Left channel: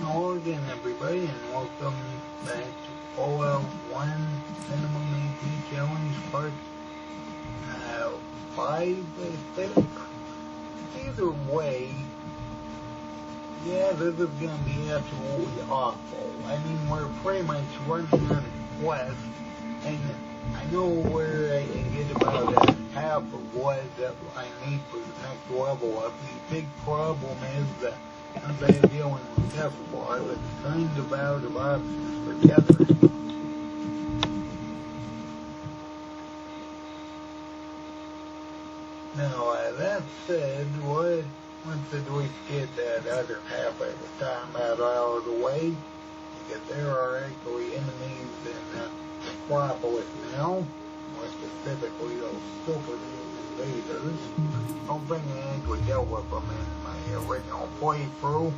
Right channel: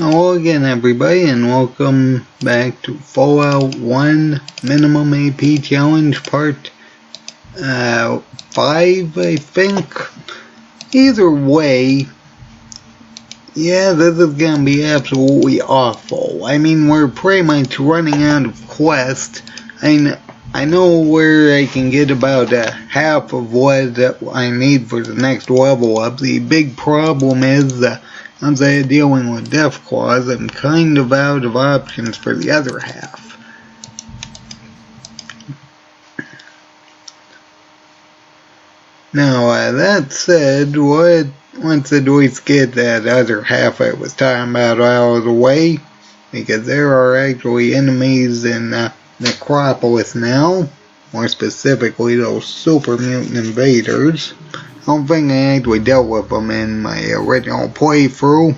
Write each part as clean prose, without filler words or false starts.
Hello again everybody and welcome back to Fallout 1 Minimum AP Challenge Part 5 I think. Either way, yeah, this is gonna be absolutely awful. I mean, we're pretty much running out of quests. I know where I can get about half of what I need for the next level up. The big problem is once I'm dealing with Deathclaws, I'm kind of out of options for the other half. Now, that said, once at least get that other half I was talking about out of the way, because there are actually enemies in Necropolis now, more specifically those super mutant invaders. I don't think I actually dealt with them in my original playthrough.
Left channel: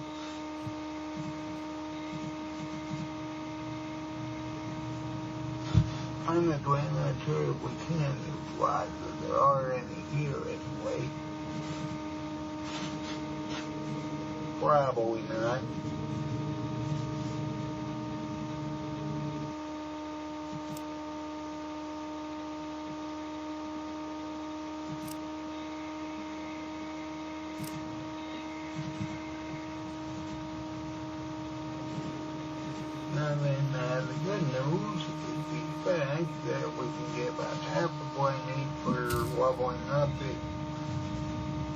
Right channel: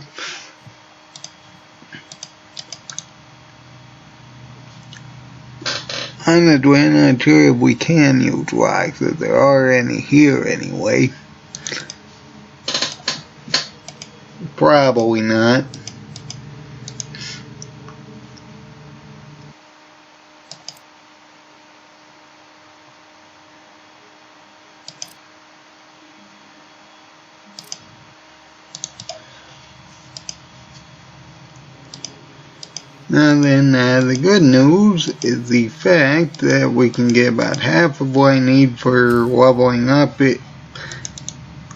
Honestly, I'm not sure if we can use rocks, if there are any here anyway. Probably not. Now then, the good news is the fact that we can get about half of what I need for leveling up it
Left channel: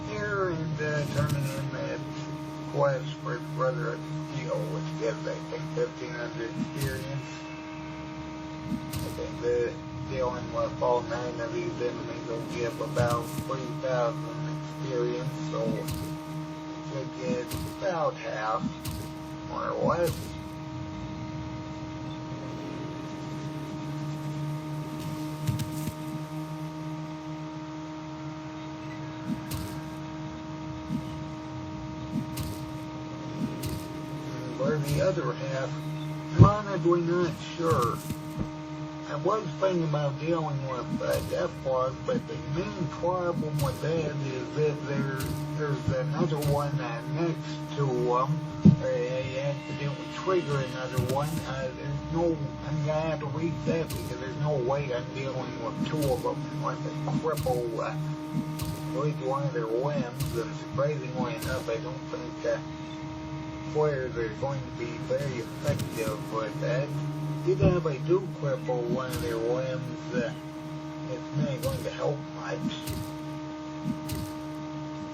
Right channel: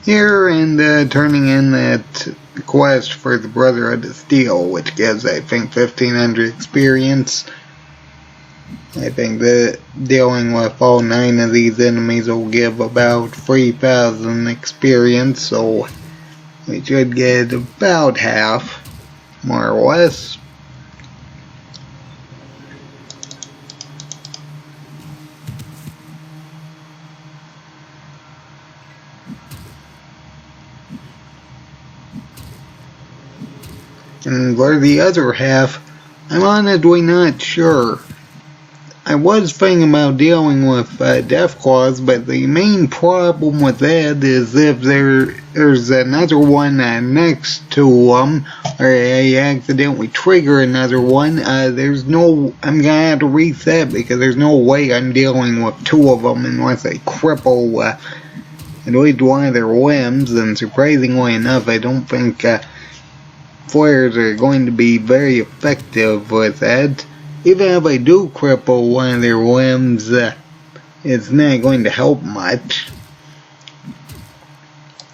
here and turning in that quest for the Brotherhood of Steel, which gives, I think, 1500 experience. I think that dealing with all 9 of these enemies will give about 3000 experience, so we should get about half, more or less. And for the other half, I'm honestly not sure. I was thinking about dealing with Deathclaws, but the main problem with that is if there's another one next to them, or I accidentally trigger another one, I'm gonna have to reset because there's no way I'm dealing with 2 of them unless I cripple at least one of their limbs, and surprisingly enough, I don't think flares are going to be very effective with that. Even if I do cripple one of their limbs, it's not going to help much.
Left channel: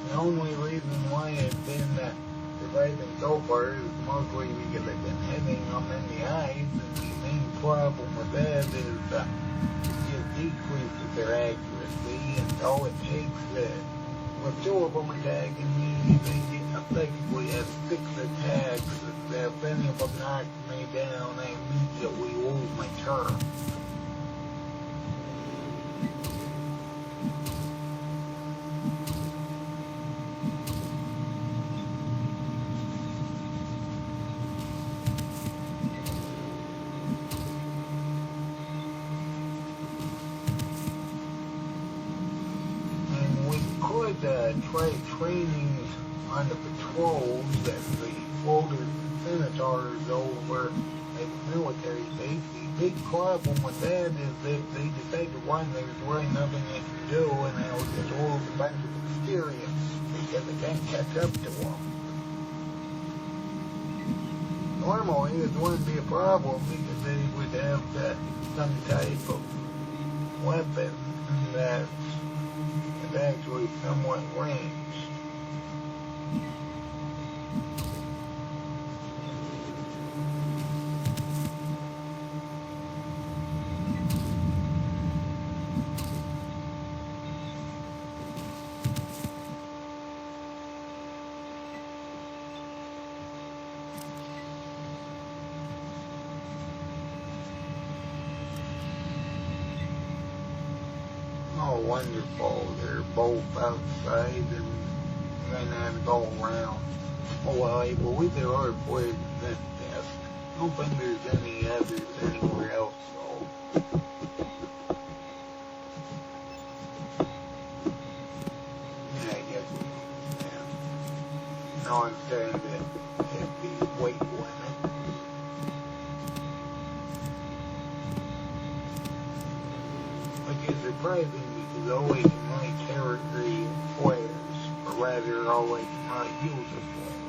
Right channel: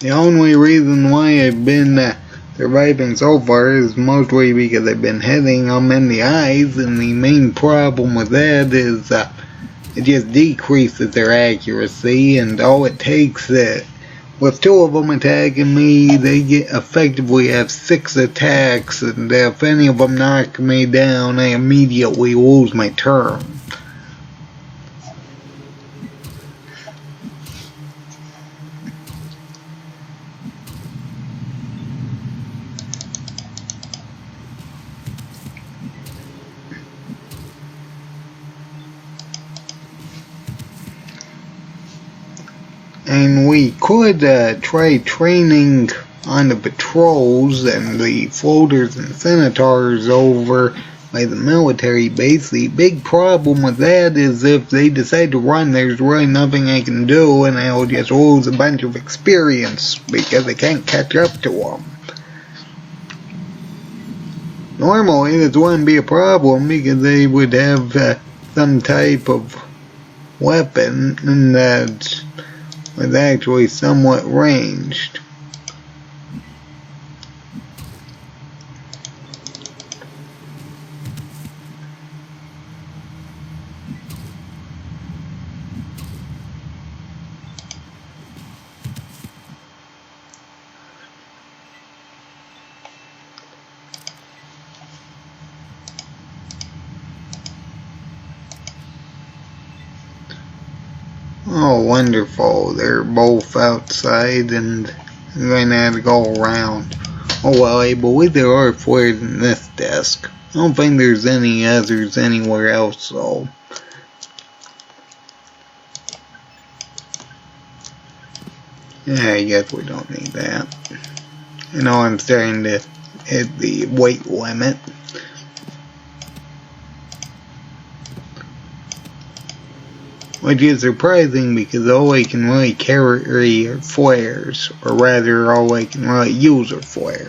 The only reason why I've been surviving so far is mostly because I've been hitting them in the eyes, and the main problem with that is it just decreases their accuracy, and all it takes with 2 of them attacking me, they effectively have 6 attacks, and if any of them knock me down, I immediately lose my turn. And we could try training on the patrols and the floaters and centaurs over by the military base. The big problem with that is if they decide to run, there's really nothing I can do, and I'll just lose a bunch of experience because I can't catch up to them. Normally, this wouldn't be a problem because they would have some type of weapon that was actually somewhat ranged. Oh, wonderful. They're both outside and I'm going to have to go around. Oh well, I believe there are flares in this desk. I don't think there's any others anywhere else though. Yeah, I guess we don't need that. You know, I'm starting to hit the weight limit. Which is surprising because all I can really carry are flares, or rather all I can really use are flares.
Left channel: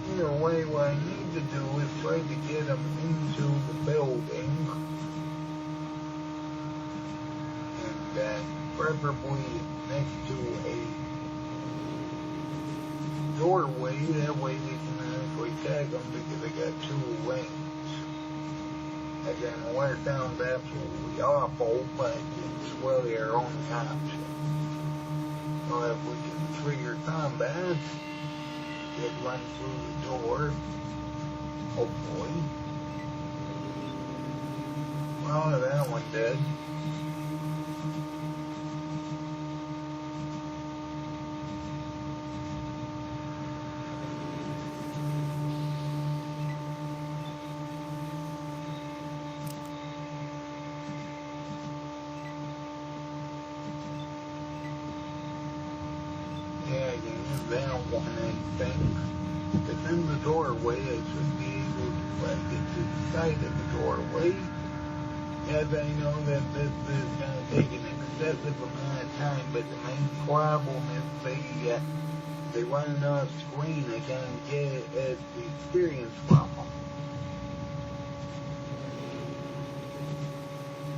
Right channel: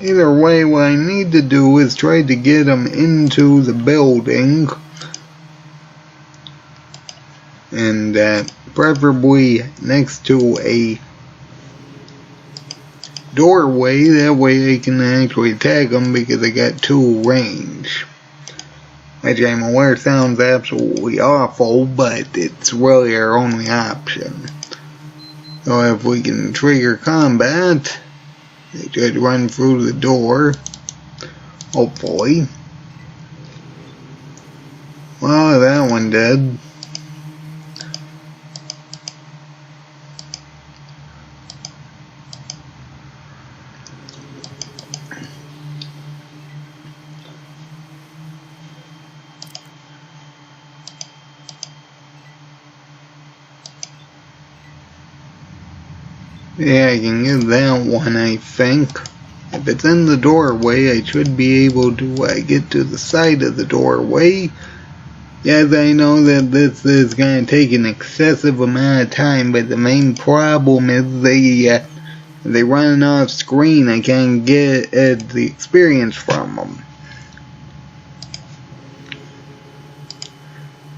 Either way, what I need to do is try to get them into the building, and preferably next to a doorway. That way I can actually tag them because I got 2 range. Which I'm aware sounds absolutely awful, but it's really our only option. So if we can trigger combat, they should run through the door, hopefully. Well, that one did. Yeah, I can get that one, I think. If it's in the doorway, I should be able to get to the side of the doorway. Yes, I know that this is going to take an excessive amount of time, but the main problem is they run off screen. I can't get the experience from them.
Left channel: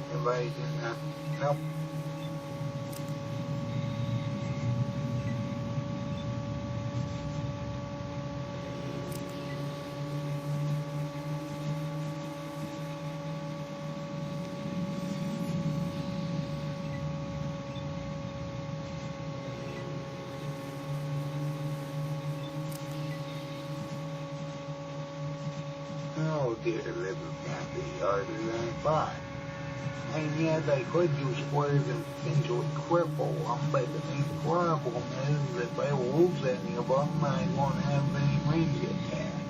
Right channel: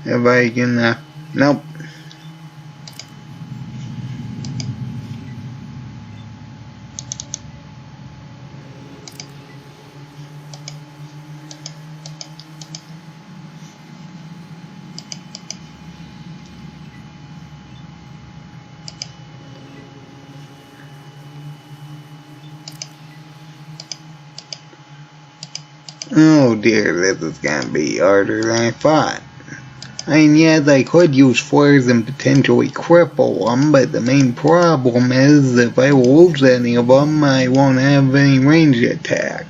If I can, nope. Oh dear, this is gonna be harder than I thought. I mean, yes, I could use flares and potentially cripple them, but the main problem is if I lose any of them, I won't have any range attacks.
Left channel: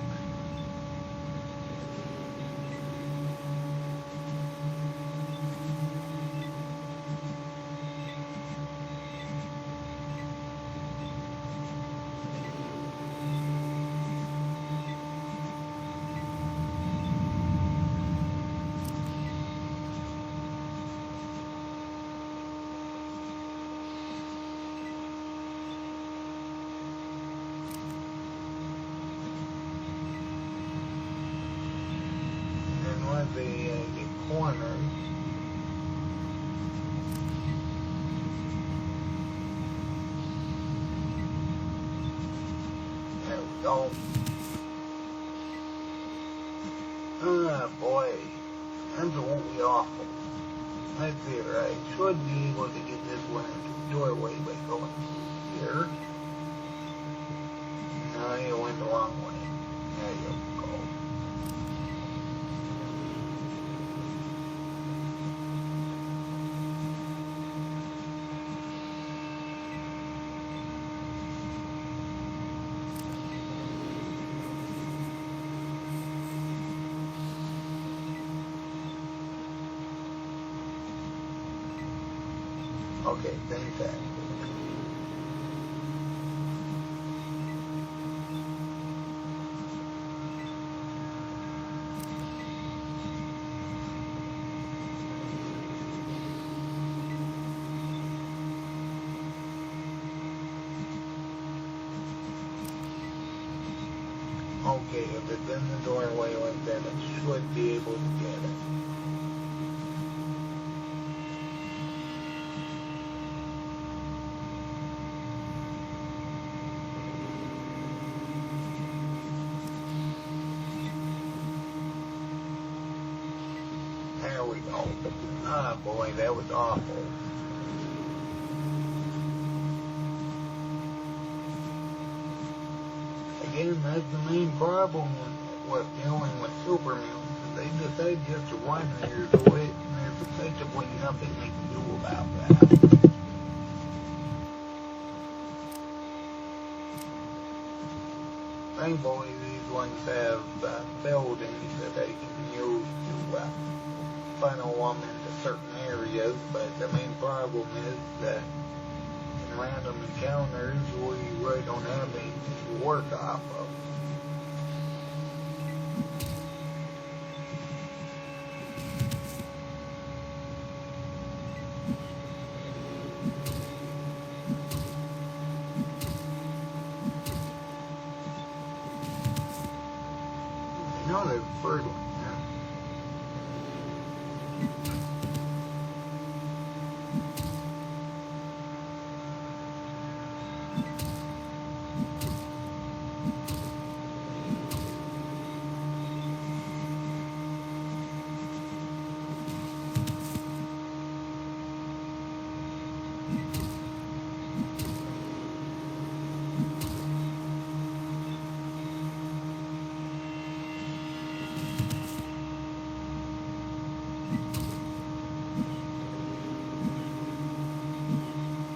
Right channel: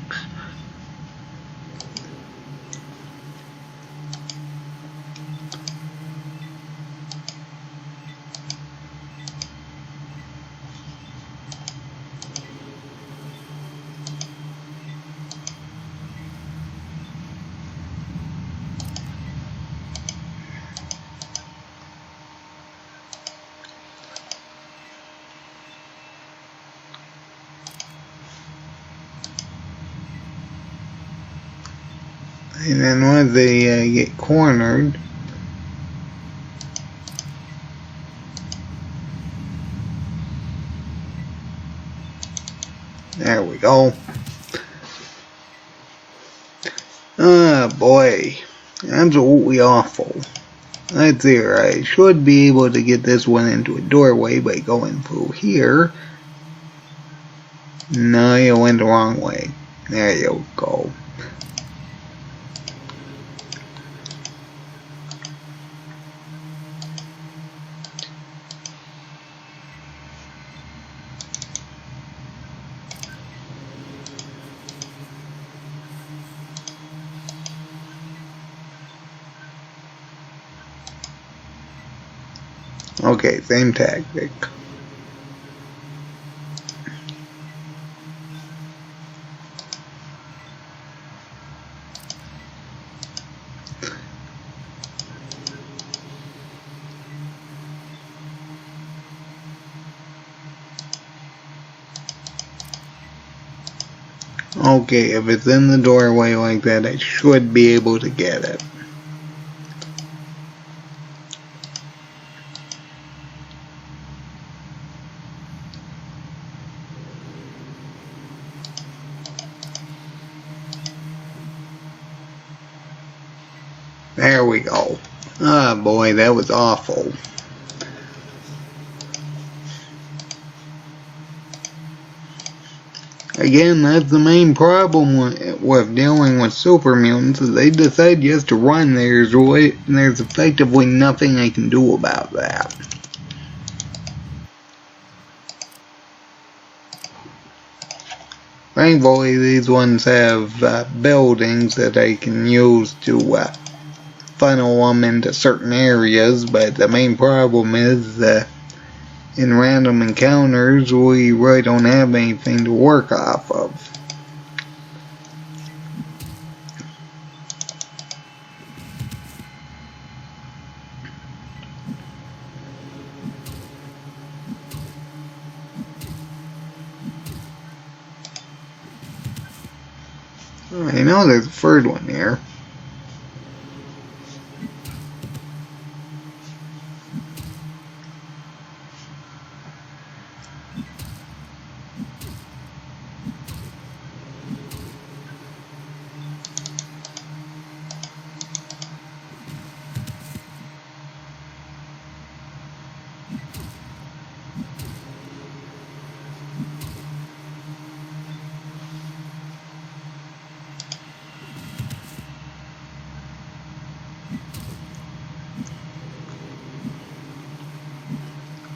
And then once they get cornered, there we go. Ah, boy. Absolutely awful. Let's see here. I should be able to get this one into a doorway by going through here. No, you went the wrong way. There you go. Okay, same tactic. Okay, if it's in the doorway like that, I should be able to get it. There we go. Ah, boy, that was awful. Again, that's the main problem with dealing with super mutants, is they decide just to run. There's effectively nothing I can do about that. Thankfully, these ones have buildings that I can use to funnel them into certain areas, but the main problem is in random encounters, we really don't have anything to work off of. I know there's a third one here.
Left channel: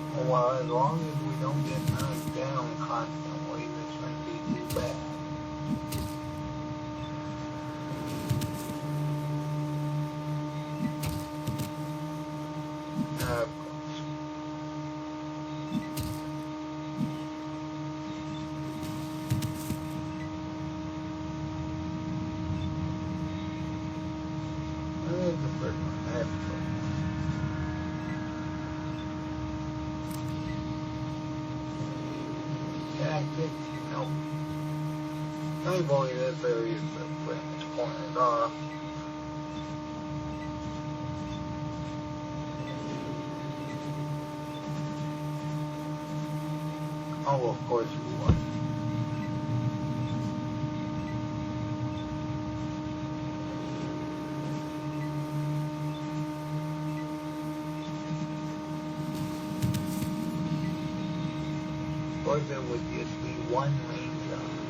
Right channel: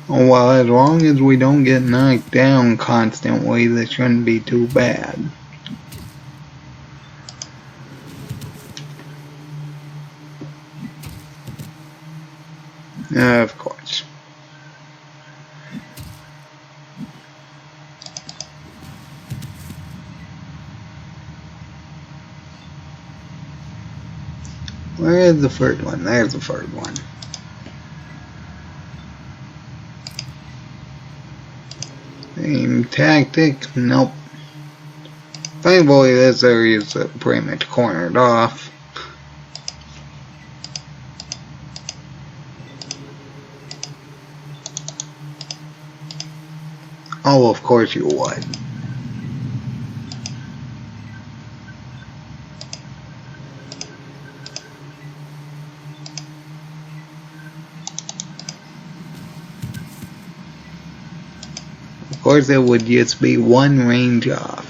Well, as long as we don't get knocked down constantly, this shouldn't be too bad. Of course. Where is the third one? There's the third one. Same tactic? Nope. Thankfully, this area is pretty much cornered off. Oh, of course you would. Of course, it would just be one range off.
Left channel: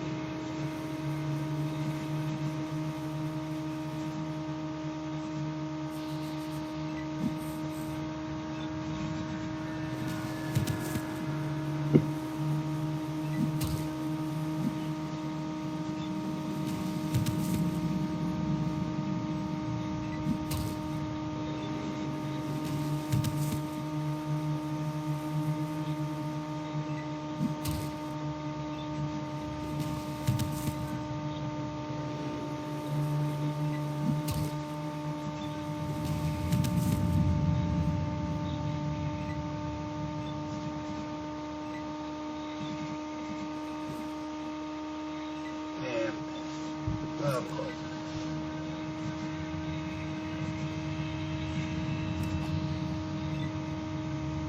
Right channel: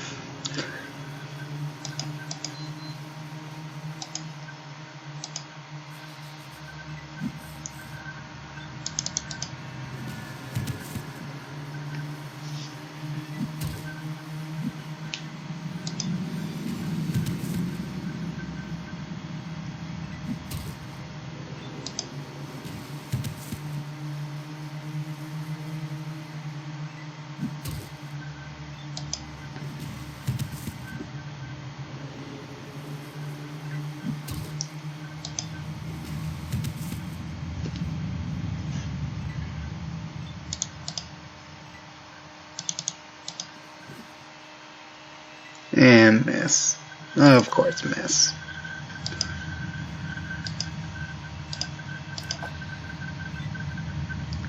And miss. Of course, miss.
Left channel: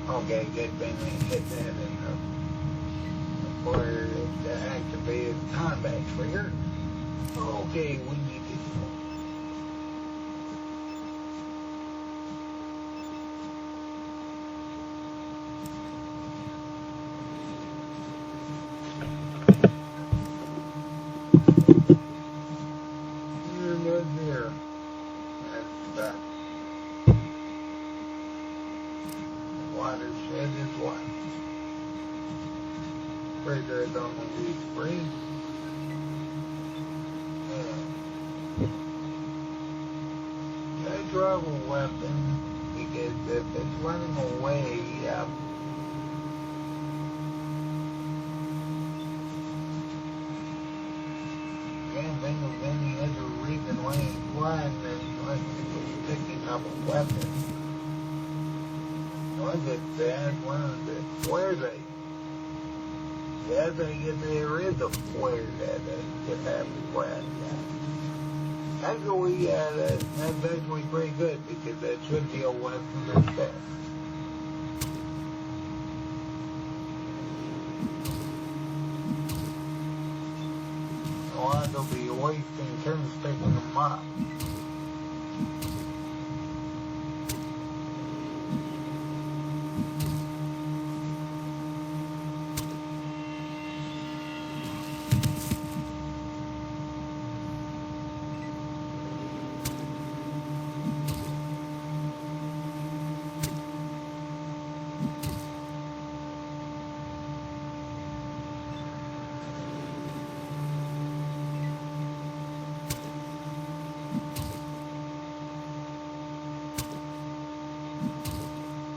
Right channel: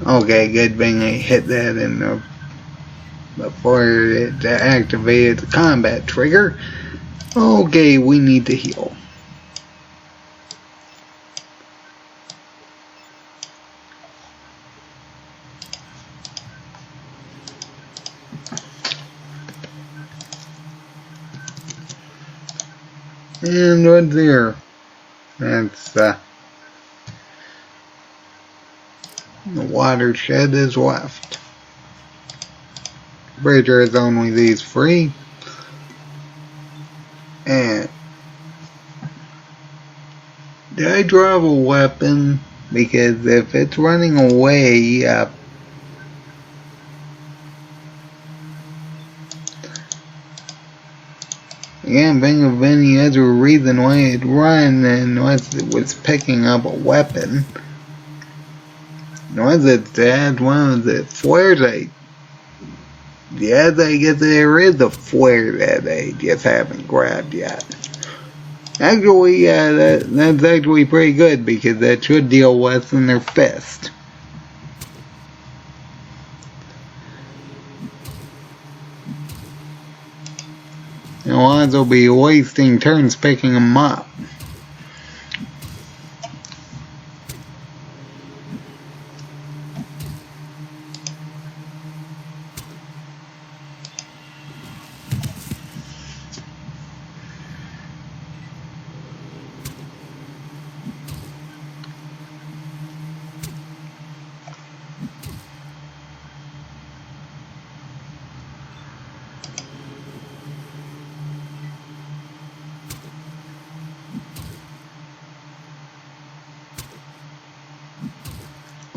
Okay, good thing I hit that in the before it activated the combat trigger. Okay, we need to heal. And what's there? That's the watershed is left. Bridger is only these three. And did I drop a weapon? Because if it's running away, I can't think of any other reason why it'd run unless it was picking up a weapon. Unless it had one of the flares yes, I guess there is a flare that I just haven't grabbed yet. Actually, that's actually pretty good because that should deal less than their fist. Otherwise, I'll be wasting turns picking them up.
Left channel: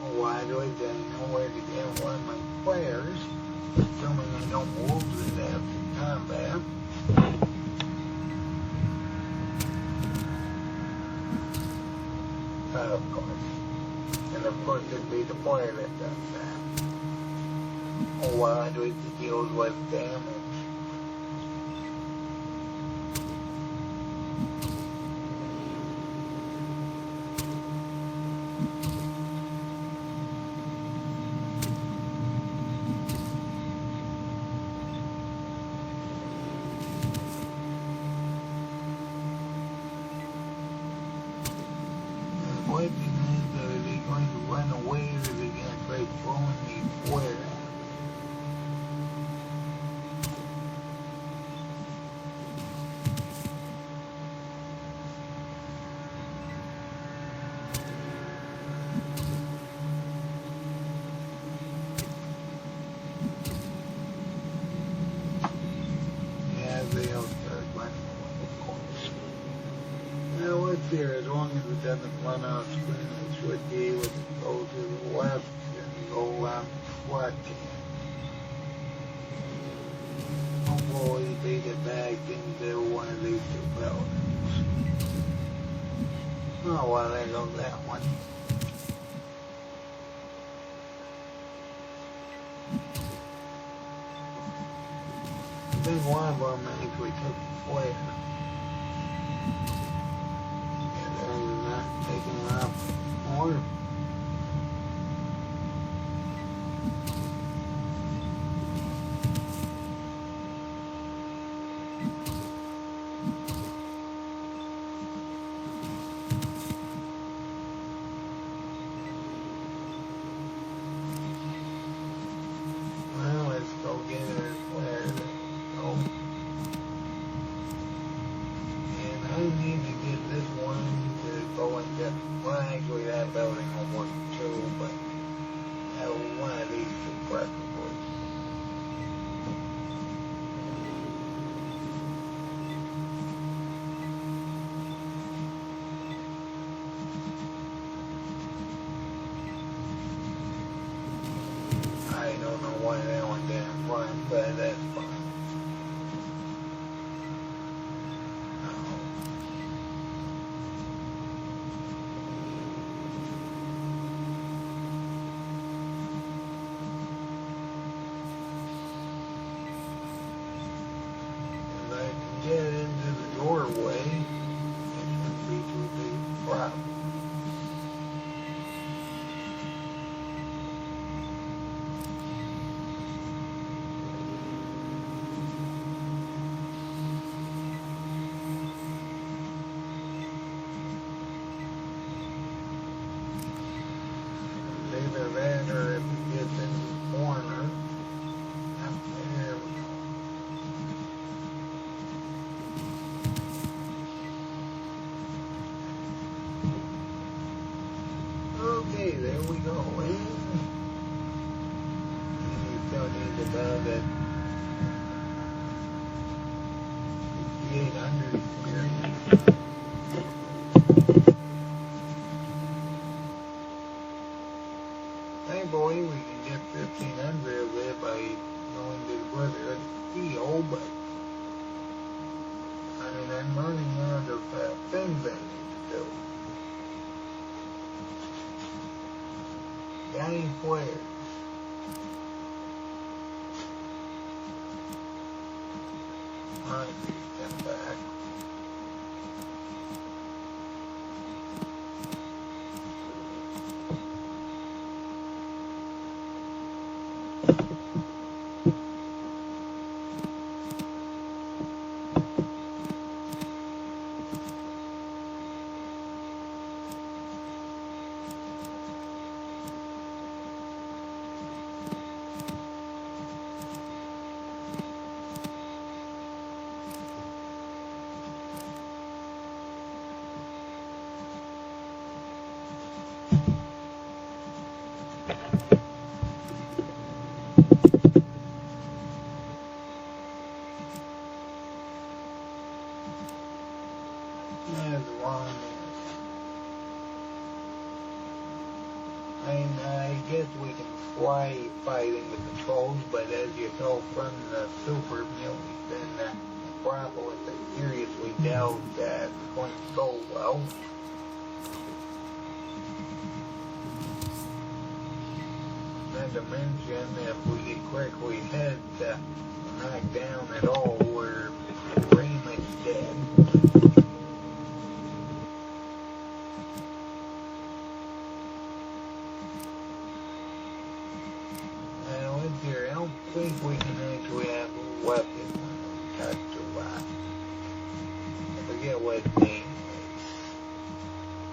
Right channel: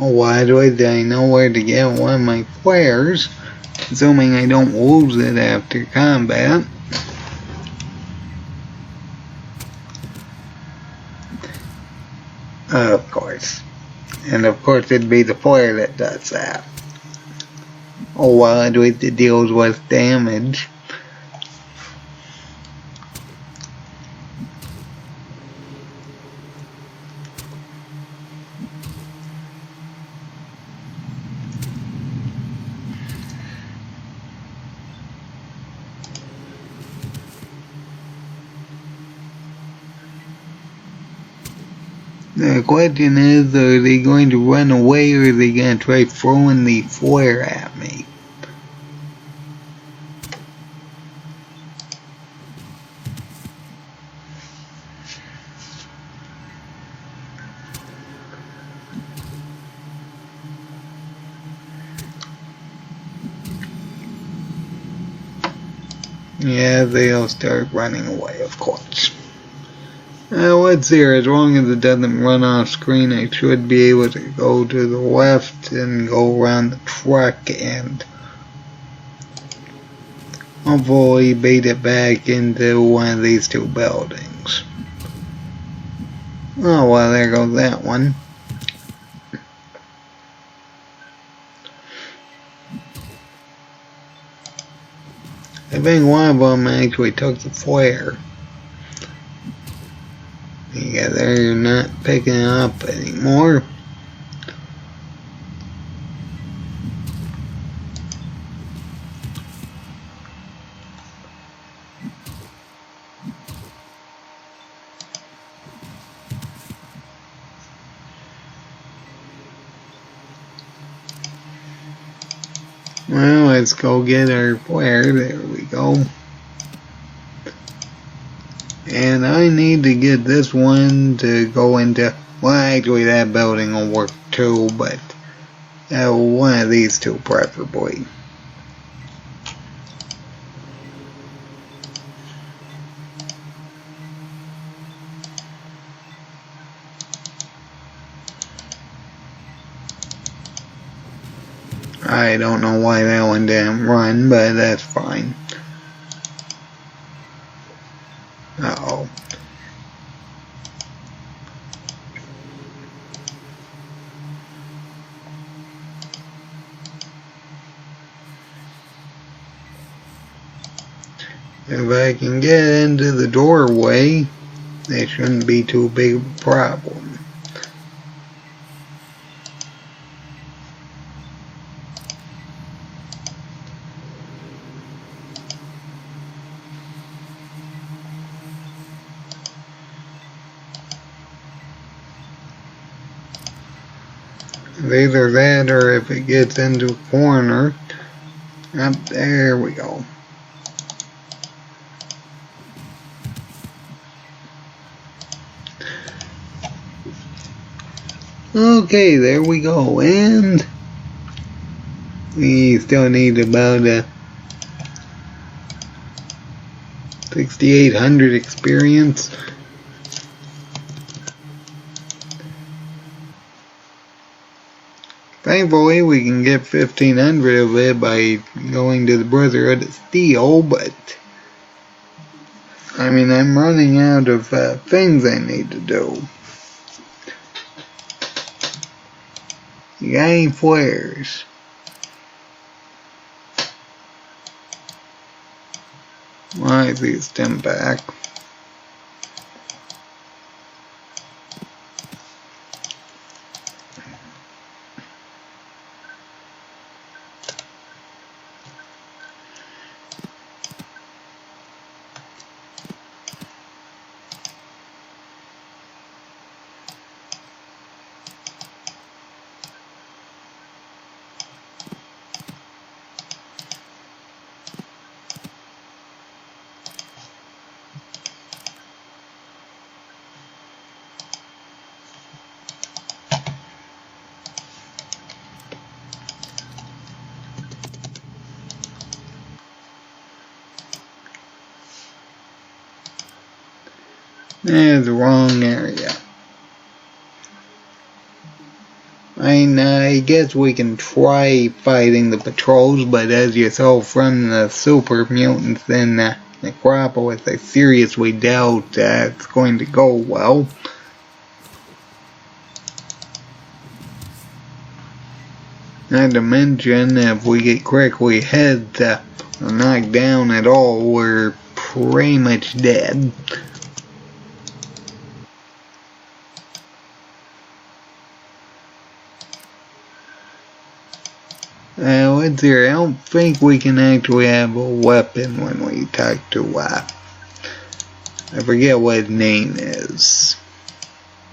Oh, why do I know where to get one of my flares, assuming I don't lose it after combat. Of course. And of course it'd be the flare that does that. Oh, why do it deals with damage. The question is, are they going to run away or are they going to try throwing the flare at me? Yeah, they'll start running away, of course. Let's see here, as long as it doesn't run off screen, I should be able to go to the left and go around the truck and hopefully bait it back into one of these two buildings. Oh, well, there goes that one. I think one of them actually took the flare. Yeah, they're not picking it up anymore. Well, let's go get our flare. There we go. And I need to get this one to go into, well, actually that building will work too, but one of these two preferably. I don't know why that one didn't run, but that's fine. Uh-oh. If I can get into the doorway, that shouldn't be too big of a problem. Either that or if it gets into a corner. Up there we go. Okay, there we go. And we still need about 6,800 experience. Thankfully, we can get 1,500 of it by going to the Brotherhood of Steel, but I mean, I'm running out of things I need to do. You got any flares? Why is he stem back? There's the wrong area. I guess we can try fighting the patrols, but as you saw from the super mutants in Necropolis, I seriously doubt it's going to go well. Not to mention, if we get critically hit or knocked down at all, we're pretty much dead. Let's see, I don't think we can actually have a weapon when we talk to, I forget what his name is.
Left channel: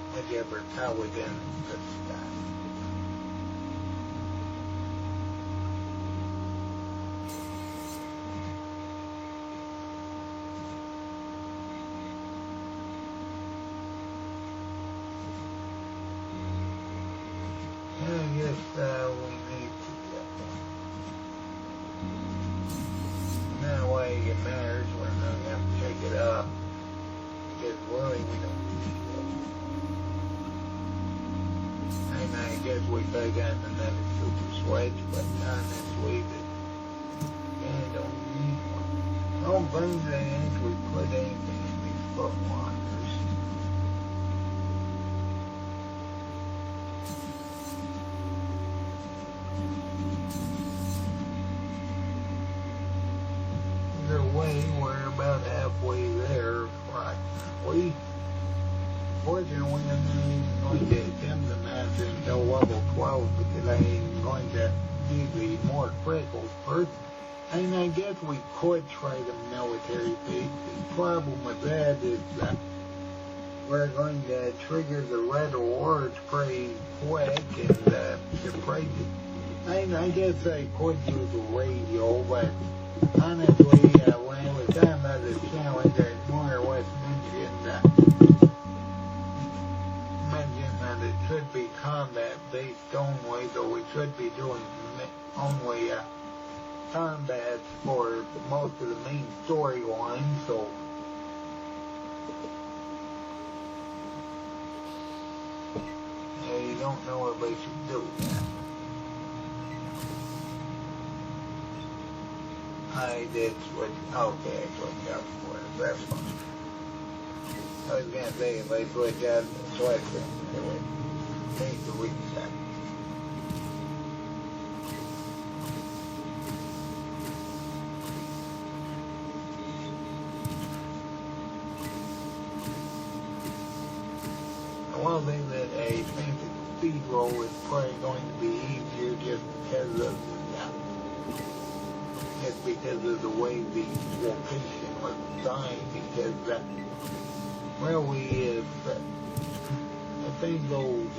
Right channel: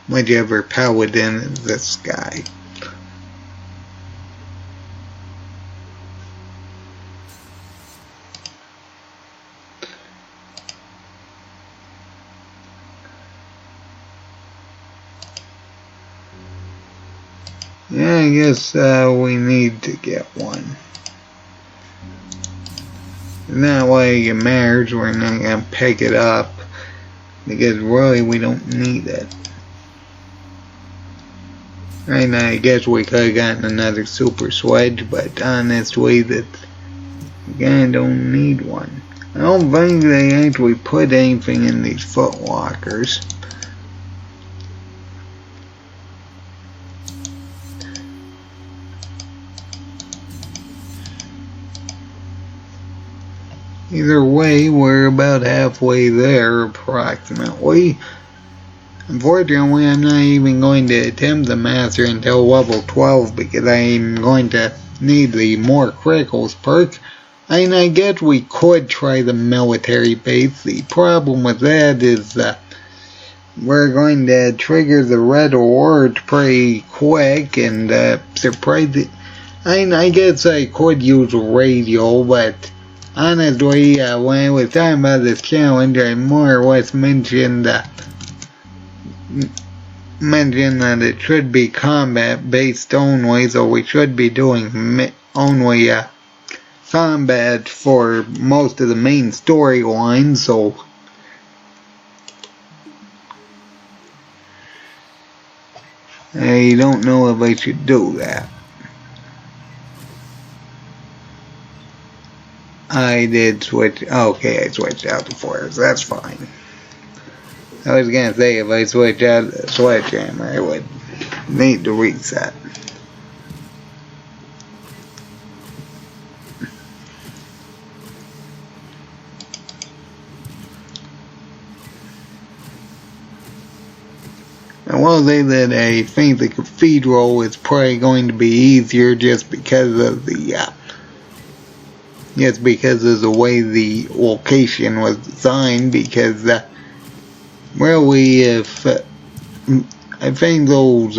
Whichever paladin is this guy. Yeah, I guess we need to get one. That way it matters, we're not gonna pick it up, because really we don't need it. Right now I guess we could have gotten another super sledge, but honestly we kinda don't need one. I don't think they actually put anything in these footlockers. Either way, we're about halfway there, approximately. Unfortunately, I'm not even going to attempt the master until level 12 because I'm going to need the more criticals perk. I guess we could try the military base. The problem with that is that we're going to trigger the red alert pretty quick and surprise. I guess I could use radio, but honestly, when I was talking about this challenge, I more or less mentioned that it should be combat based only, so we should be doing only combat for most of the main storyline, so I don't know if I should do that. I did switch. Okay, I switched out the force. That's fine. I was gonna say if I switch out the sledgehammer, I would need to reset. I will say that I think the cathedral is probably going to be easier just because of the way the location was designed, because really if I think those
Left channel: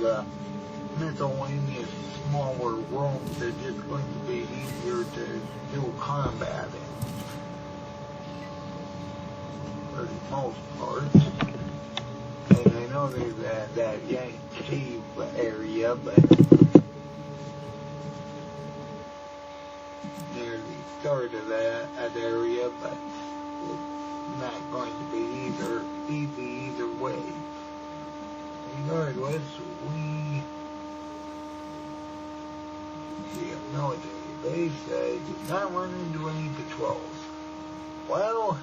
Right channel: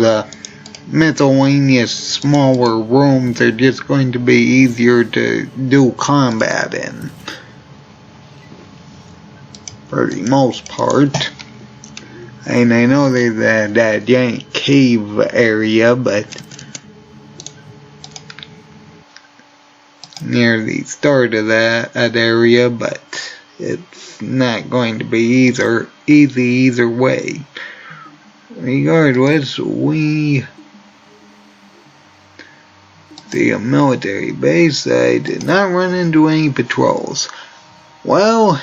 miscellaneous smaller rooms are just going to be easier to do combat in for the most part. And I know there's that giant cave area, but near the start of that area, but it's not going to be easy either way. Regardless, we see a military base. I did not run into any patrols. Well,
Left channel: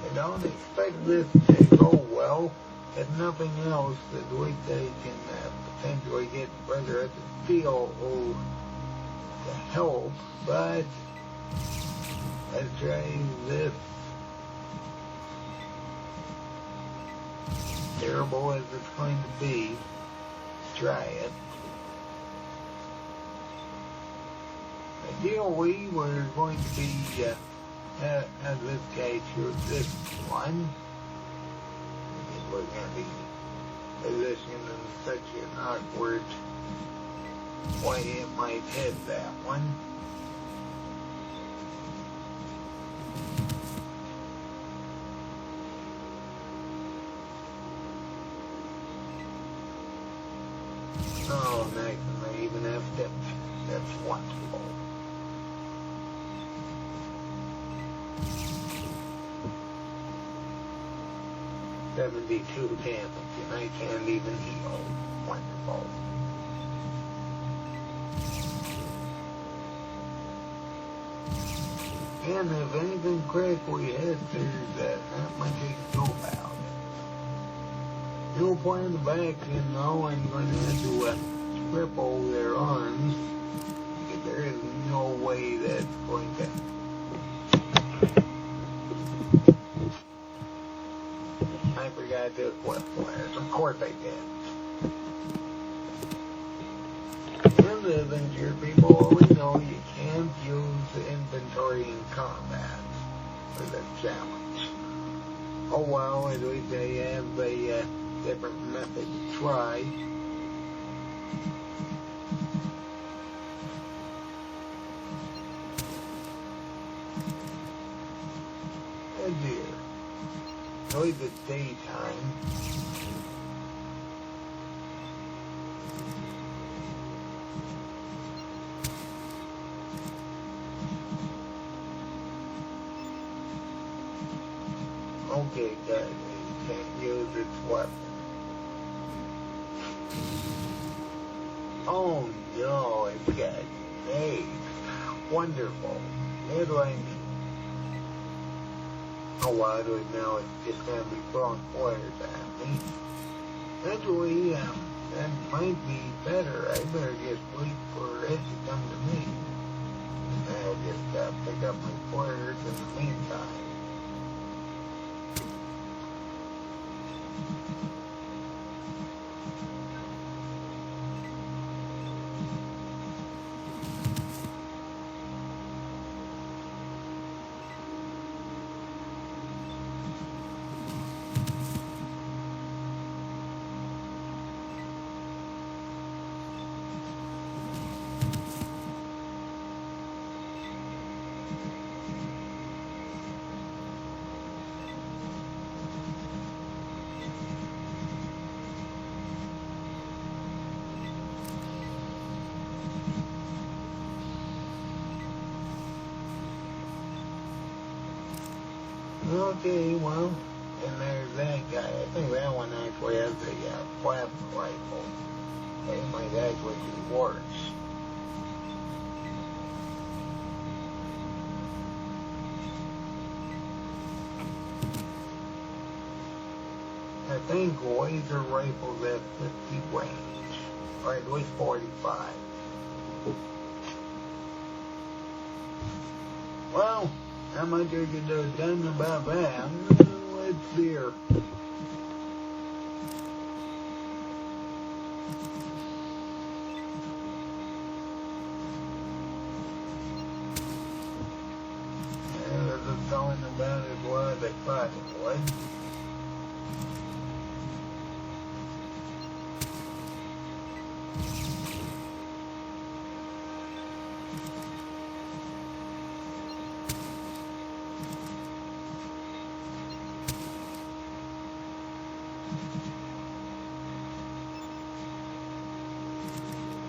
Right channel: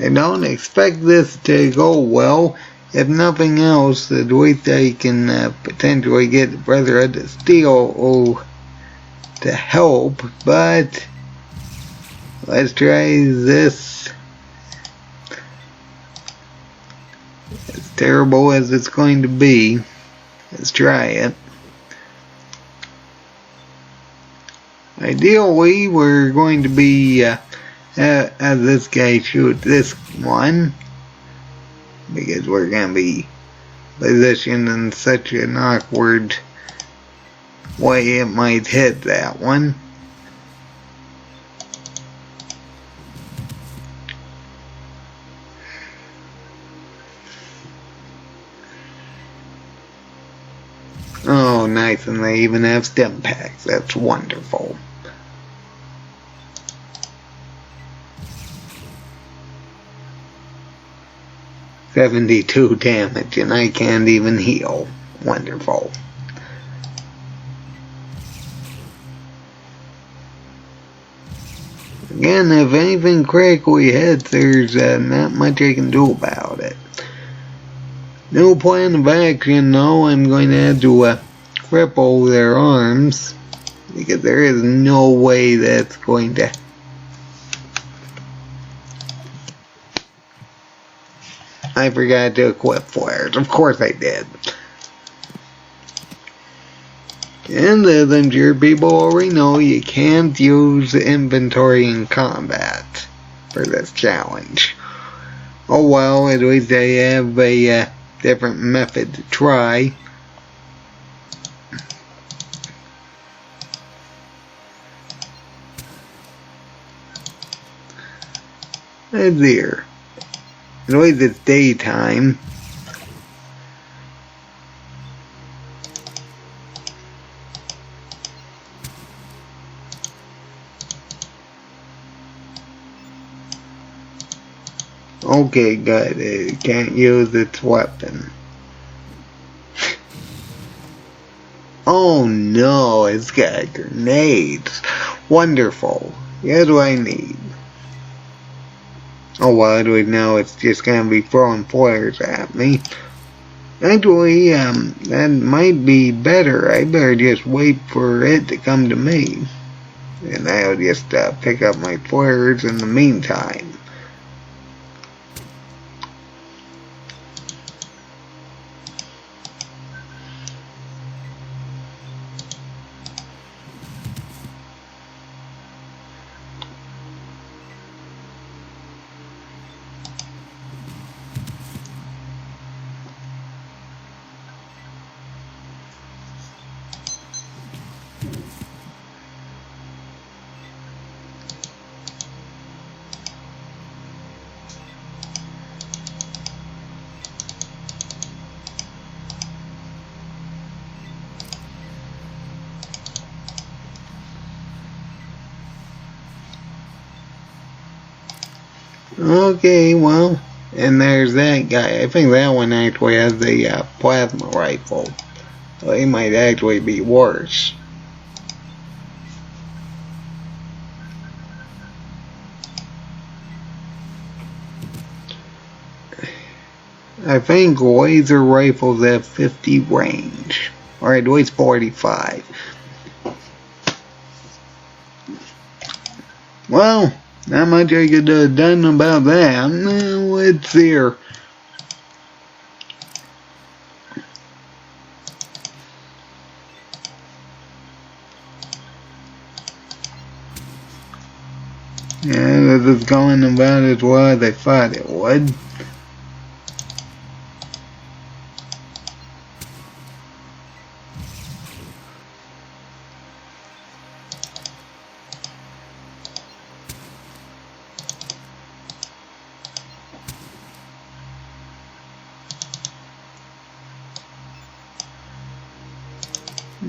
I don't expect this to go well. If nothing else, at least I can potentially get the Brotherhood of Steel to help, but let's try this. As terrible as it's going to be, let's try it. Ideally, we're going to be have this guy shoot this one, because we're going to be positioned in such an awkward way it might hit that one. Oh, nice, and they even have stim packs. That's wonderful. $72 damage, and I can't even heal. Wonderful. Again, if anything critically hits, there's not much I can do about it. No plan of action, though. I'm going to have to cripple their arms, because there is no way that's going to... I forgot to equip flares. Of course I did. And as I'm sure people already know, you can't use inventory in combat for this challenge. Oh well, at least I have a different method to try. And there. At least it's daytime. Okay, good. It can't use its weapon. Oh no, it's got grenades. Wonderful. Here's what I need. Oh well, anyway, now it's just gonna be throwing flares at me. Actually, that might be better. I better just wait for it to come to me. And I'll just pick up my flares in the meantime. Okay, well, and there's that guy. I think that one actually has the plasma rifle. So he might actually be worse. I think laser rifles have 50 range. Or at least 45. Well, not much I could have done about that. Let's see here. Yeah, this is going about as well as I thought it would.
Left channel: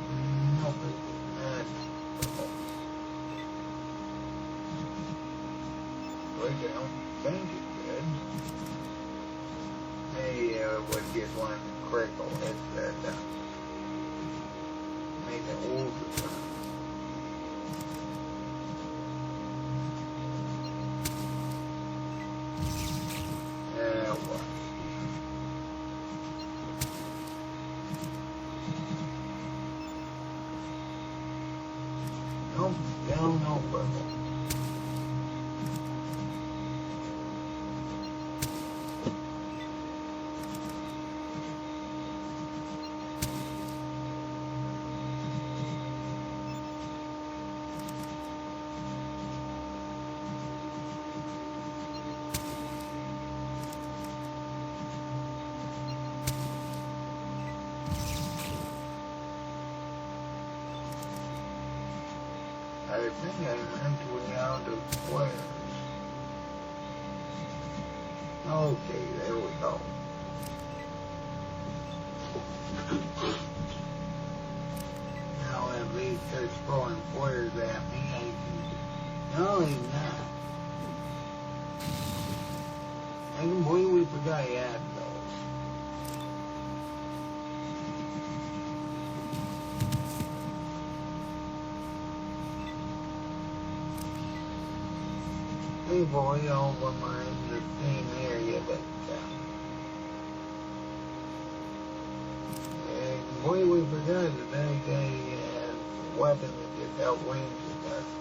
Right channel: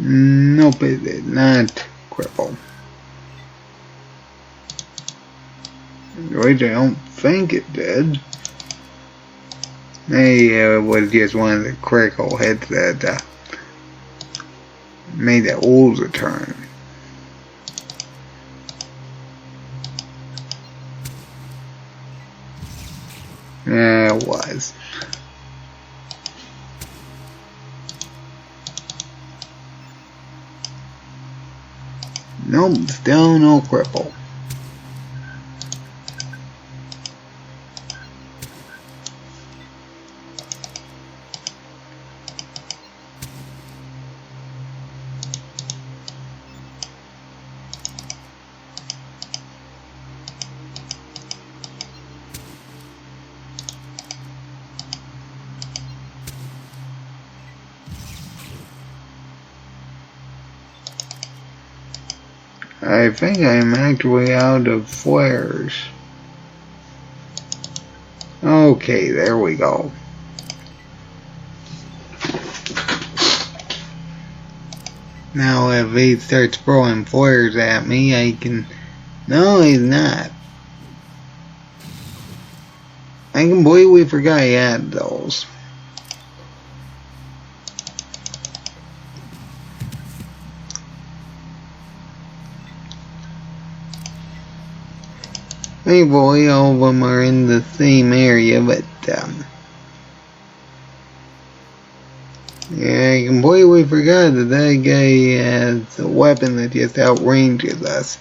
Nope, it did not cripple. At least I don't think it did. Maybe it was just one of the critical hits that made the old return. Yeah, it was. Nope, still no cripple. I think I'm actually out of flares. Okay, there we go. Now if he starts throwing flares at me, I can... No, he's not. I completely forgot he had those. Thankfully, all of them are in the same area, but, yeah, I completely forgot that that guy has a weapon that just outranges us.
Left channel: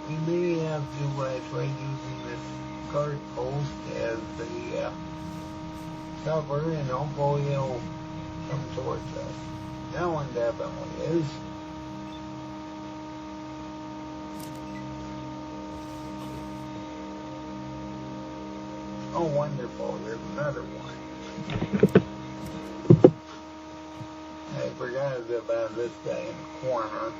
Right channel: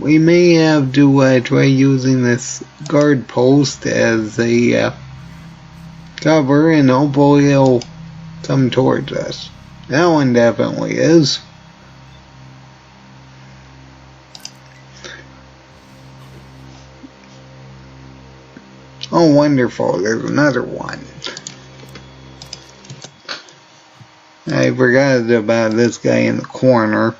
We may have to try using this guard post as a cover, and hopefully he'll come towards us. That one definitely is. Oh, wonderful, there's another one. I forgot about this guy in the corner.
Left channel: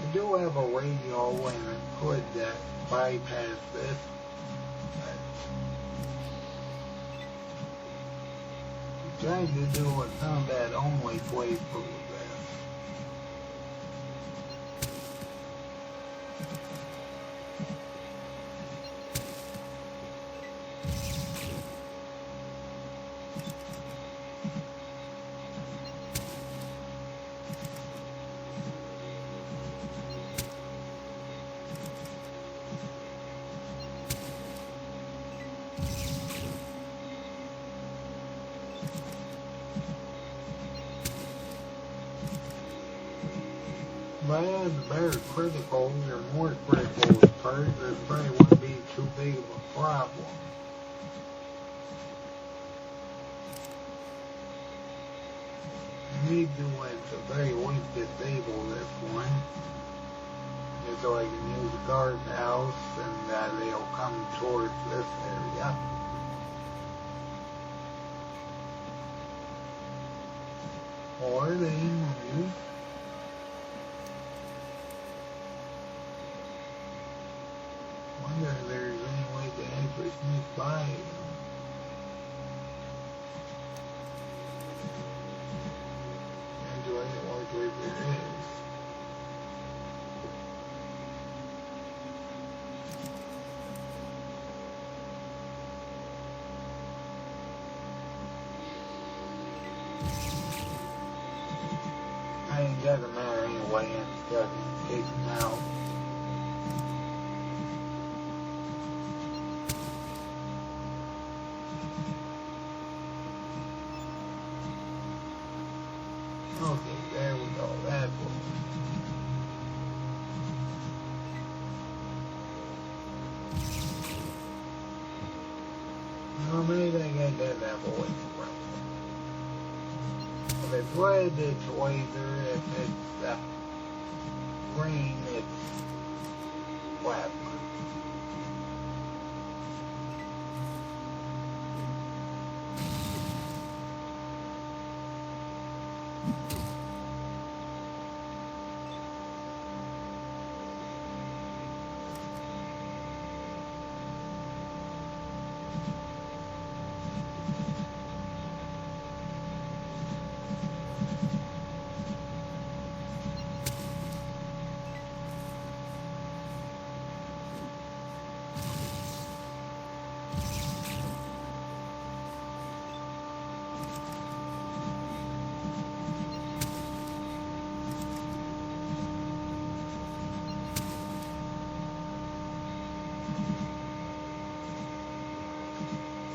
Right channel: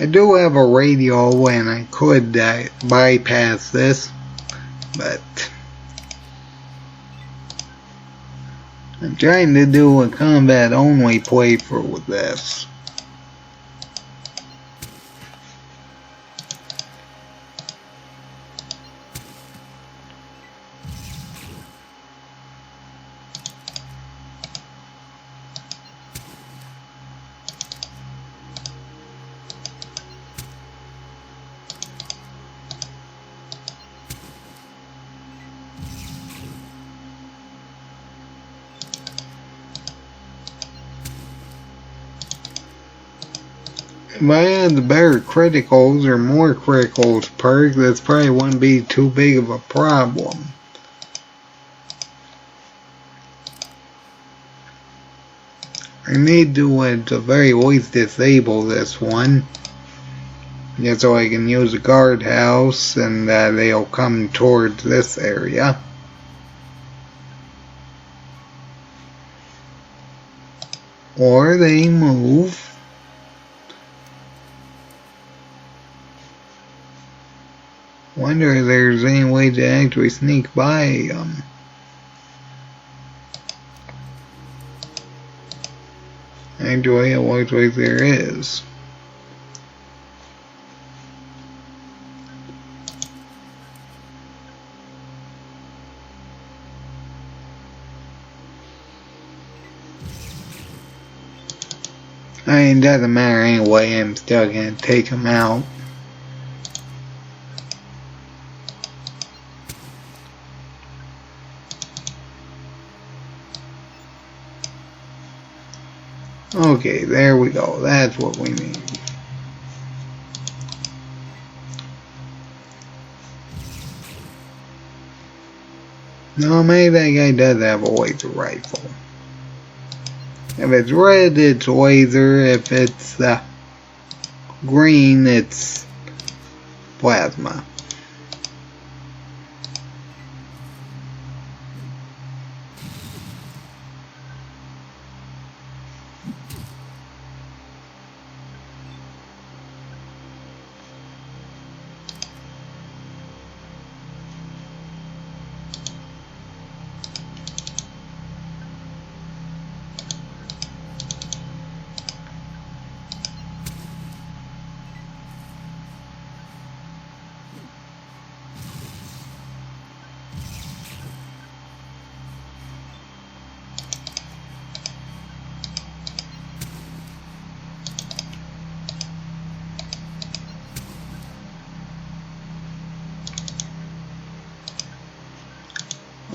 I do have a radio and I could bypass this, but I'm trying to do a combat only playthrough with this. If I had the better criticals or more criticals perk, this probably wouldn't be too big of a problem. I need to at the very least disable this one, just so I can use a guardhouse and they'll come towards this area. Or they move. Wonder if there's any way to actually sneak by them. Actually, it looks like there is. I mean, it doesn't matter anyway, I'm still gonna take them out. Okay, there we go. That's what we need. No, maybe that guy does have a laser rifle. If it's red, it's laser. If it's green, it's plasma.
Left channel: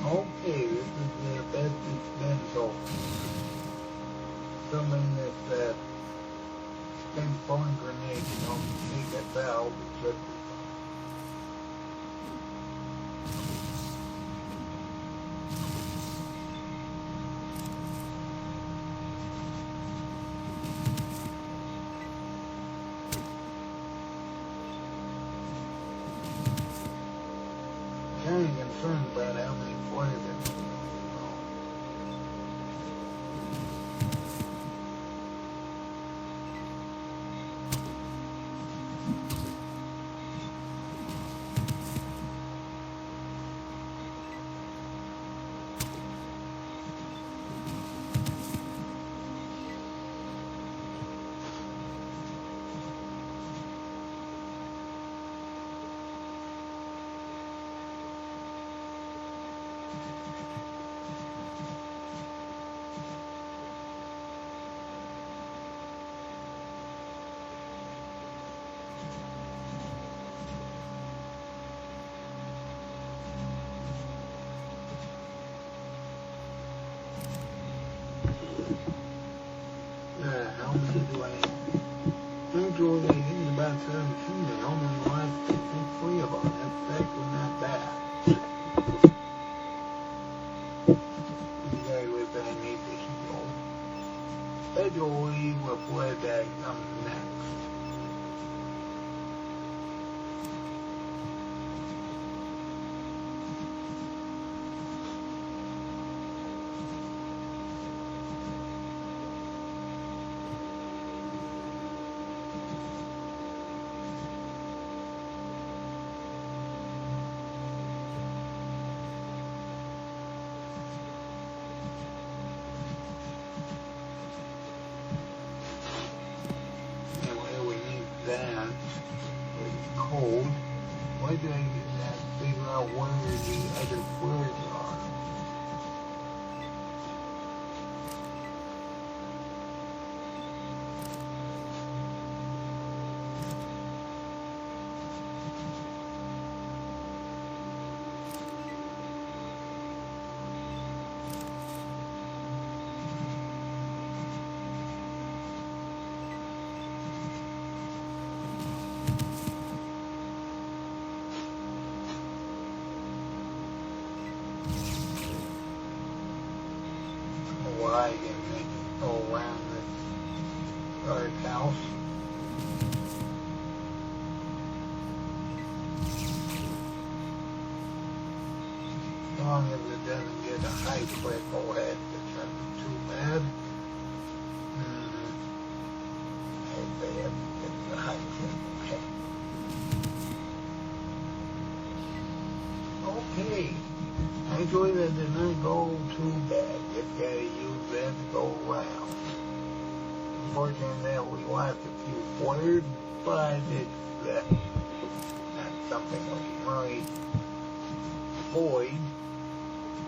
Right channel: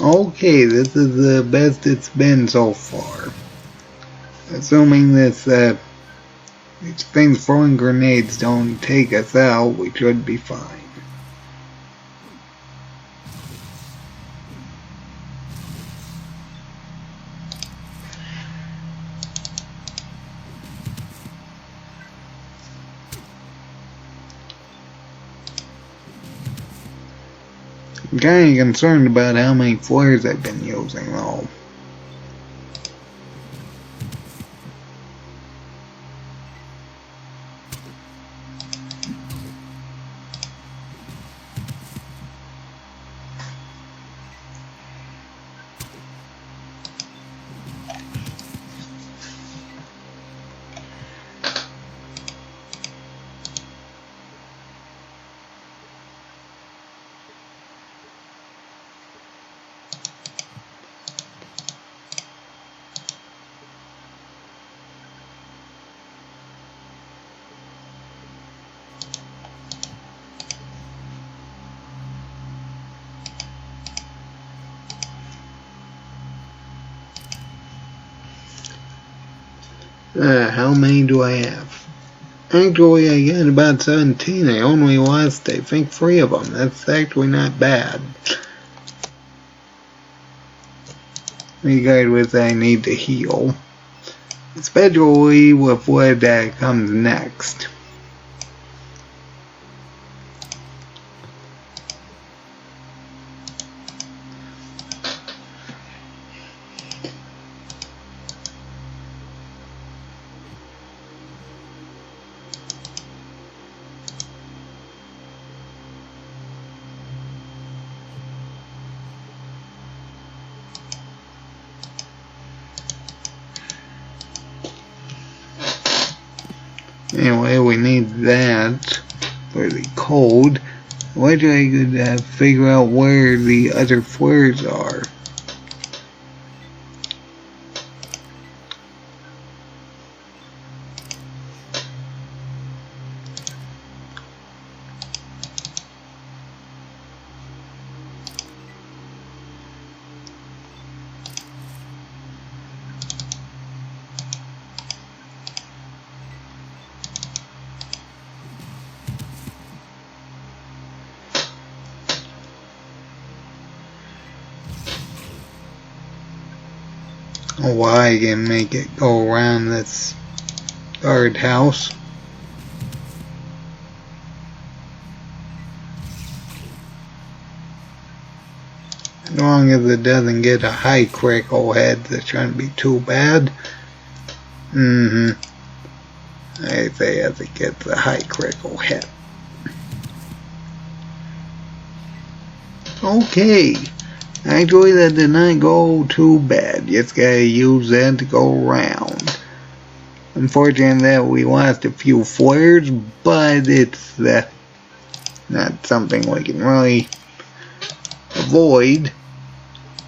Okay, this is the best it's been so far. Assuming these things throwing grenades don't take us out, we should be fine. I'm kinda concerned about how many flares I've been using though. How many do I have? Actually, I got about 17. I only lost, I think, 3 of them. That's actually not bad. Regardless, I need to heal. Especially with what comes next. Anyway, we need that for the code. Wish I could figure out where the other flares are. Why I can make it go around this guardhouse. As long as it doesn't get a high critical head, that shouldn't be too bad. I say as it gets a high critical hit. Okay. Actually, that did not go too bad. Just gotta use that to go around. Unfortunately, that we lost a few flares, but it's not something we can really avoid.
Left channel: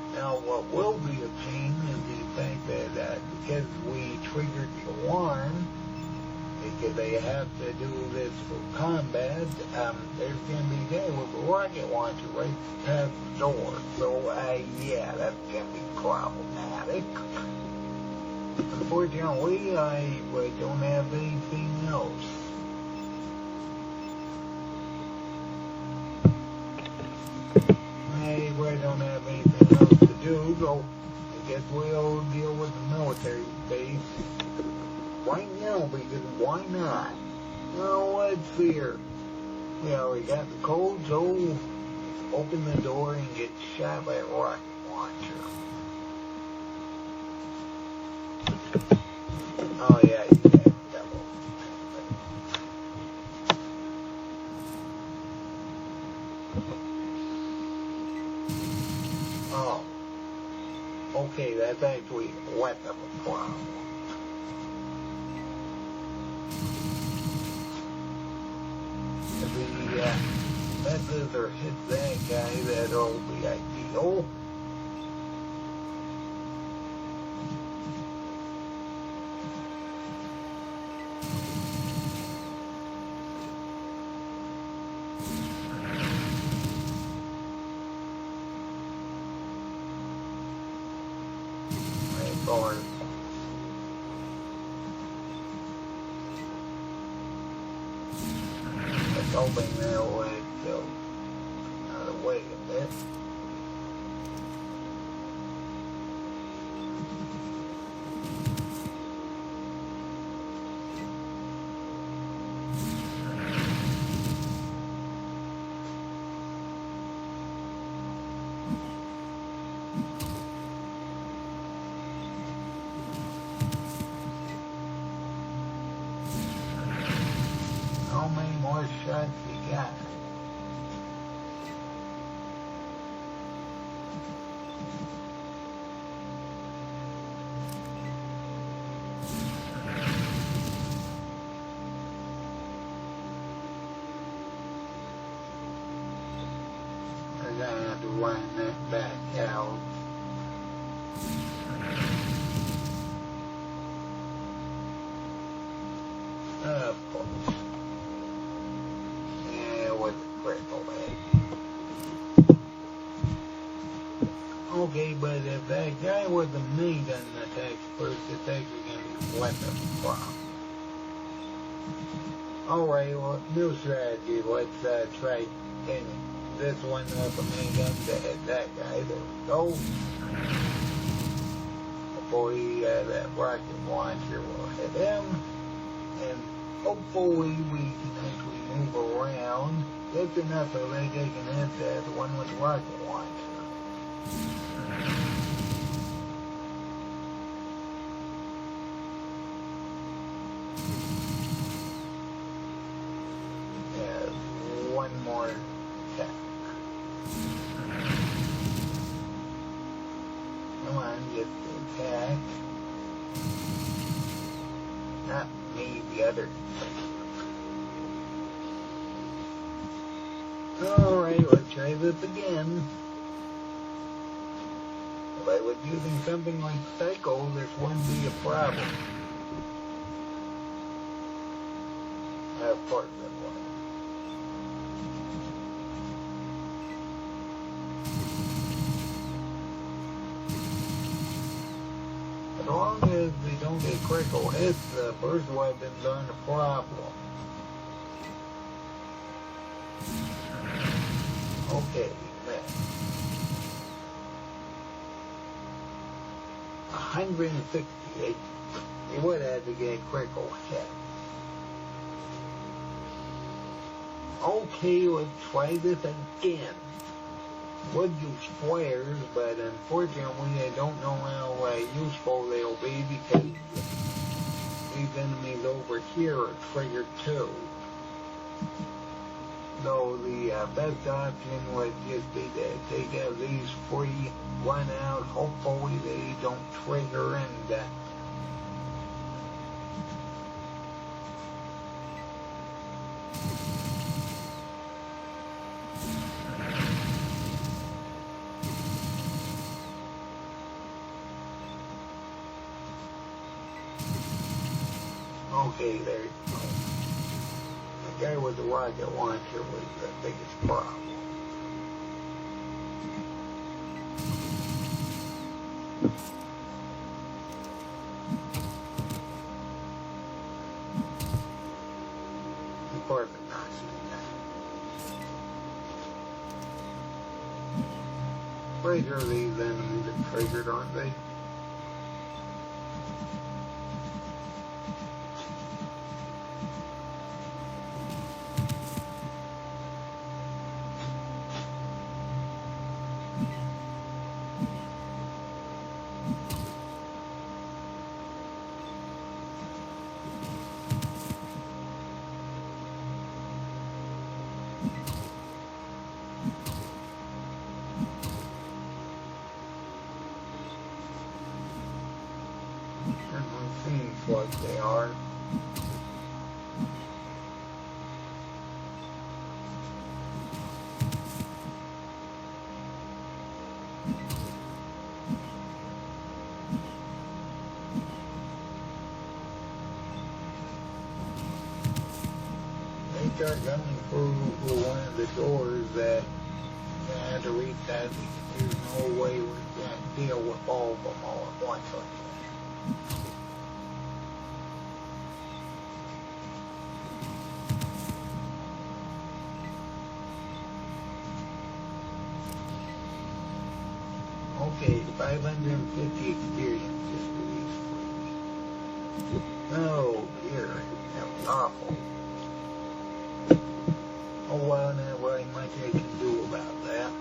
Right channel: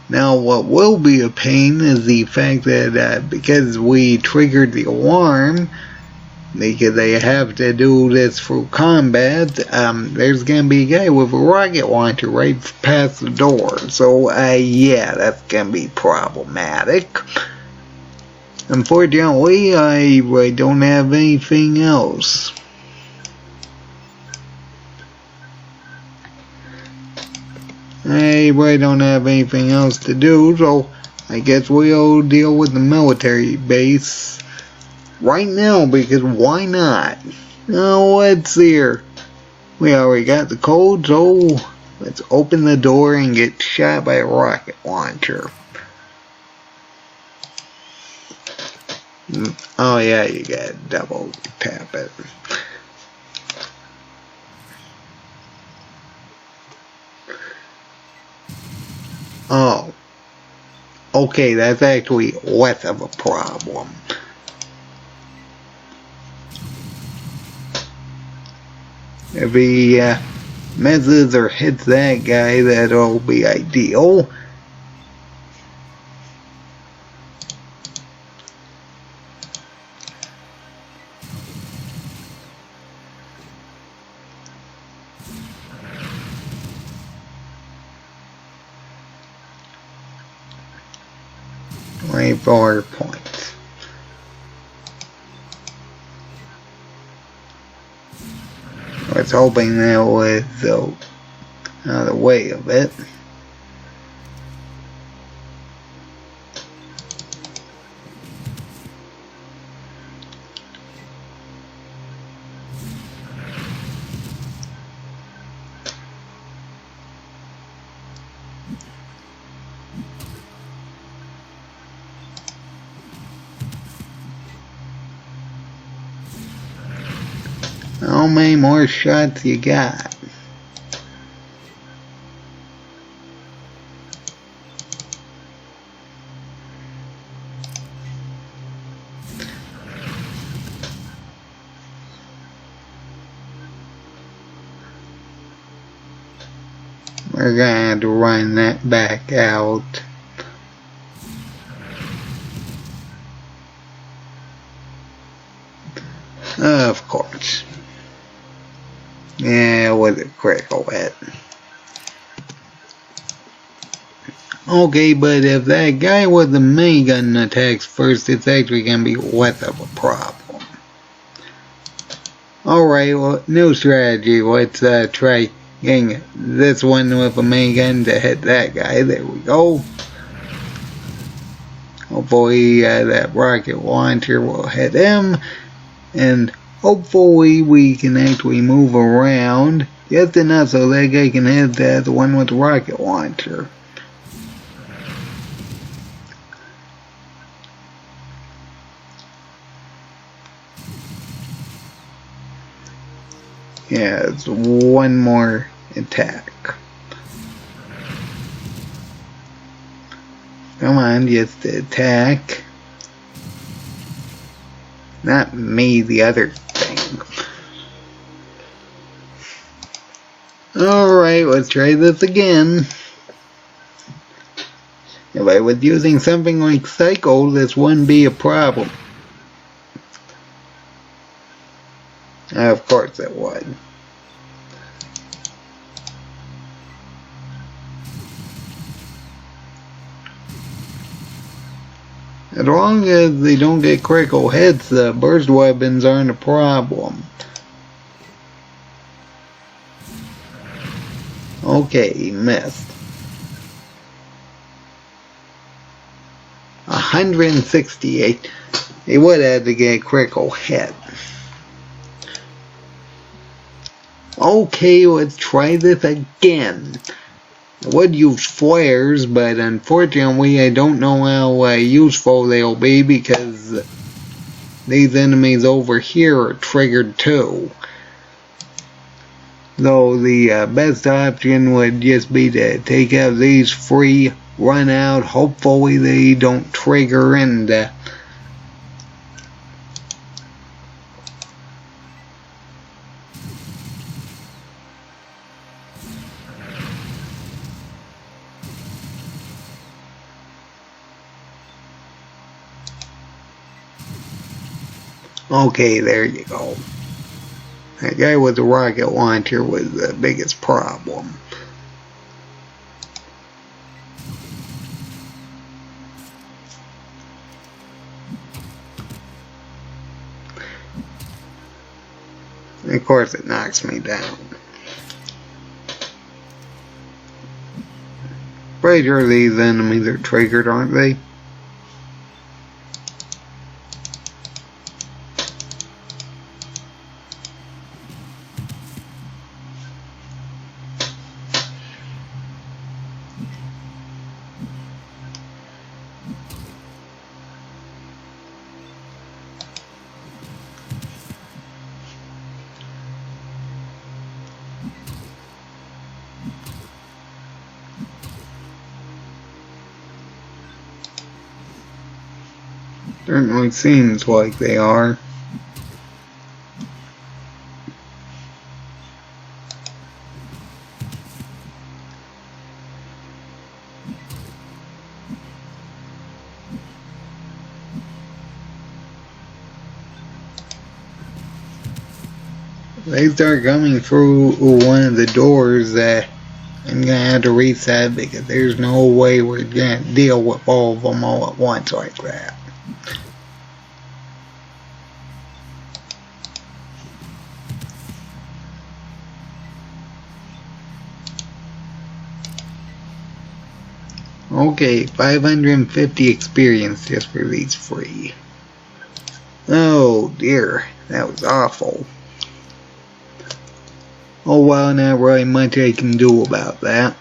Now, what will be a pain is the fact that because we triggered the alarm, because they have to do this through combat, there's gonna be a guy with a rocket launcher right past the door. So, yeah, that's gonna be problematic. Unfortunately, I don't have anything else. I don't have anything else to do, so I guess we'll deal with the military base right now, because why not? Now, let's see here. We already got the code, so let's open the door and get shot by a rocket launcher. Oh yeah, you gotta double tap it. Oh. Okay, that's actually less of a problem. If he misses or hits that guy, that'll be ideal. 24 points. I was hoping that was out of the way of it. How many more shots you got? We're gonna have to run that back out. Of course. Yeah, it was a critical hit. Okay, but if that guy with the minigun attacks first, it's actually gonna be less of a problem. Alright, well, new strategy. Let's try getting this one with a minigun to hit that guy. There we go. Hopefully that rocket launcher will hit him. And hopefully we can actually move around just enough so that guy can hit the one with the rocket launcher. Yeah, it's one more attack. Come on, just attack. Not me, the other thing. Alright, let's try this again. If I was using something like Psycho, this wouldn't be a problem. Of course it would. As long as they don't get critical hits, the burst weapons aren't a problem. Okay, missed. 168. They would have to get a critical hit. Okay, let's try this again. I would use flares, but unfortunately I don't know how useful they'll be because these enemies over here are triggered too. Though the best option would just be to take out these free, run out, hopefully they don't trigger and okay, there you go. That guy with the rocket launcher was the biggest problem. Of course it knocks me down. Pretty sure these enemies are triggered, aren't they? Certainly seems like they are. They start coming through one of the doors. I'm gonna have to reset because there's no way we're gonna deal with all of them all at once like that. Okay, 550 experience just for these free. Oh dear, that was awful. Oh well, not really much I can do about that.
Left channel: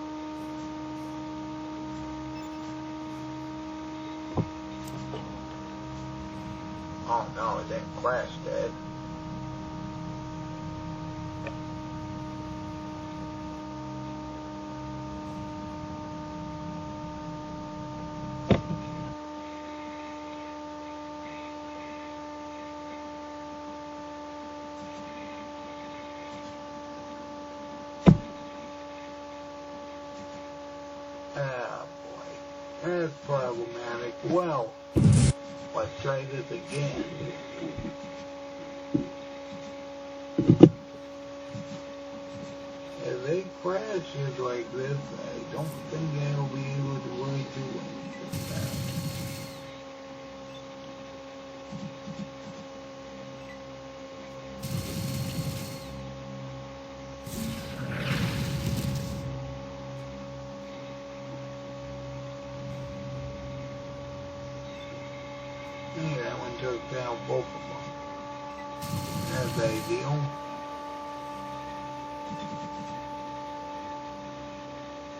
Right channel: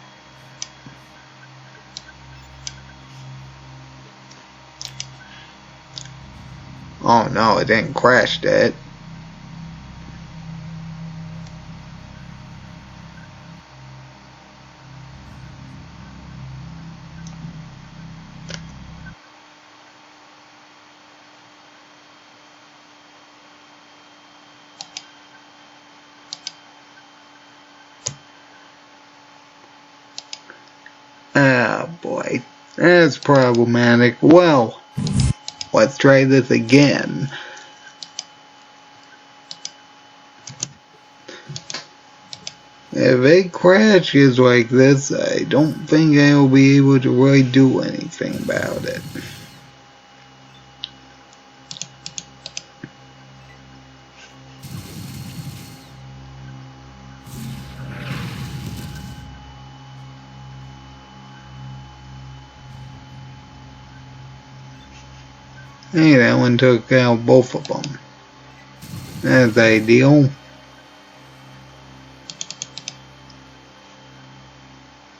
Oh no, it didn't crash that. Ah boy, that's problematic. Well, let's try this again. If it crashes like this, I don't think I'll be able to really do anything about it. Hey, that one took out both of them. That's ideal.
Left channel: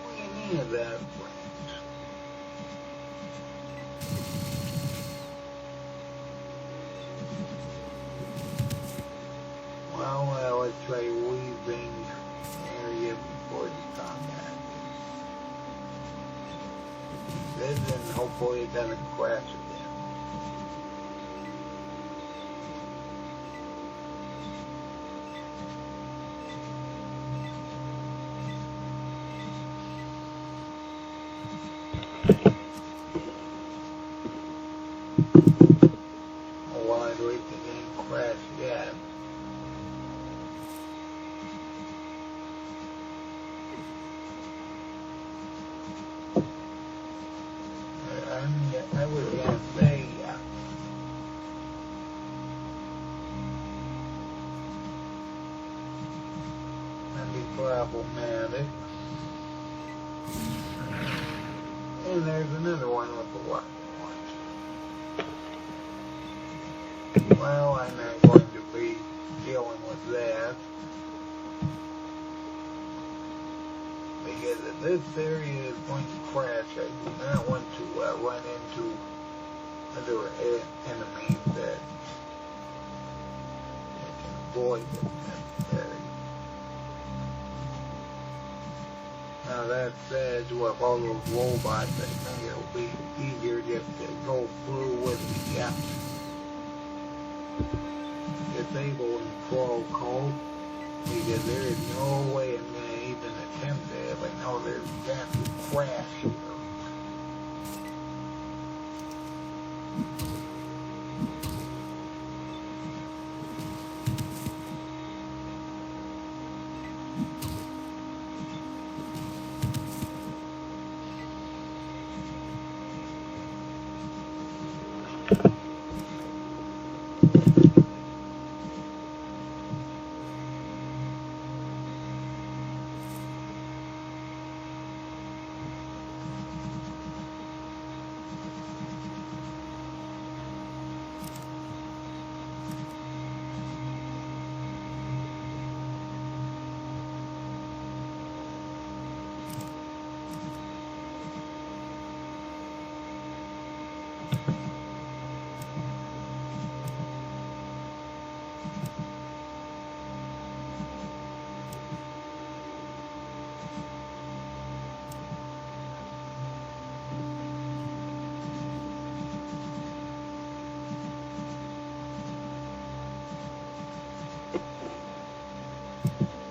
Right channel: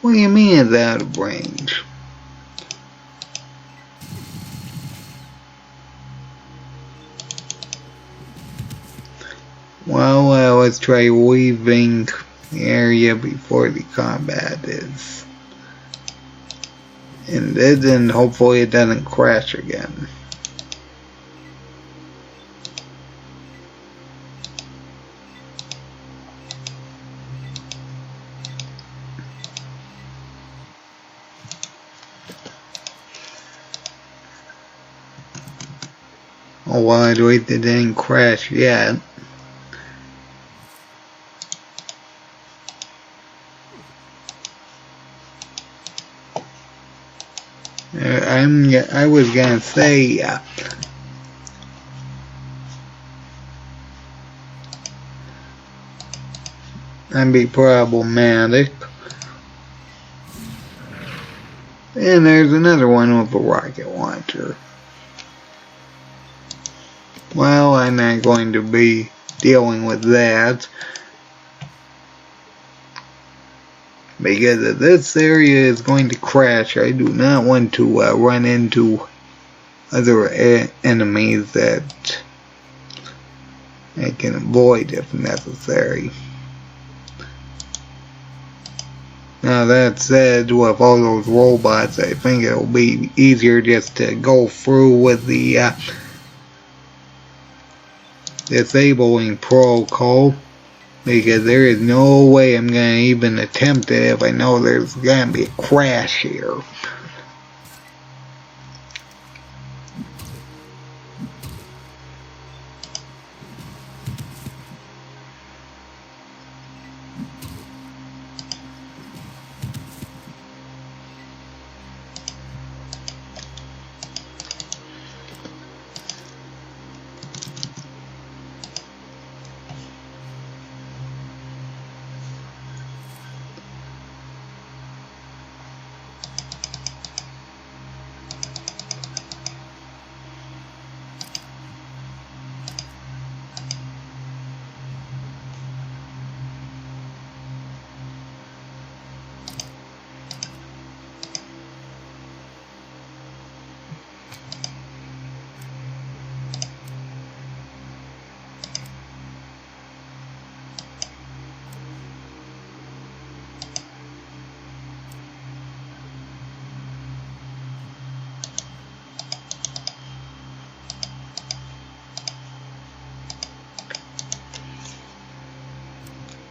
What do you mean it's out of range? Well, let's try leaving the area before the combat is. And then hopefully it doesn't crash again. Oh, well, I'd wait that it didn't crash yet. I was gonna say, that'd be problematic. And there's another one with a rocket launcher. Well, I'm not going to be dealing with that. Because if this area is going to crash, I do not want to run into other enemies that I can avoid if necessary. Now that said, with all those robots, I think it'll be easier just to go through with the disabling protocol. Because there is no way I'm going to even attempt it if I know there's going to be a crash here.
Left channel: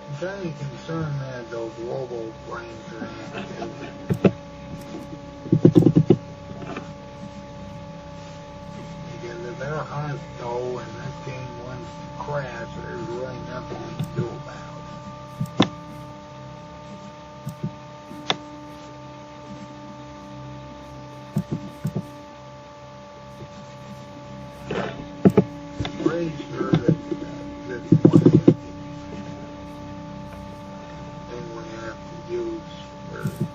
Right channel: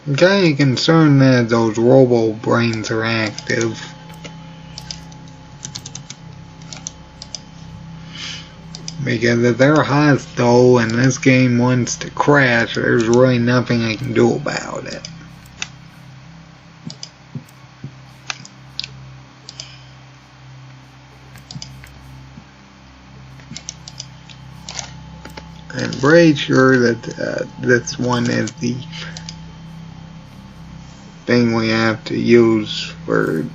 I'm kind of concerned that those robo brains are active. Because if they're hostile and this game wants to crash, there's really nothing I can do about it. pretty sure that this one is the thing we have to use for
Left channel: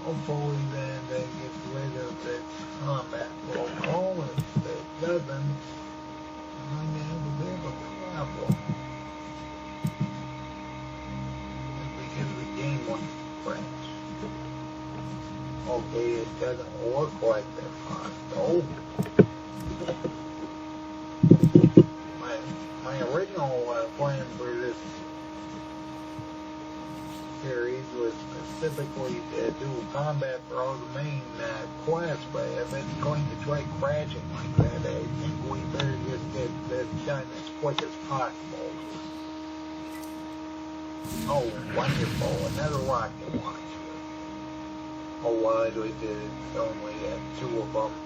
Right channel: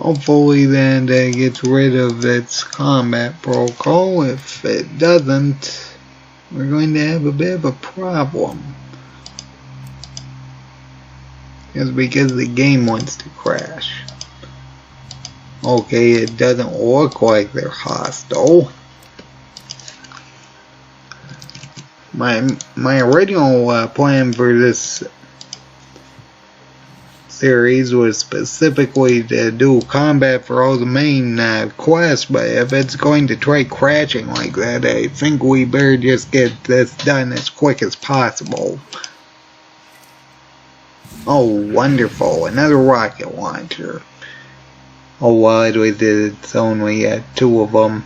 hopefully then that gets rid of its combat protocol. If it doesn't, we're going to have a bit of a problem. Just because the game wants to crash. Okay, it doesn't look like they're hostile. My original plan for this series was specifically to do combat for all the main quests, but if it's going to try crashing like that, I think we better just get this done as quick as possible. Oh, wonderful, another rocket launcher. Oh, well, it's only 2 of them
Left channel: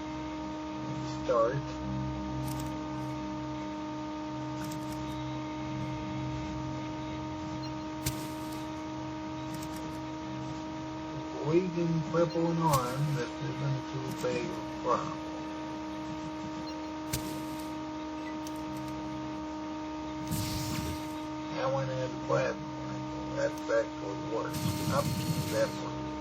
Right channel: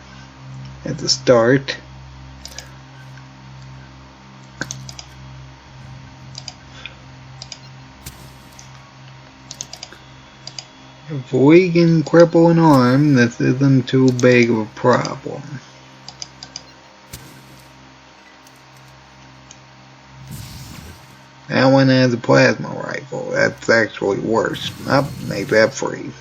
at the start. If we can cripple an arm, this isn't too big of a problem. That one has a plasma rifle. That's actually worse. Oh, make that freeze.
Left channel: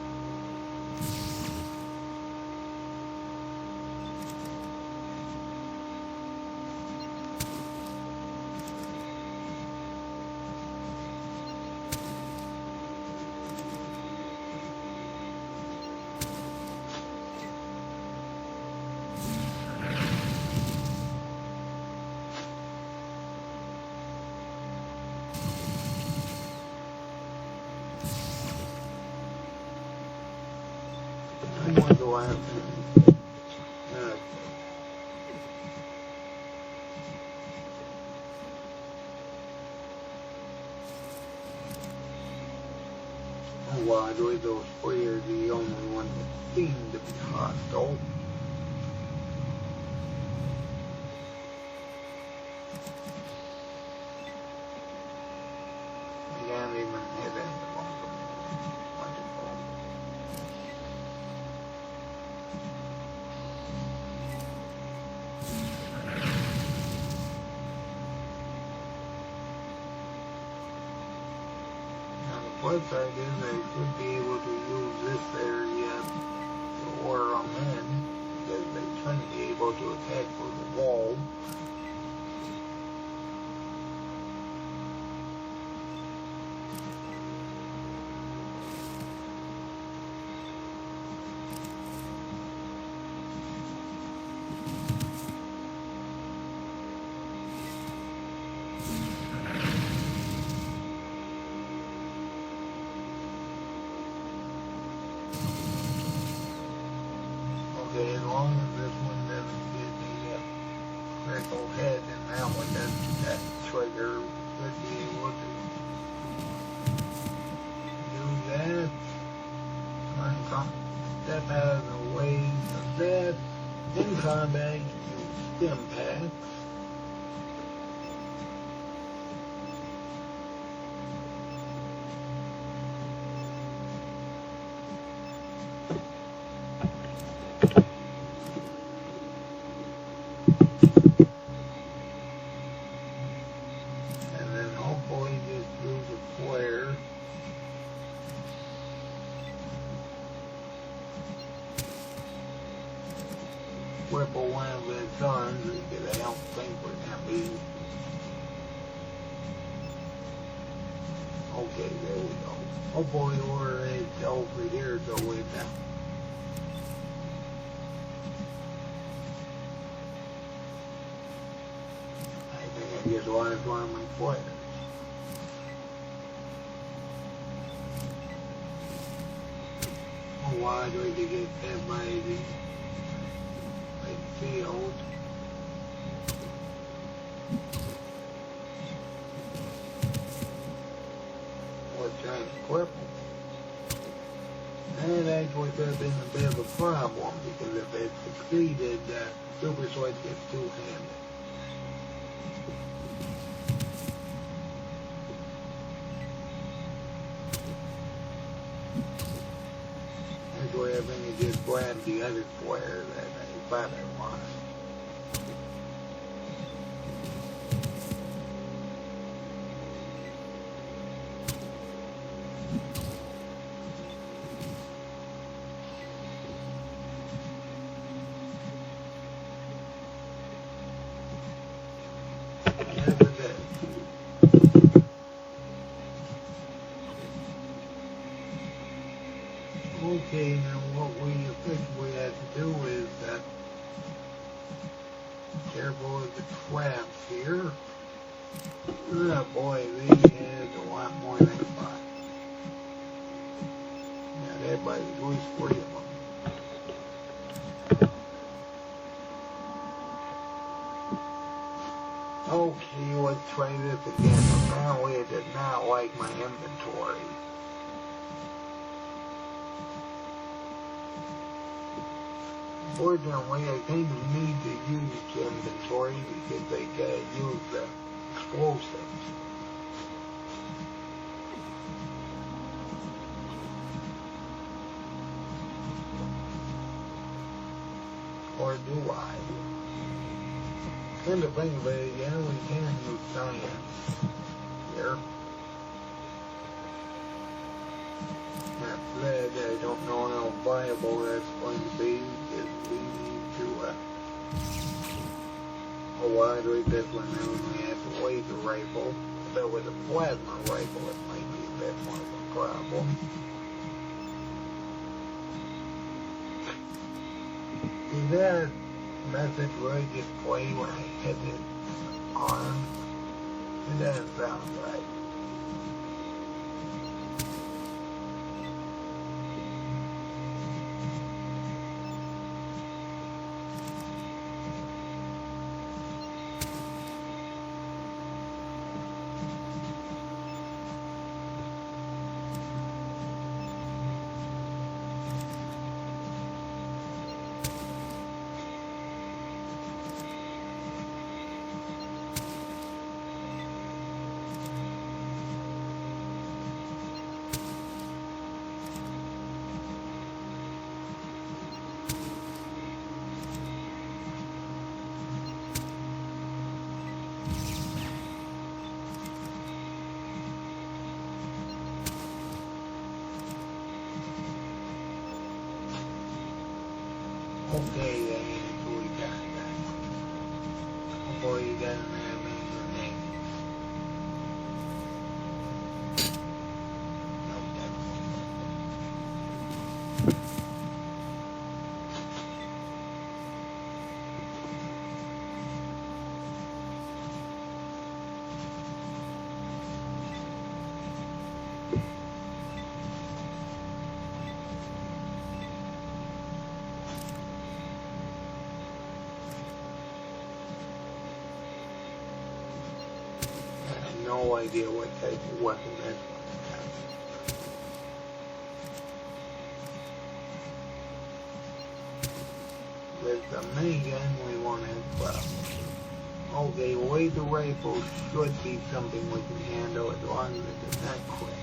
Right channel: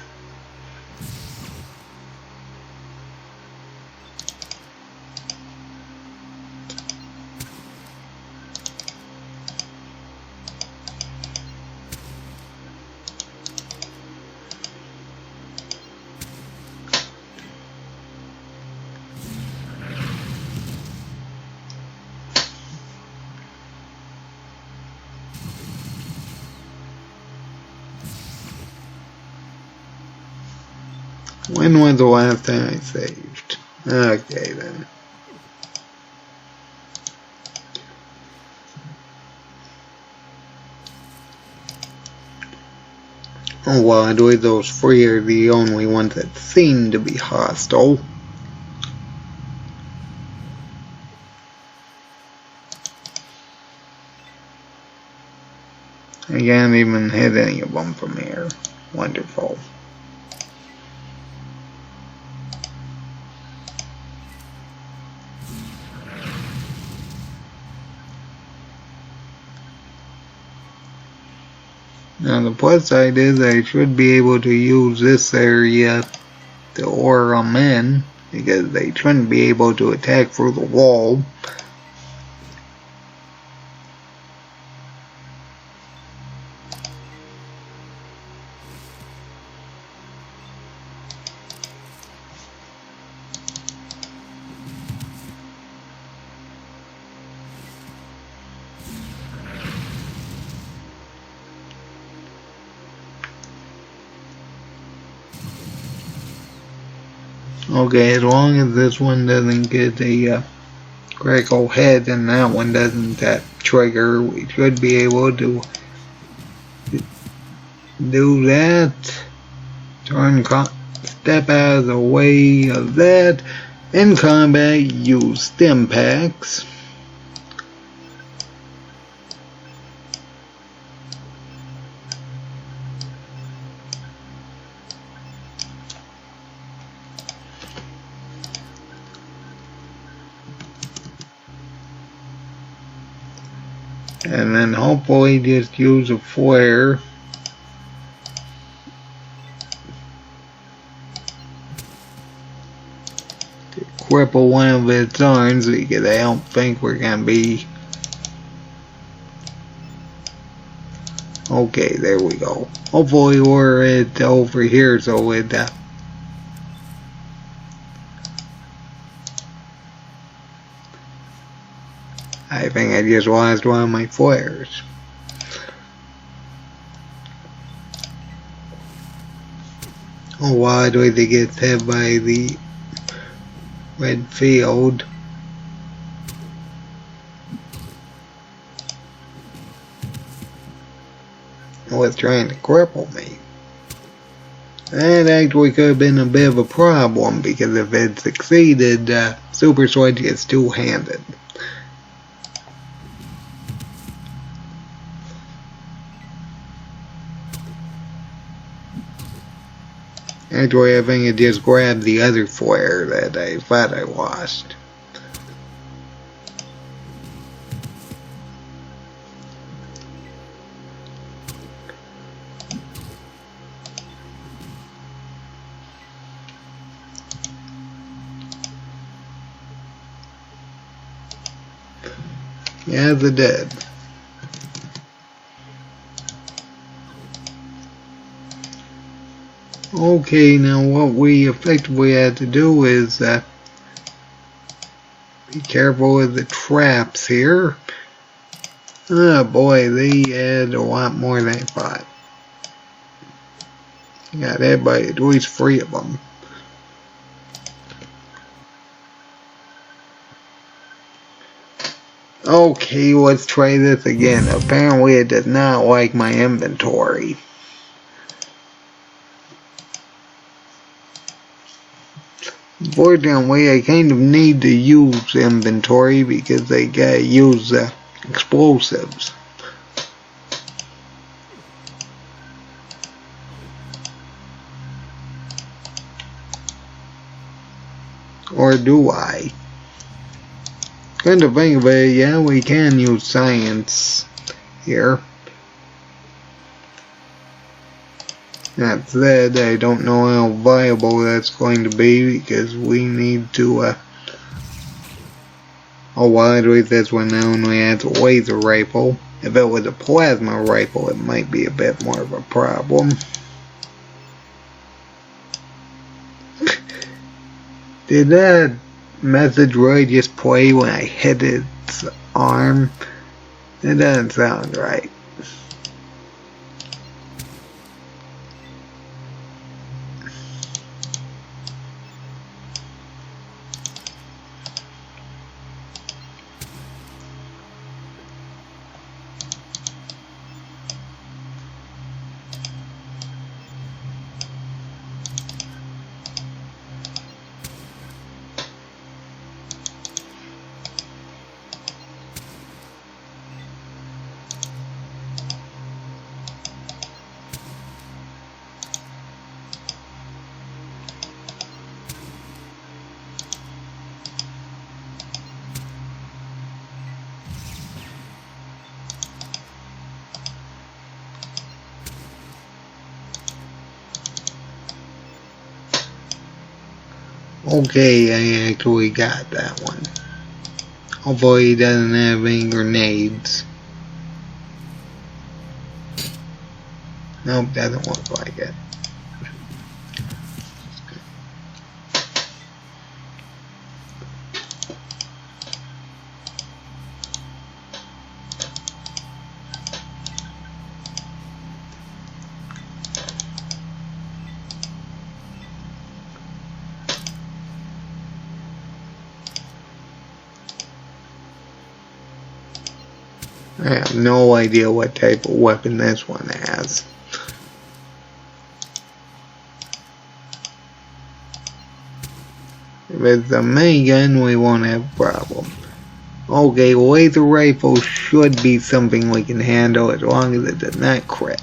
When was the last time I saved? Okay then. Oh well, I believe those 3 are the only ones that seem to be hostile. I can't even hit any of them from here. Wonderful. Now the plus side is I should be able to use this area to lure them in, because they shouldn't be able to attack through the wall. Okay, as long as this one doesn't get a critical hit and that one doesn't trigger, we should be able to do that. Step out of the way of that. In combat, use stim packs. And then hopefully just use a flare. To cripple one of its arms, because I don't think we're going to be Okay, there we go. Hopefully we're over here so it I think I just lost one of my flares. Oh, why do they get hit by the red field? It was trying to cripple me. That actually could have been a bit of a problem because if it succeeded, Super Switch gets two-handed. Actually, I think it just grabbed the other flare that I thought I lost. Yes, it did. Okay, now what we effectively had to do is be careful with the traps here. Oh boy, they had a lot more than I thought. Got hit by at least 3 of them. Okay, let's try this again. Apparently it does not like my inventory. Unfortunately, I kind of need to use inventory because I gotta use explosives. Or do I? Come to think of it, yeah, we can use science here. That said, I don't know how viable that's going to be because we need to, oh, well, at least that's when I only had a laser rifle. If it was a plasma rifle, it might be a bit more of a problem. Did that message really just play when I hit its arm? It doesn't sound right. Okay, I actually got that one. Hopefully he doesn't have any grenades. Nope, doesn't look like it. I have no idea what type of weapon this one has. If it's a minigun, we won't have a problem. Okay, laser rifle should be something we can handle as long as it does not crit.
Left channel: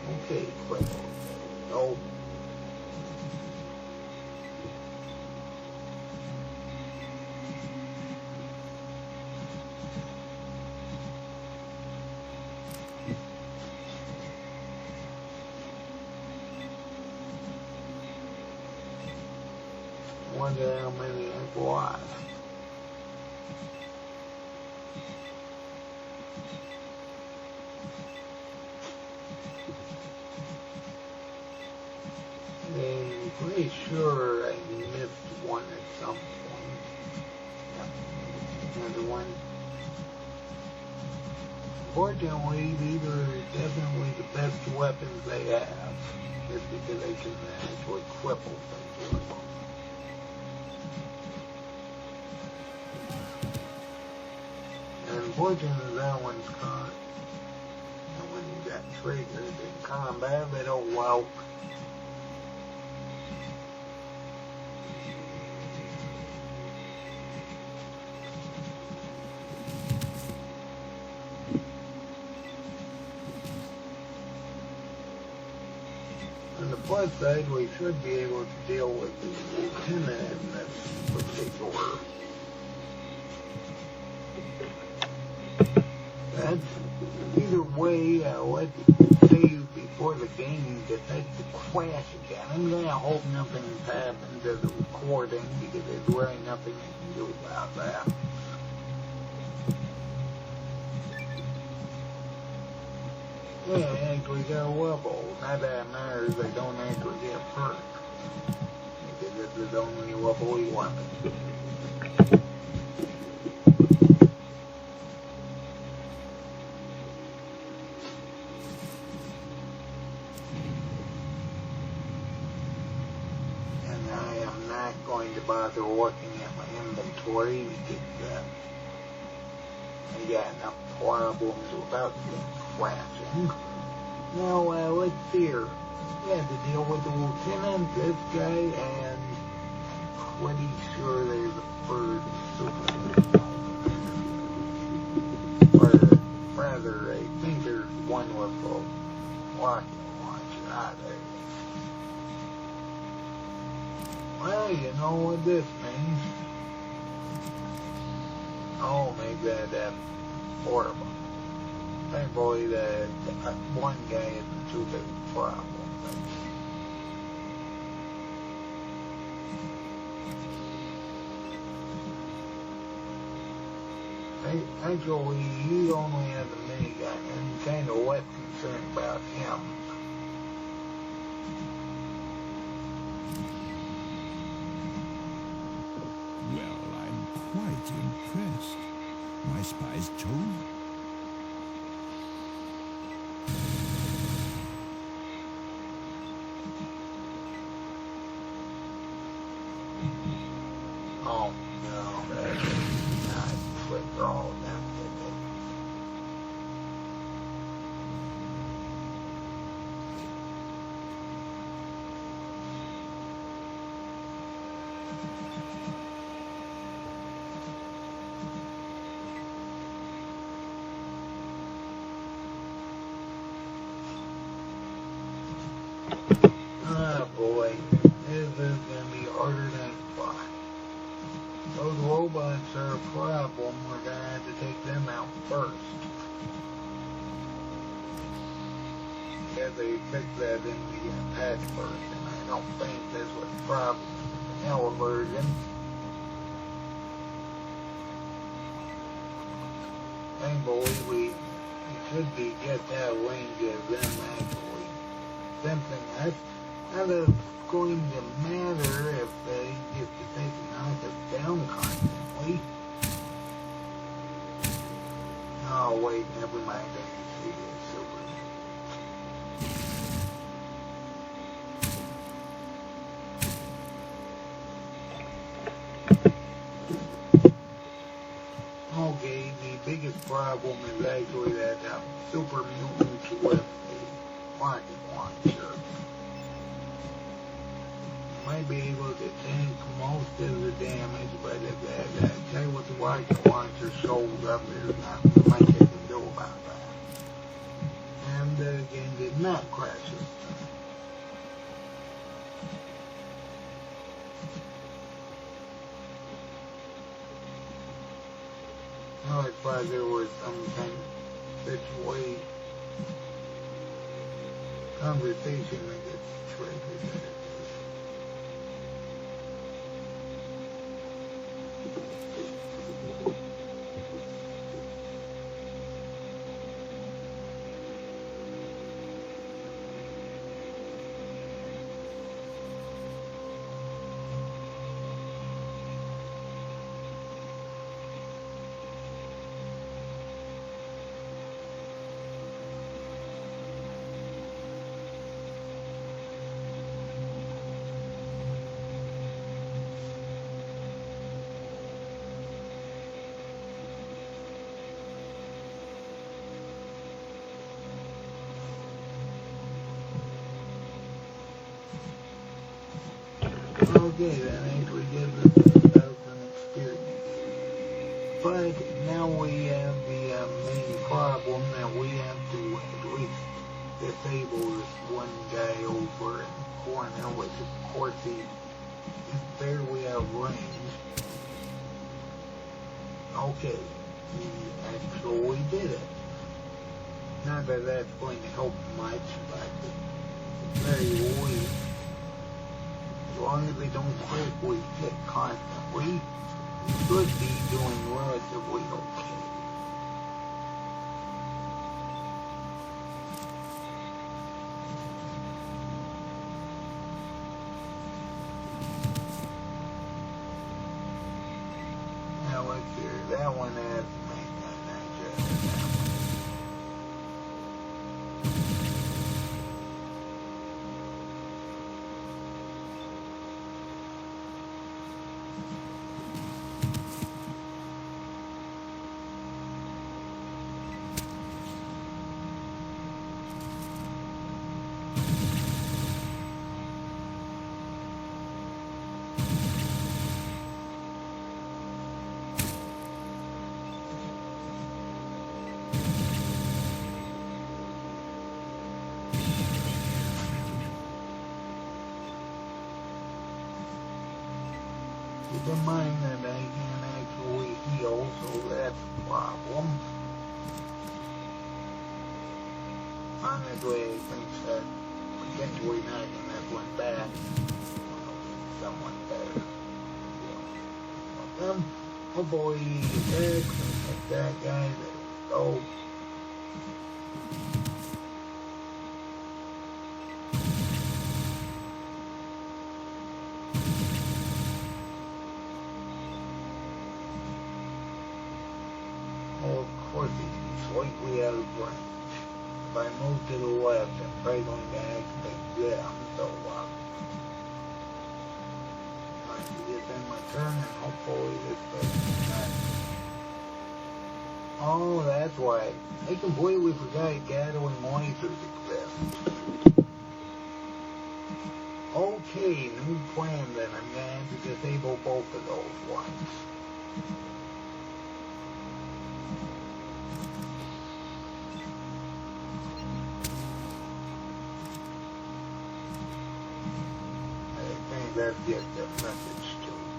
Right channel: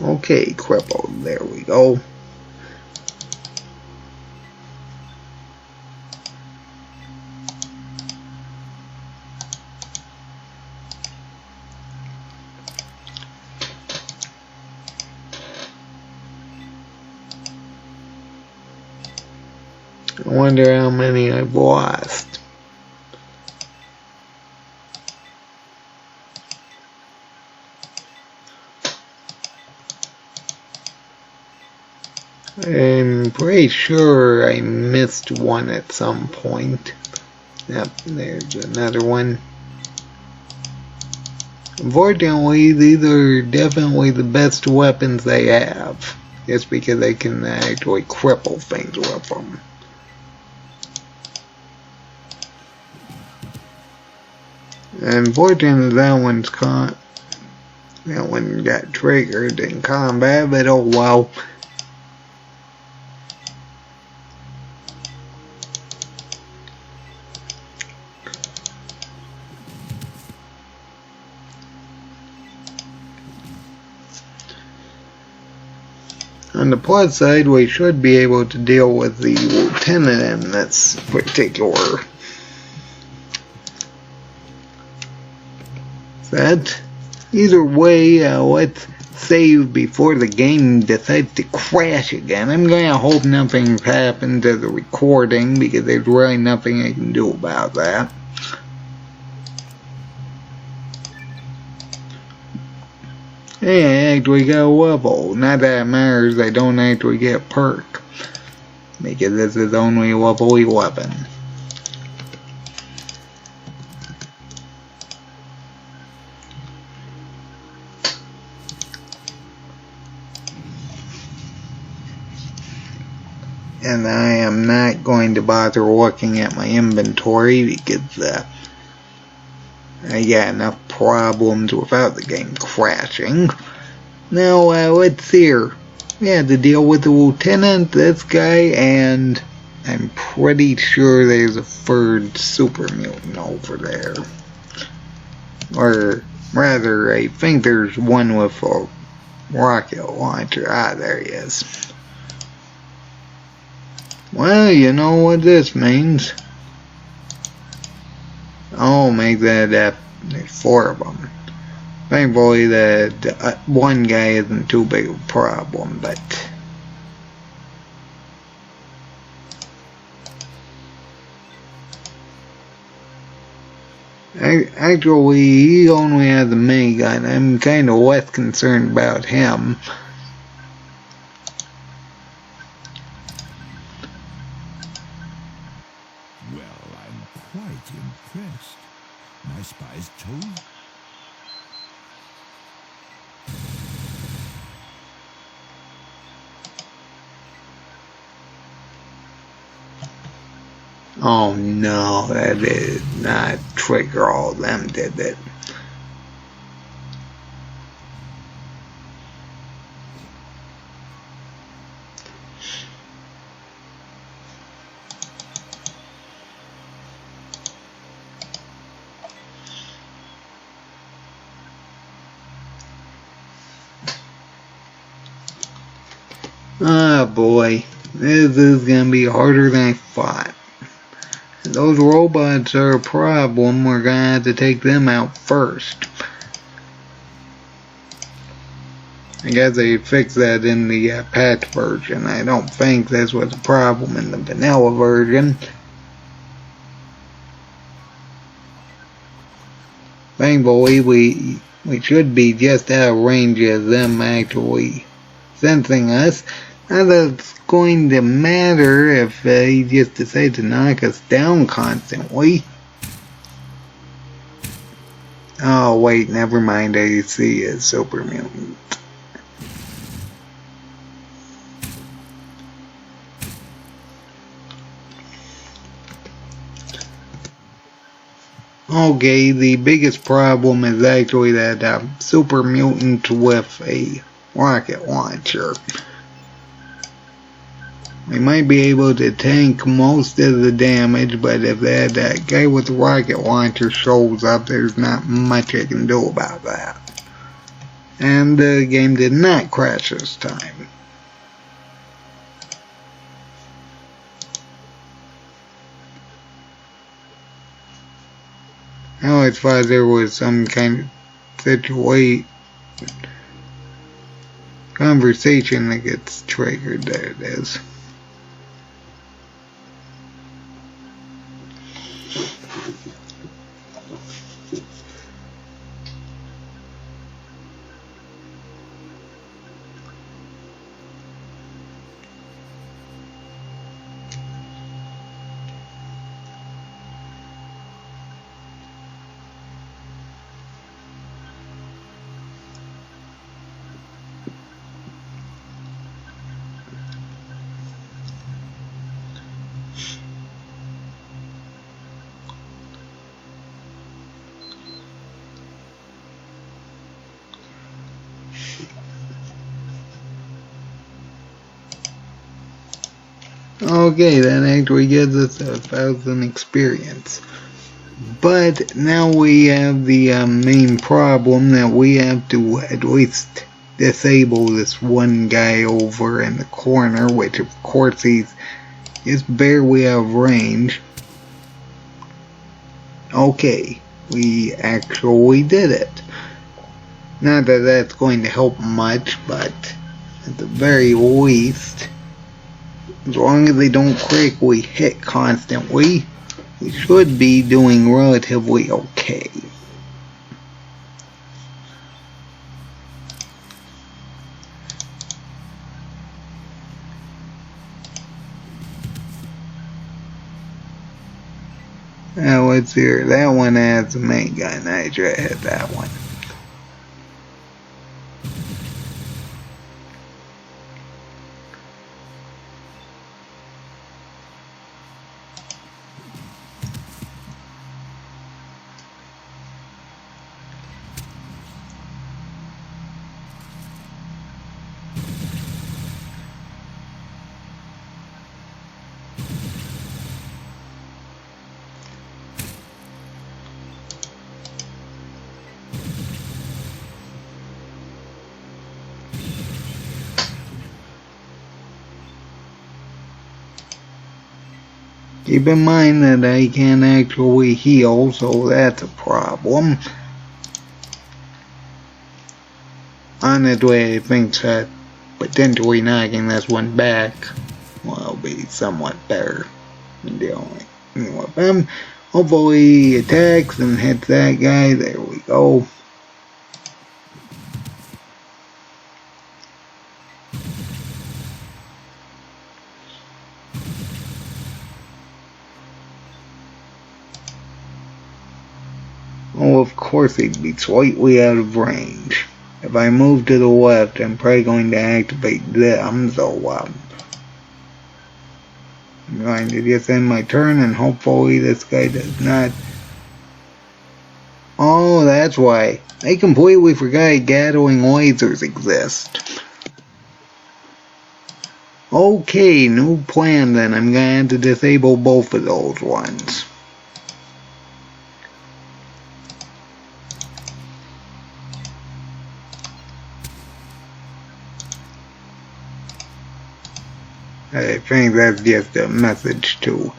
Okay, crippled. There we go. I wonder how many I've lost. I'm pretty sure I missed one at some point. Yep, there's another one. Unfortunately, these are definitely the best weapons they have, just because they can actually cripple things with them. Unfortunately, that one got triggered in combat, but oh well. On the plus side, we should be able to deal with the lieutenant in this particular set. Either way, let's save before the game decides to crash again. I'm gonna hope nothing happened to the recording, because there's really nothing I can do about that. Hey, I actually got a level. Not that it matters, I don't actually get a perk, because this is only level 11. And I am not going to bother looking at my inventory, because I got enough problems without the game crashing. Now, let's see here. We had to deal with the lieutenant, this guy, and I'm pretty sure there's a third super mutant over there. Or rather, I think there's one with a rocket launcher. Ah, there he is. Well, you know what this means. I'll make that there's 4 of them. Thankfully, that one guy isn't too big of a problem, but actually, he only has a minigun. I'm kind of less concerned about him. Well, I'm quite impressed. My spies told. Oh no, that did not trigger all of them, did it? Ah boy, this is gonna be harder than I thought. Those robots are a problem. We're gonna have to take them out first. I guess they fixed that in the patch version. I don't think this was a problem in the vanilla version. Thankfully, we should be just out of range of them actually sensing us. Now that's going to matter if he just decides to knock us down constantly. Oh wait, never mind, I see a super mutant. Okay, the biggest problem is actually that super mutant with a rocket launcher. We might be able to tank most of the damage, but if that guy with the rocket launcher shows up, there's not much I can do about that. And the game did not crash this time. I always thought there was some kind of conversation that gets triggered. There it is. Okay, that actually gives us 1,000 experience. But now we have the main problem that we have to at least disable this one guy over in the corner, which of course he's just barely out of range. Okay, we actually did it. Not that that's going to help much, but at the very least, as long as they don't critically hit constantly, we should be doing relatively okay. Now let's hear, that one has a main gun. I should have hit that one. Keep in mind that I can't actually heal, so that's a problem. Honestly, I think that potentially knocking this one back will be somewhat better than dealing with him. Hopefully he attacks and hits that guy. There we go. Oh, of course he'd be slightly out of range. If I move to the left, I'm probably going to activate them, so I'm going to just end my turn and hopefully this guy does not. Oh, that's why. I completely forgot Gatling lasers exist. Okay, new plan then. I'm going to have to disable both of those ones. I think that's just a message to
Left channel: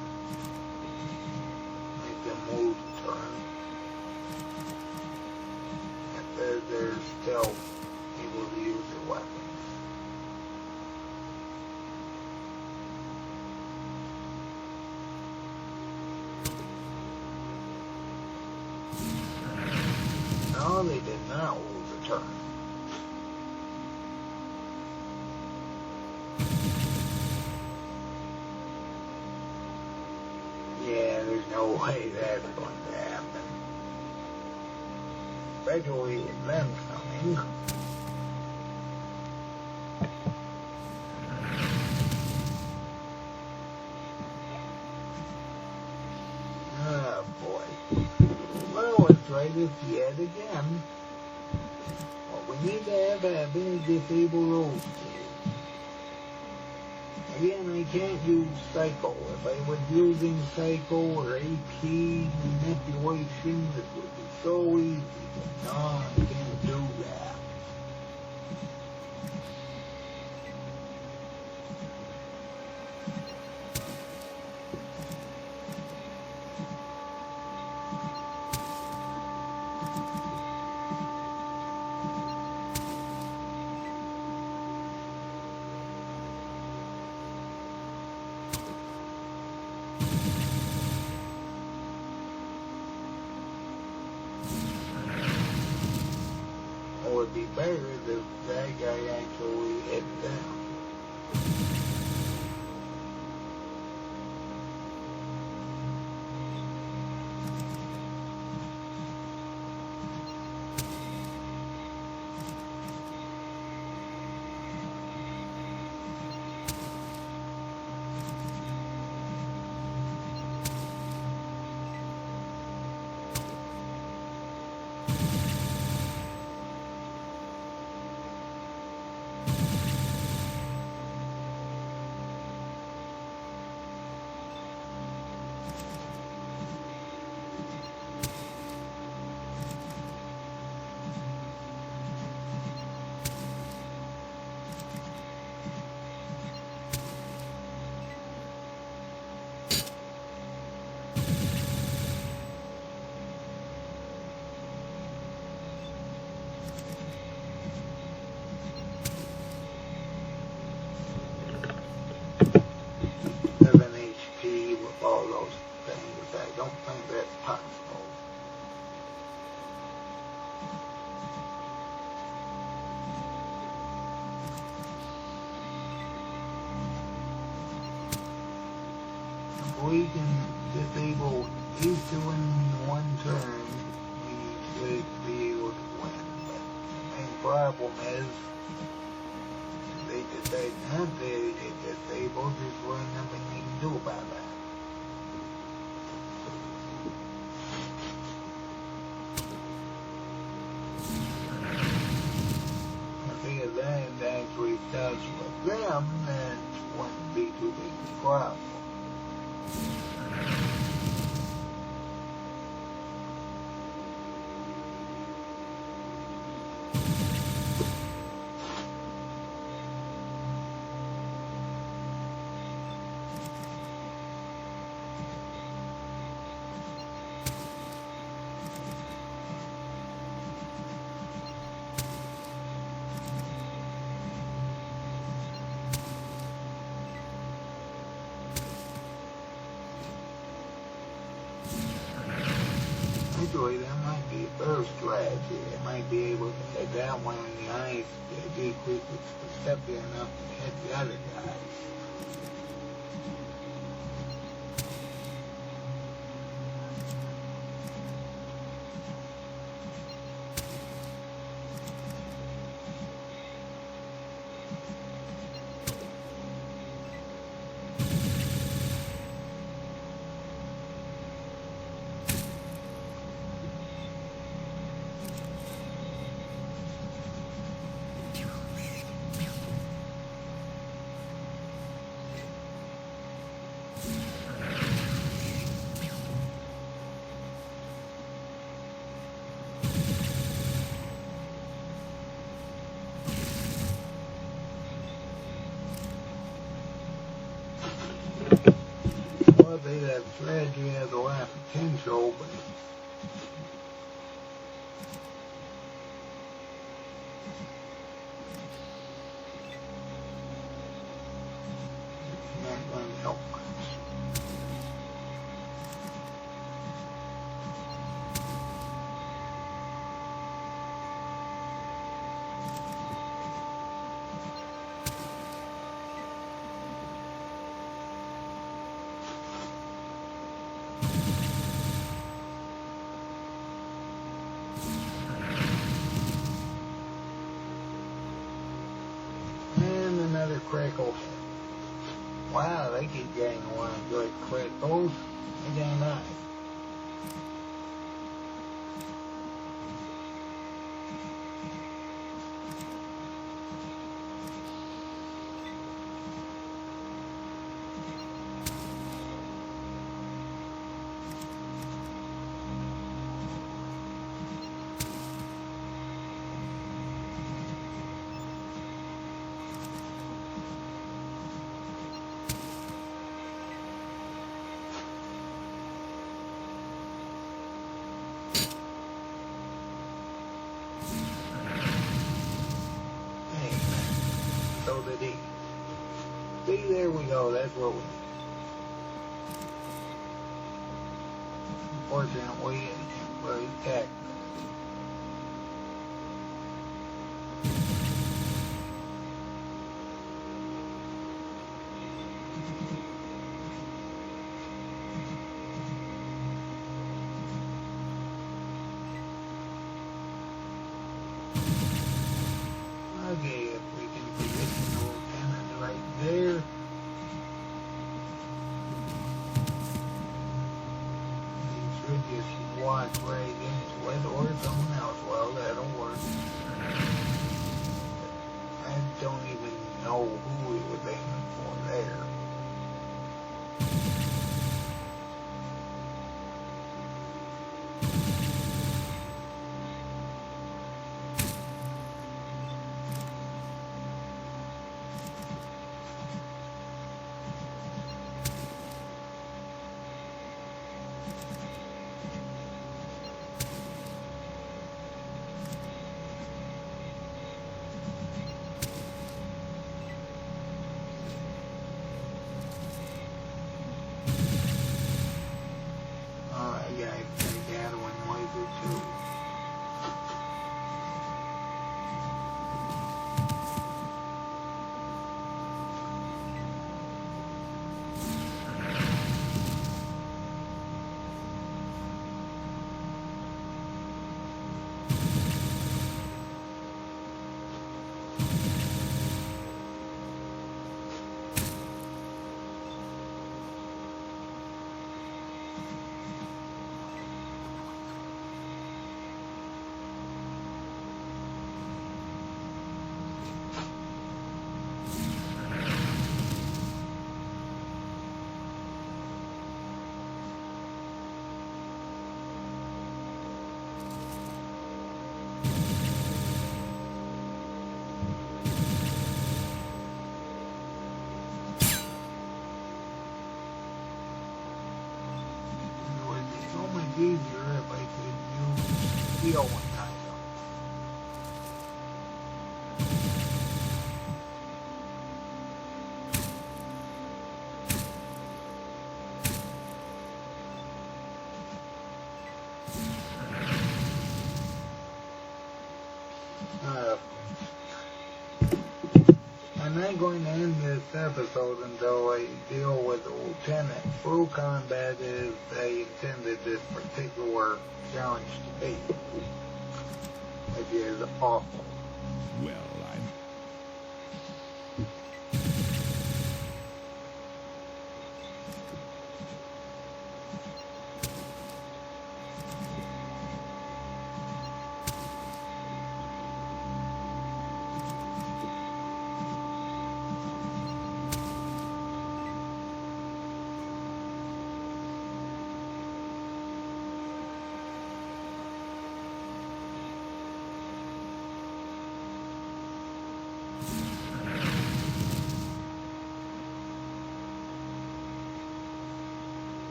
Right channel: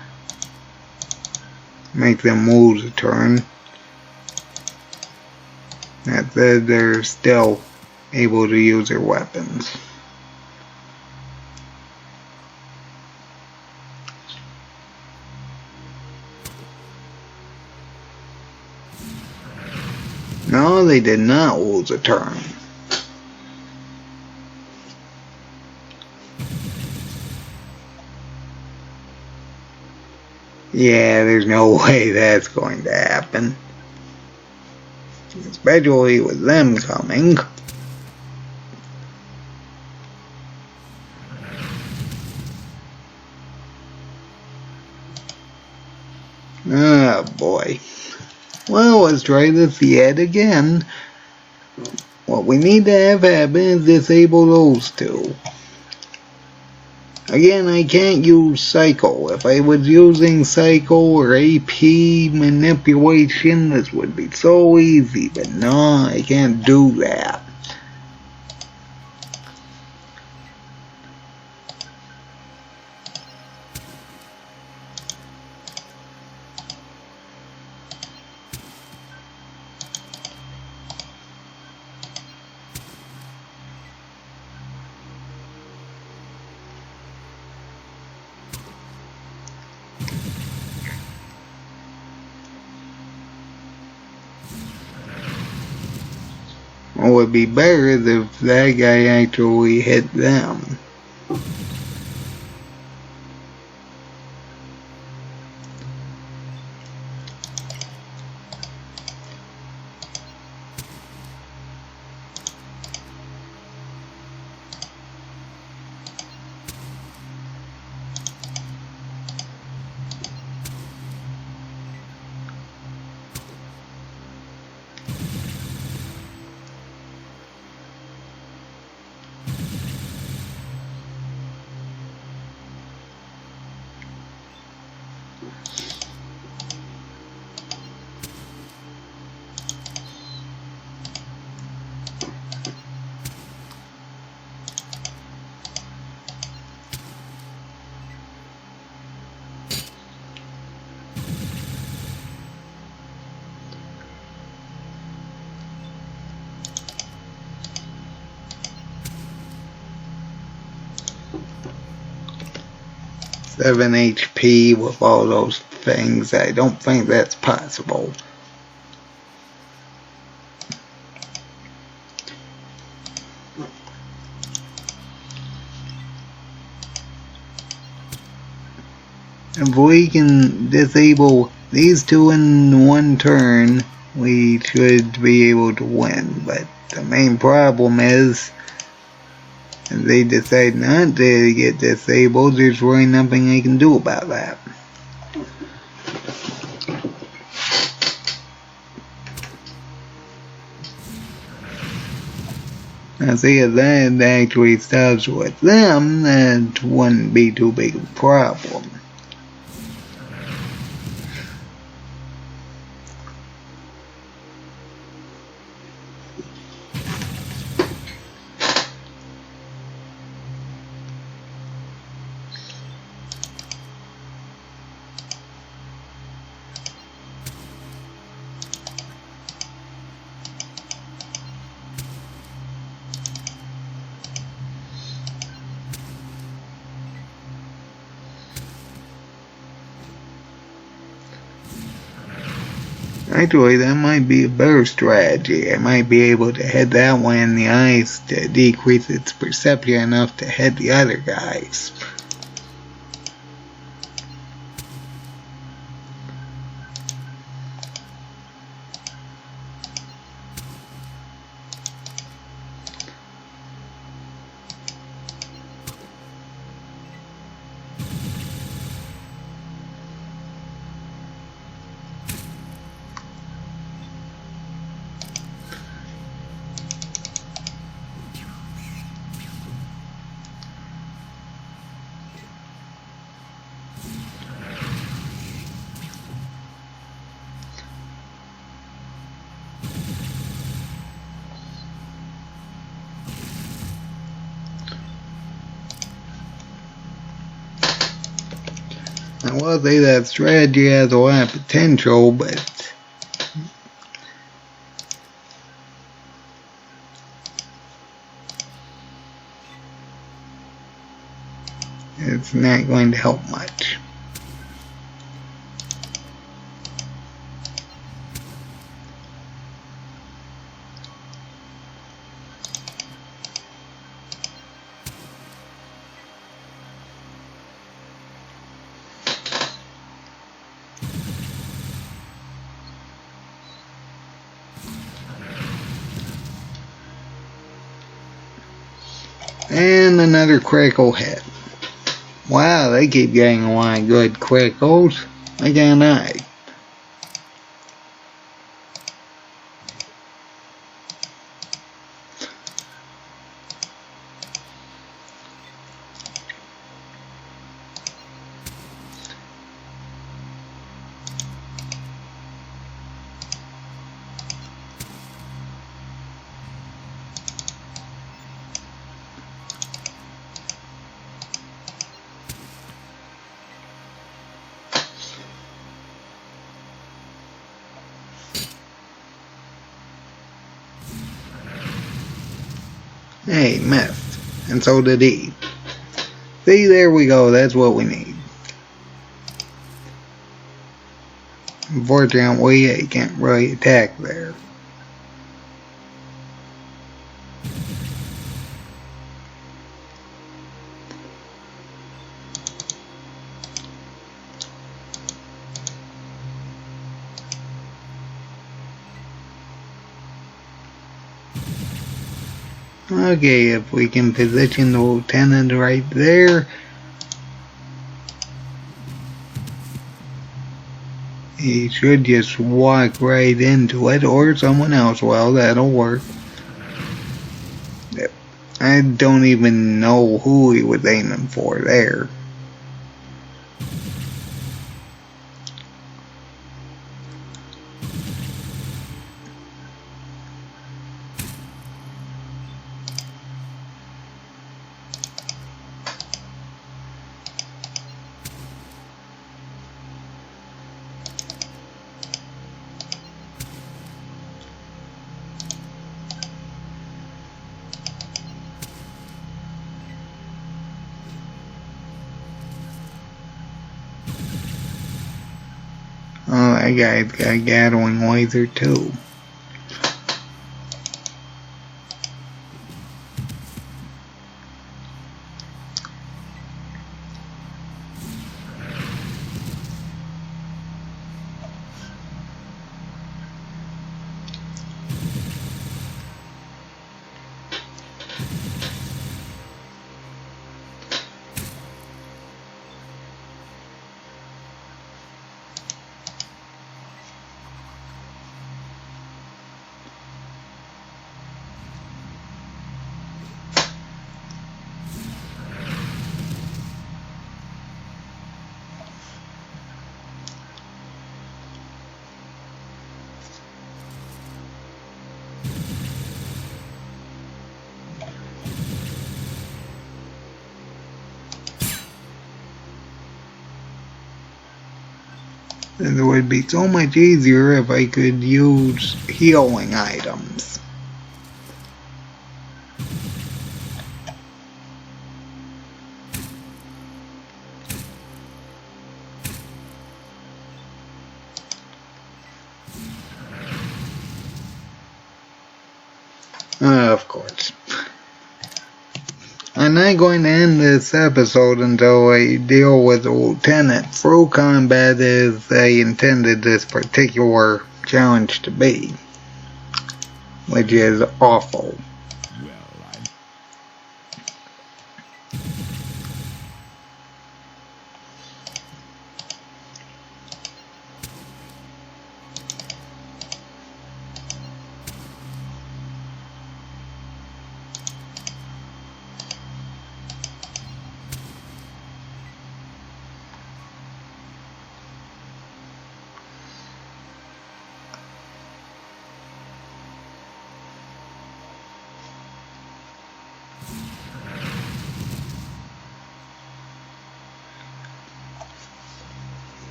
make them lose a turn. That said, they're still able to use their weapons. No, they did not lose a turn. Yeah, there's no way that's going to happen. Especially with them coming. Ah, boy. Well, let's try this yet again. What we need to have happen is disable those two. Again, I can't use Psycho. If I was using Psycho or AP manipulation, this would be so easy. But no, I can't do that. What would be better is if that guy actually hit them. 7 HP with all those things. I don't think that's possible. If we can disable these two in one turn, we should be able to win. But the main problem is, if they decide not to get disabled, there's really nothing they can do about that. Now see, if that actually stops with them, that wouldn't be too big of a problem. Actually, that might be a better strategy. I might be able to hit that one in the eyes to decrease its perception enough to hit the other guys. I will say that strategy has a lot of potential, but it's not going to help much. And another critical hit. Wow, they keep getting a lot of good criticals. Why can't I? Hey, missed. And so did he. See, there we go. That's what we need. Unfortunately, he can't really attack there. Okay, if we can position the lieutenant right there, he should just walk right into it, or someone else. Well, that'll work. I don't even know who he was aiming for there. My guy's got a Gatling laser too. It would be so much easier if I could use healing items. Of course. I'm not going to end this episode until I deal with the Lieutenant through combat as I intended this particular challenge to be, which is awful. Well,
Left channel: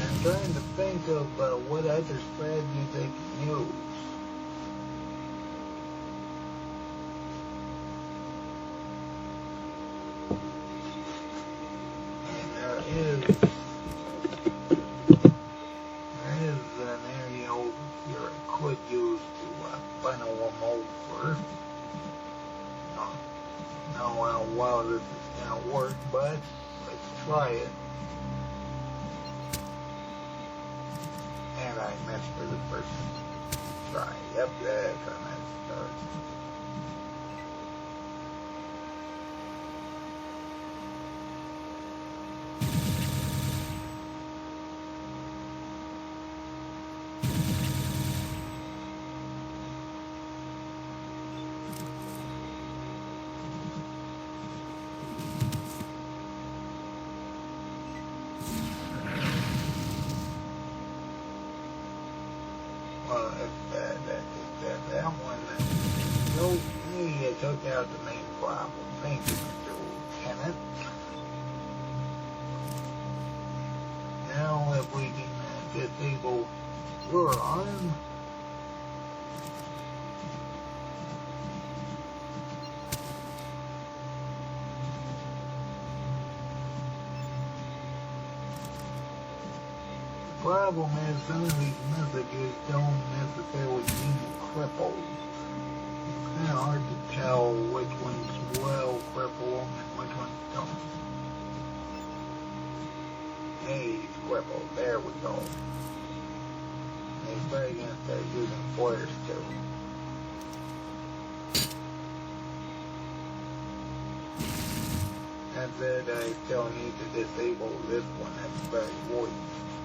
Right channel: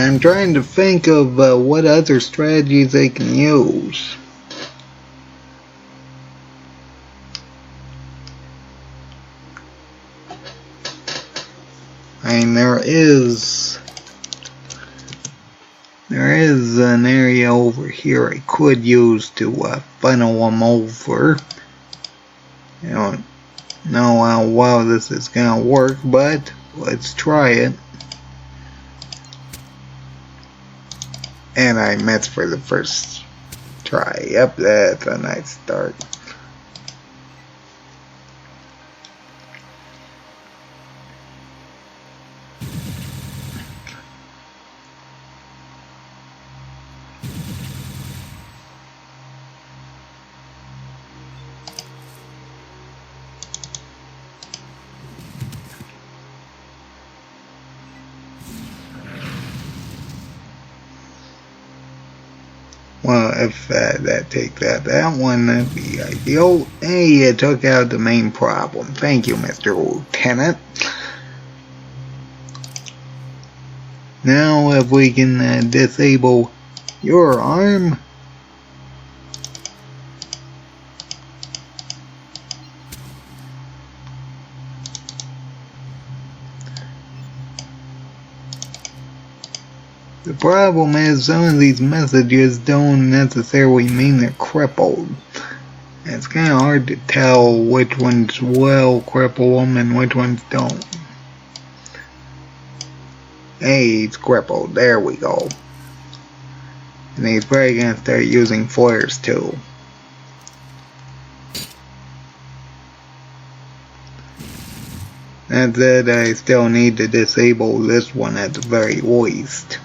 I'm trying to think of what other strategies I can use. There is an area over here I could use to funnel them over. I don't know how well this is gonna work, but let's try it. And I missed for the first try. Yep, that's a nice start. Well, if that takes out that one, that'd be ideal. Hey, you took out the main problem. Thank you, Mr. Lieutenant. Now, if we can disable your arm. The problem is some of these messages don't necessarily mean they're crippled. It's kind of hard to tell which ones will cripple them and which ones don't. Hey, he's crippled. There we go. And he's probably going to start using flares too. That said, I still need to disable this one at the very least.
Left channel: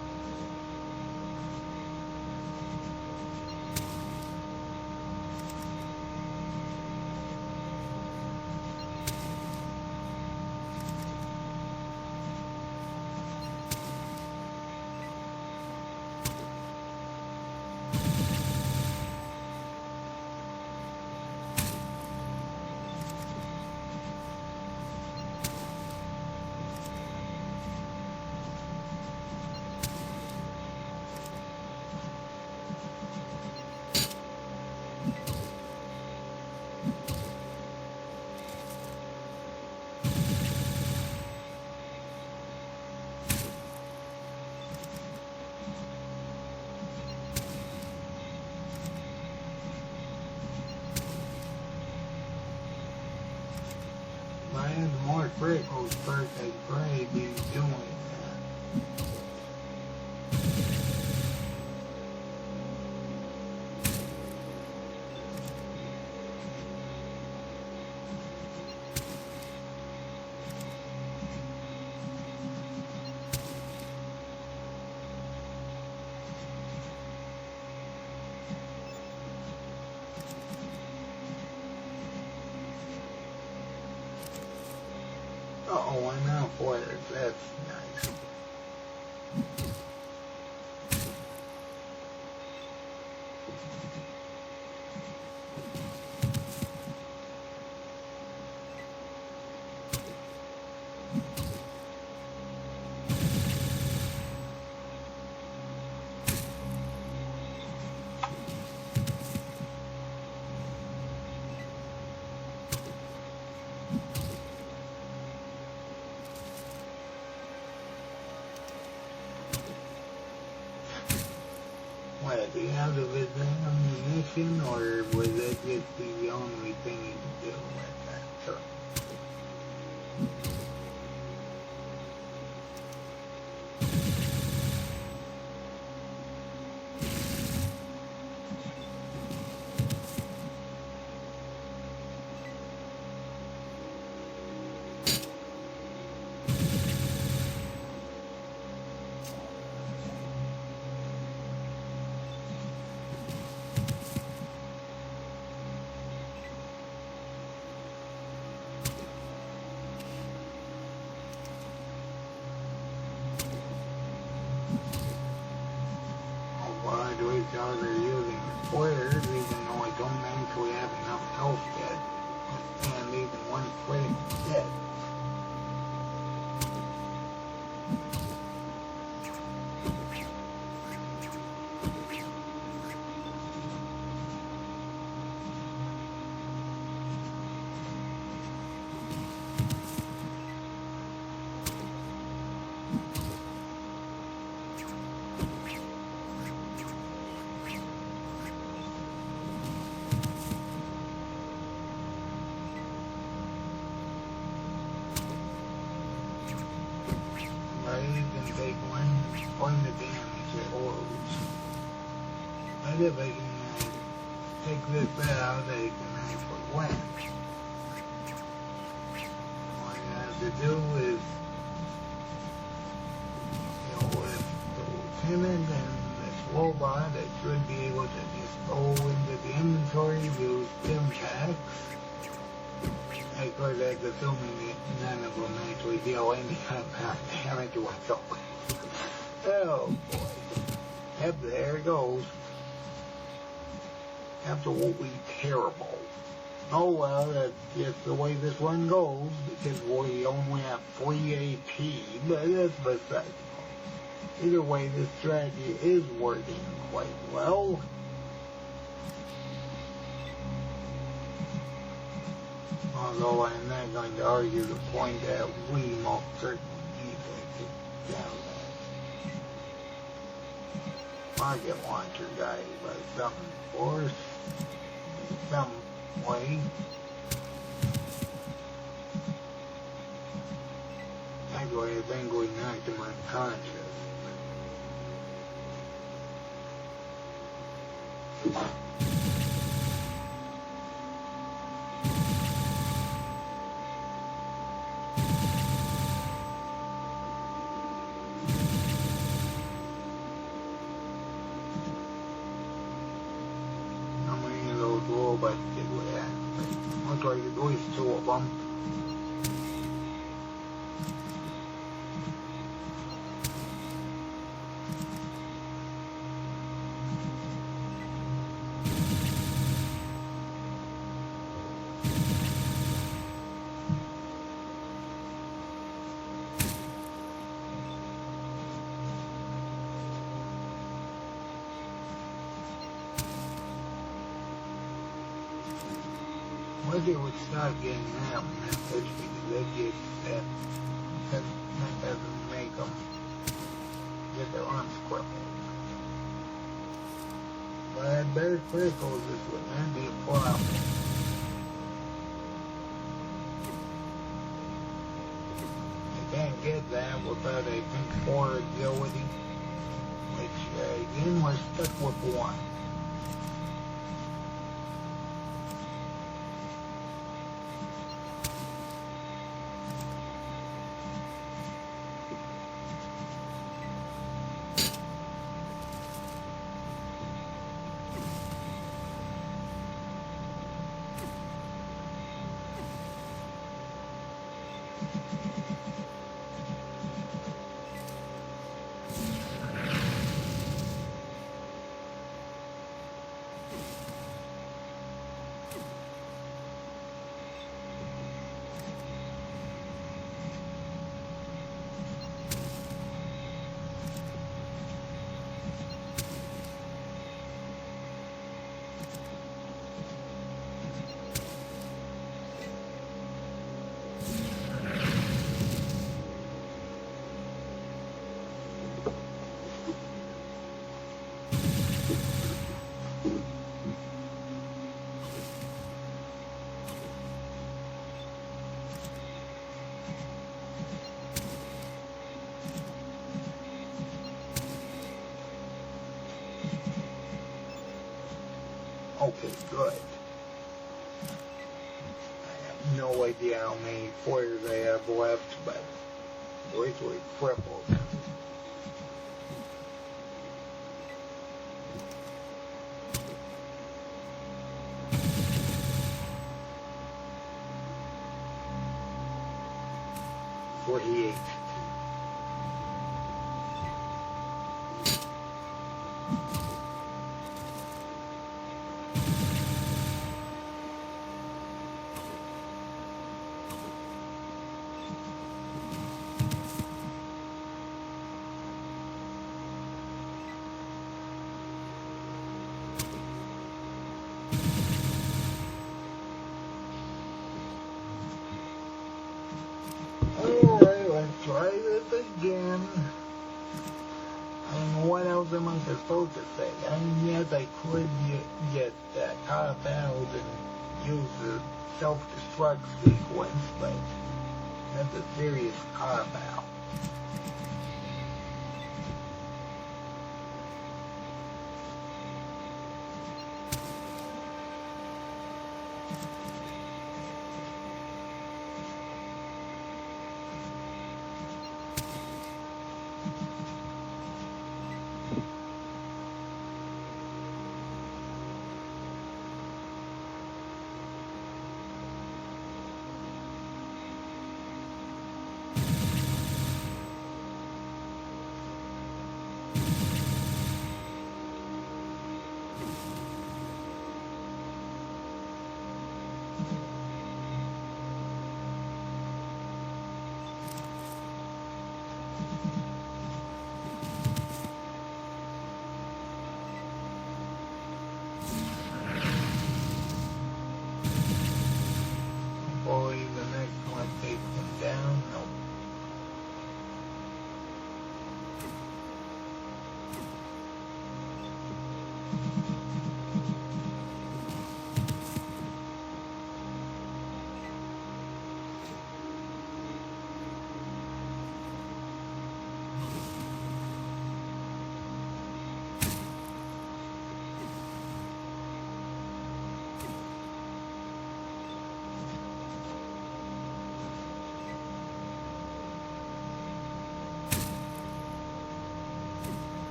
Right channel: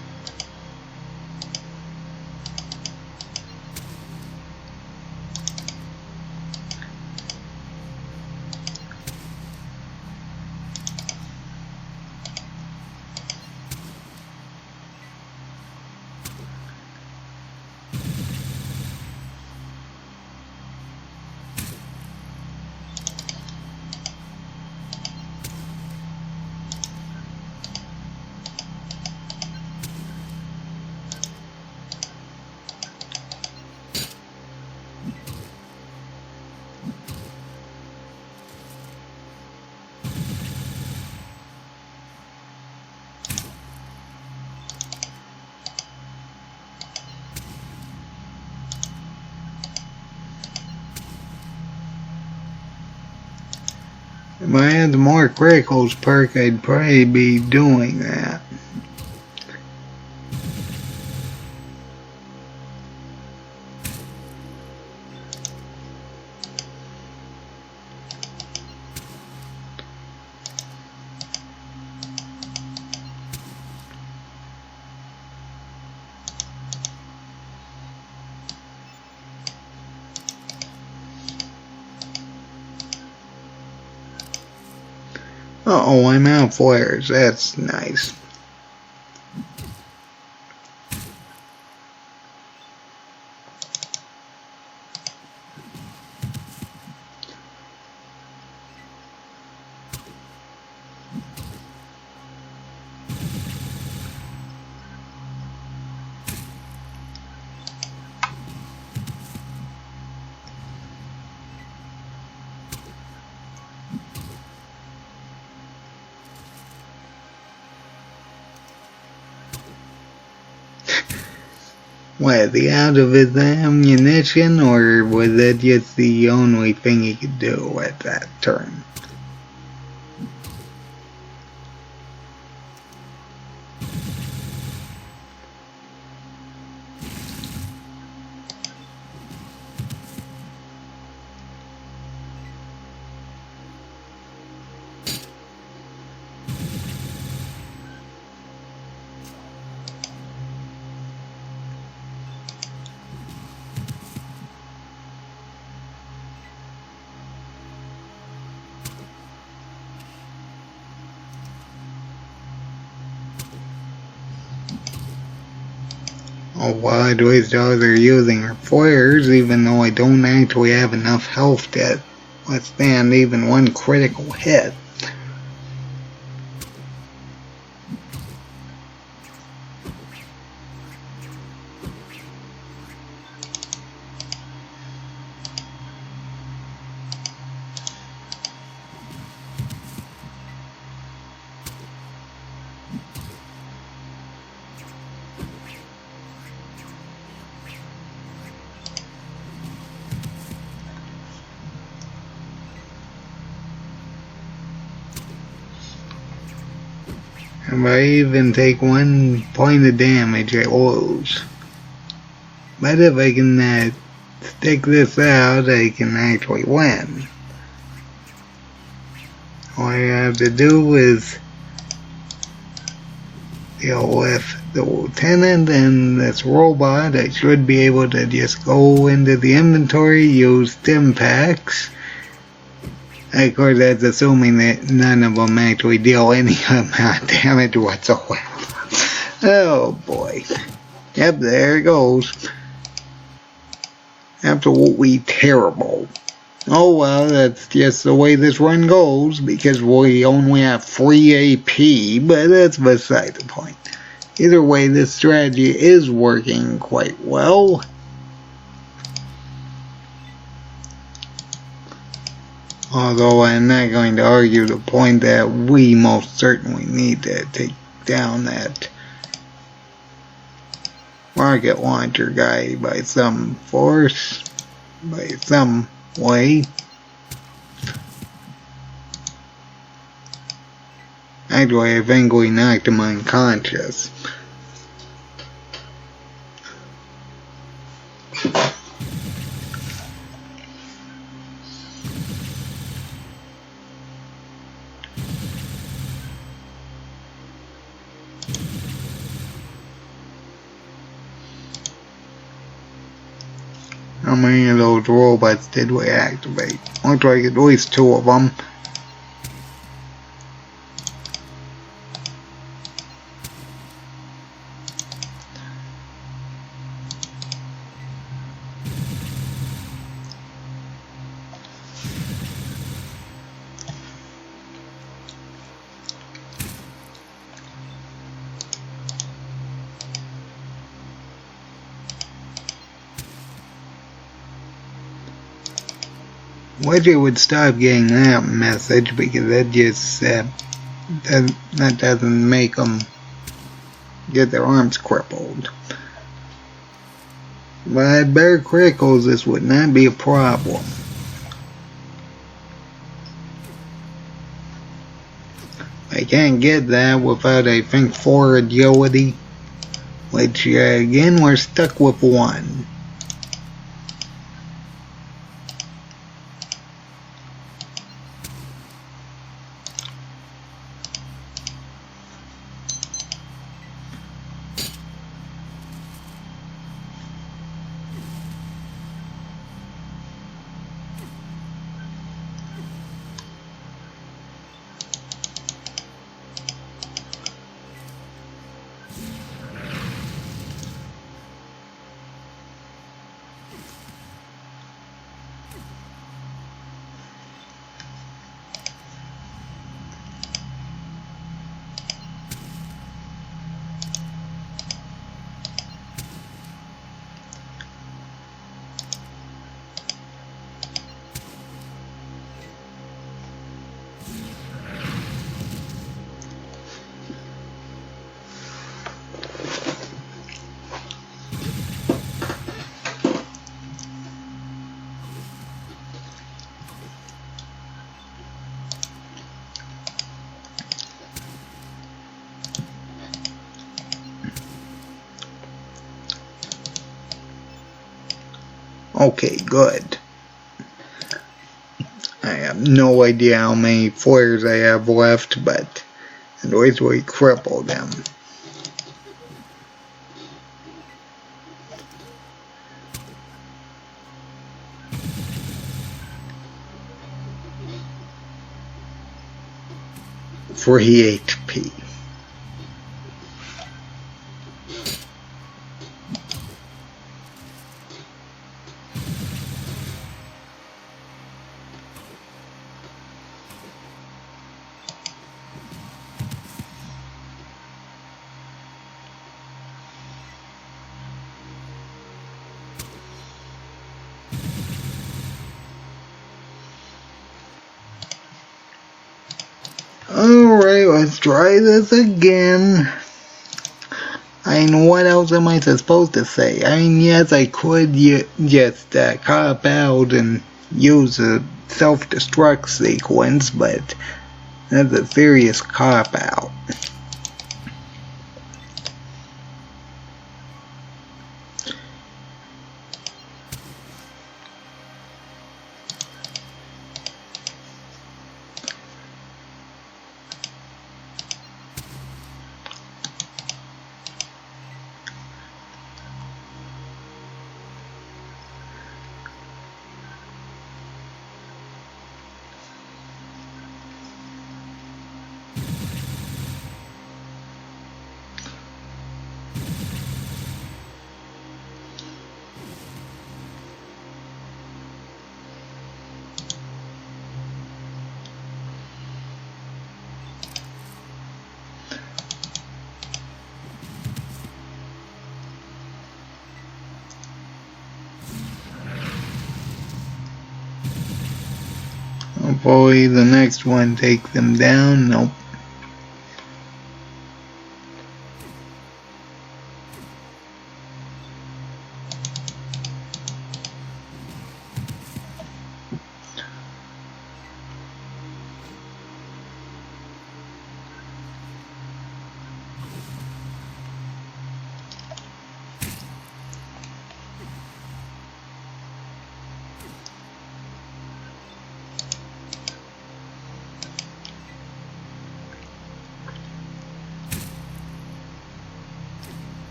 If I had the more criticals perk, I'd probably be doing that. Uh-oh, I'm out of flares. That's nice. What, the out of his ammunition, or was that just the only thing he could do at that turn? Oh, why do his dogs are using her flares, even though I don't actually have enough health to withstand even one critical hit. If I even take 1 point of damage, I lose. But if I can stick this out, I can actually win. All I have to do is deal with the lieutenant and this robot. I should be able to just go into the inventory, use stim packs. Of course, that's assuming that none of them actually deal any amount of damage whatsoever. Oh boy. Yep, there it goes. Absolutely terrible. Oh well, that's just the way this run goes, because we only have free AP, but that's beside the point. Either way, this strategy is working quite well. Although I'm not going to argue the point that we most certainly need to take down that rocket launcher guy by some force, by some way. Actually, I think we knocked him unconscious. How many of those robots did we activate? Looks like at least 2 of them. Wish it would stop getting that message, because that just that doesn't make them get their arms crippled. But at bare criticals, this would not be a problem. I can't get that without, I think, 4 agility. Which, again, we're stuck with 1. Okay, good. I have no idea how many flares I have left, but at least we cripple them. Free HP. Alright, let's try this again. I mean, what else am I supposed to say? I mean, yes, I could just cop out and use a self-destruct sequence, but that's a serious cop-out. Hopefully the next one takes them down. Nope.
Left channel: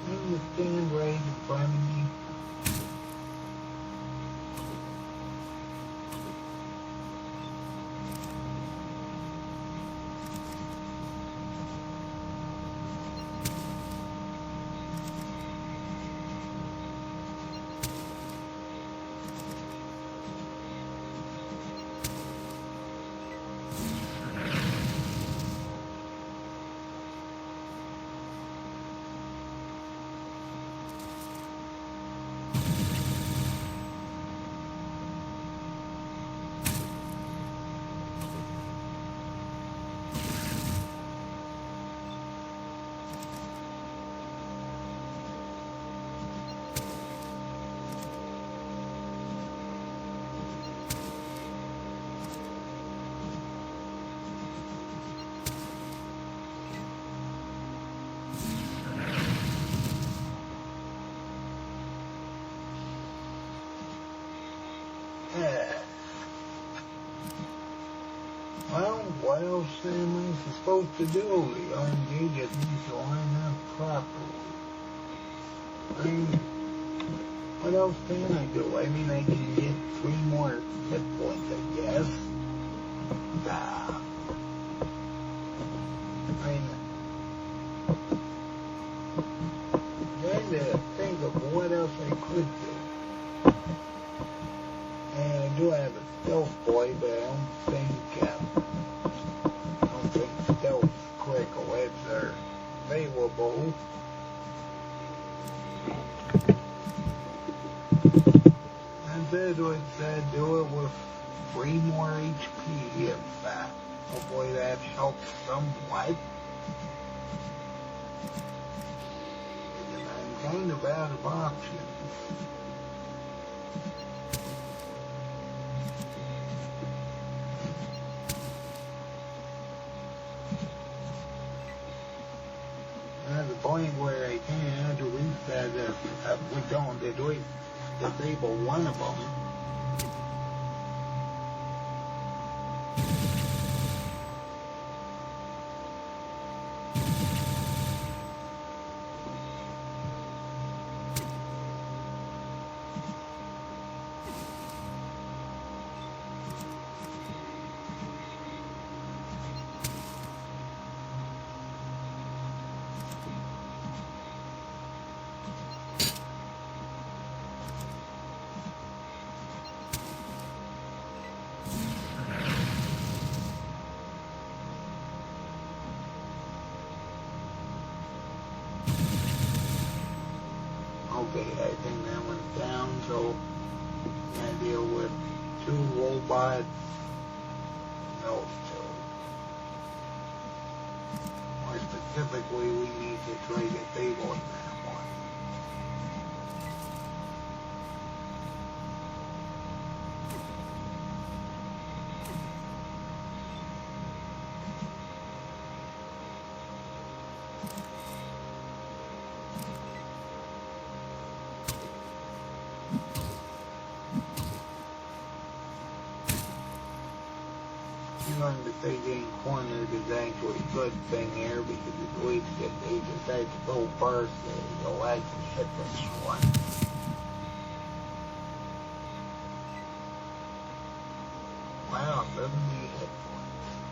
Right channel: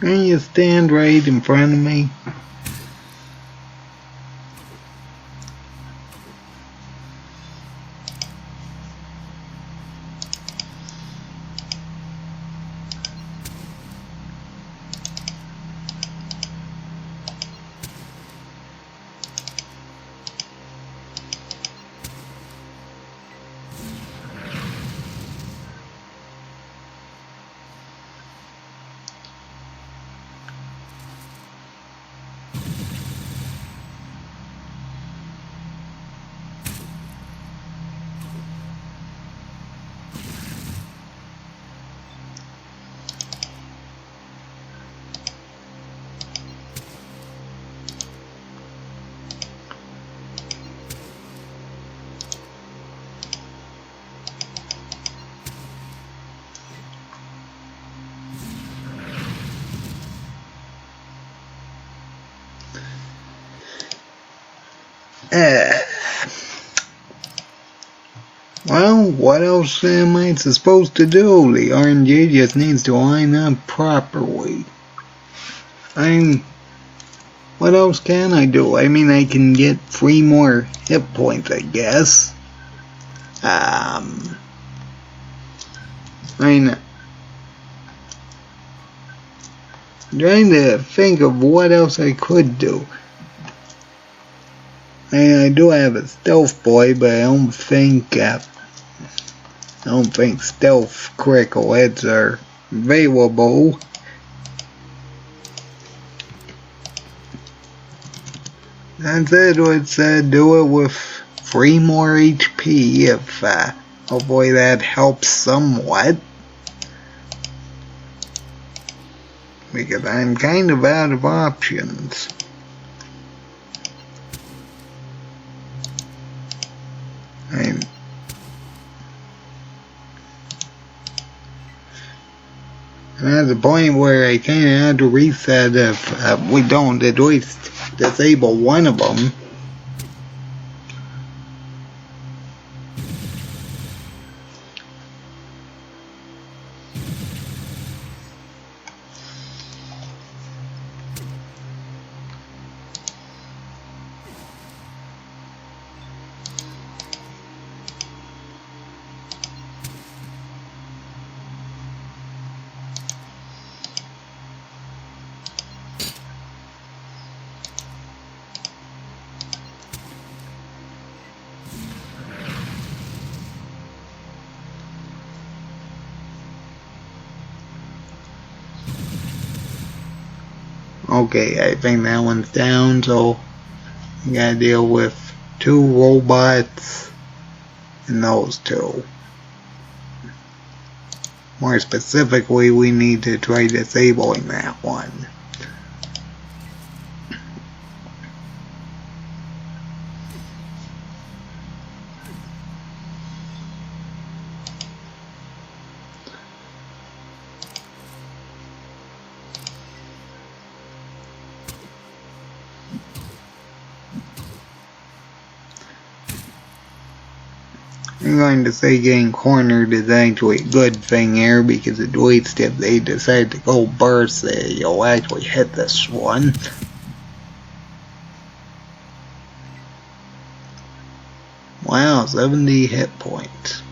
Can you stand right in front of me? Uh, well, what else am I supposed to do? The RNG just needs to line up properly. What else can I do? I mean, I can get 3 more hit points, I guess. I'm trying to think of what else I could do. I do have a stealth boy, but I don't think stealth critical hits are available. That's it. Let's do it with 3 more HP. If hopefully that helps somewhat, because I'm kind of out of options. I'm at the point where I kind of have to reset if we don't at least disable one of them. Okay, I think that one's down, so we gotta deal with 2 robots and those 2. More specifically, we need to try disabling that one. I'm going to say getting cornered is actually a good thing here, because at least if they decide to go burst, you'll actually hit this one. Wow, 70 hit points.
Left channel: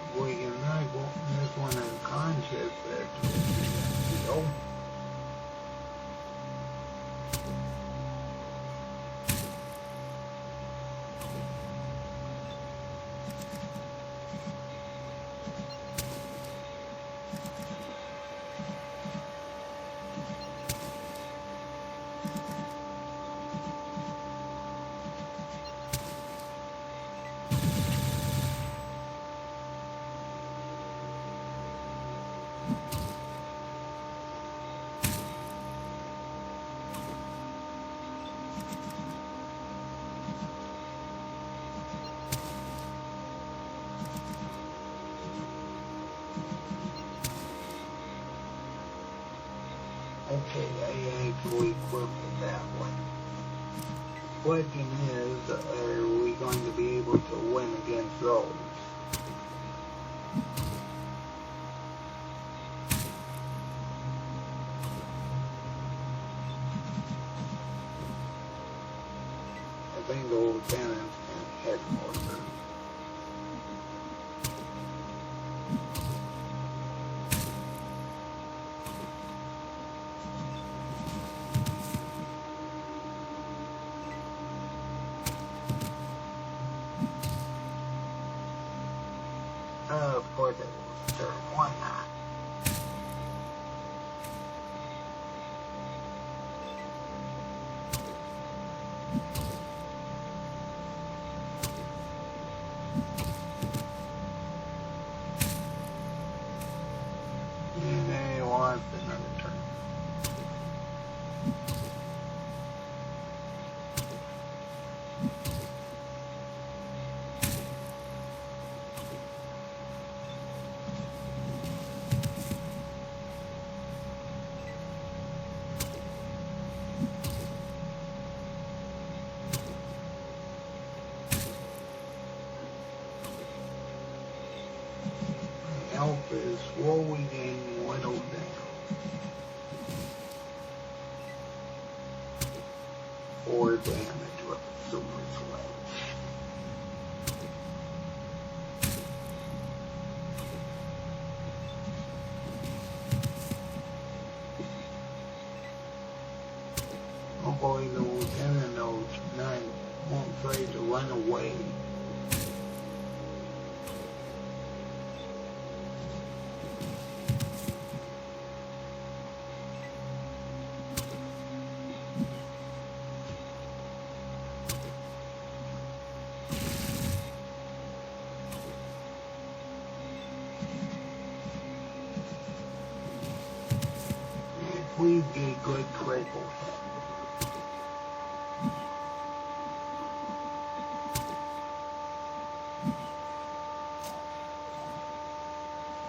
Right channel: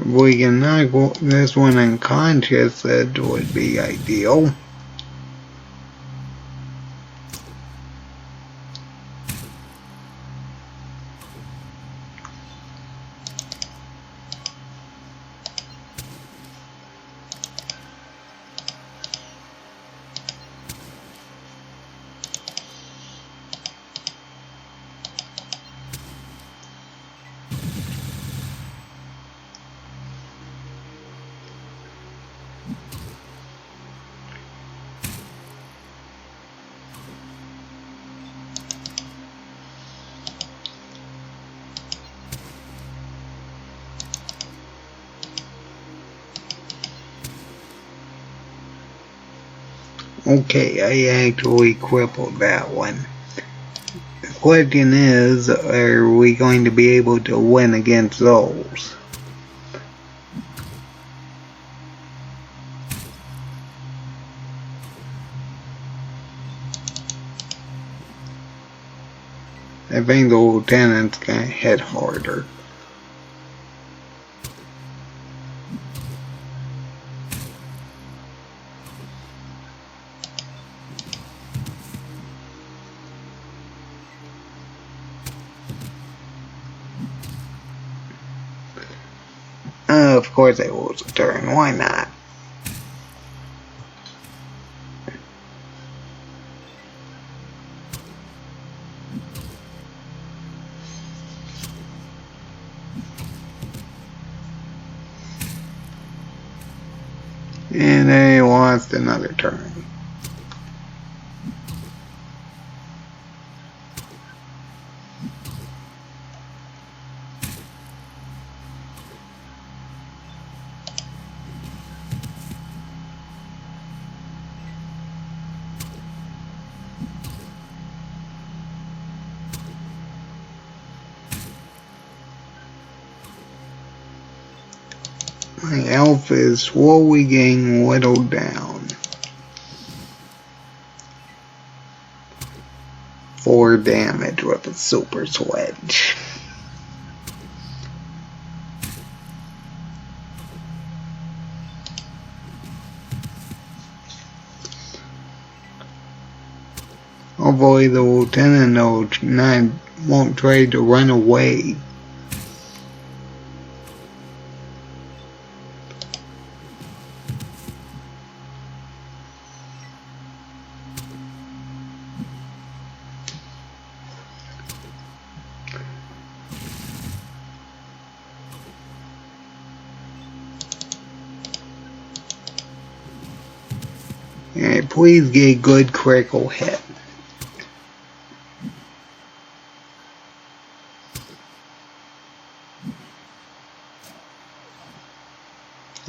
If we can knock this one unconscious, that would be ideal. Okay, I actually crippled that one. The question is, are we going to be able to win against those? I think the lieutenant's gonna hit harder. Of course I lose a turn, why not? And I lost another turn. My health is slowly getting whittled down. 4 damage with a super sledge. Hopefully the lieutenant won't try to run away. Alright, please get a good critical hit.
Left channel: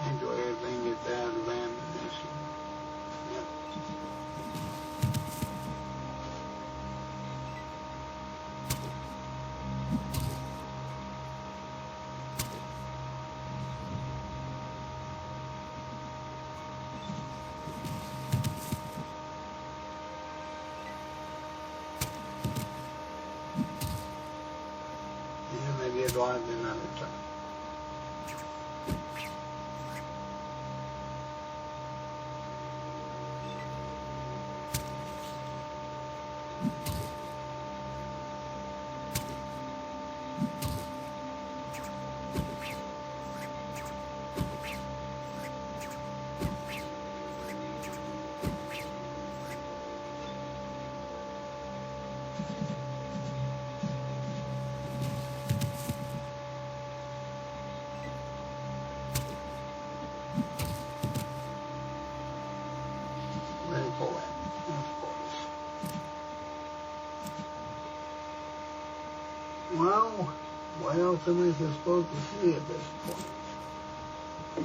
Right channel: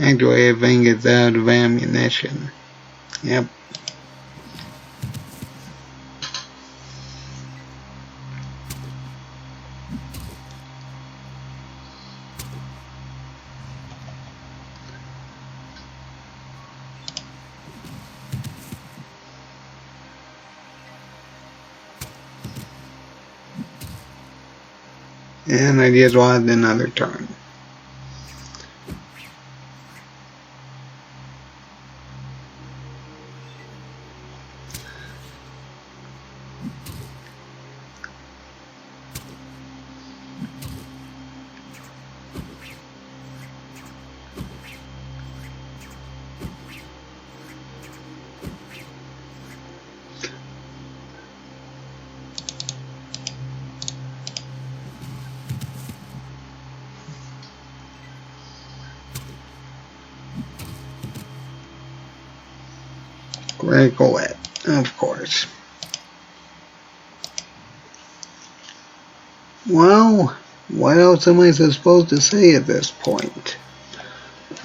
Actually, I think it's out of ammunition. Yep. And I just lost another turn. Critical hit, of course. Well, what else am I supposed to say at this point?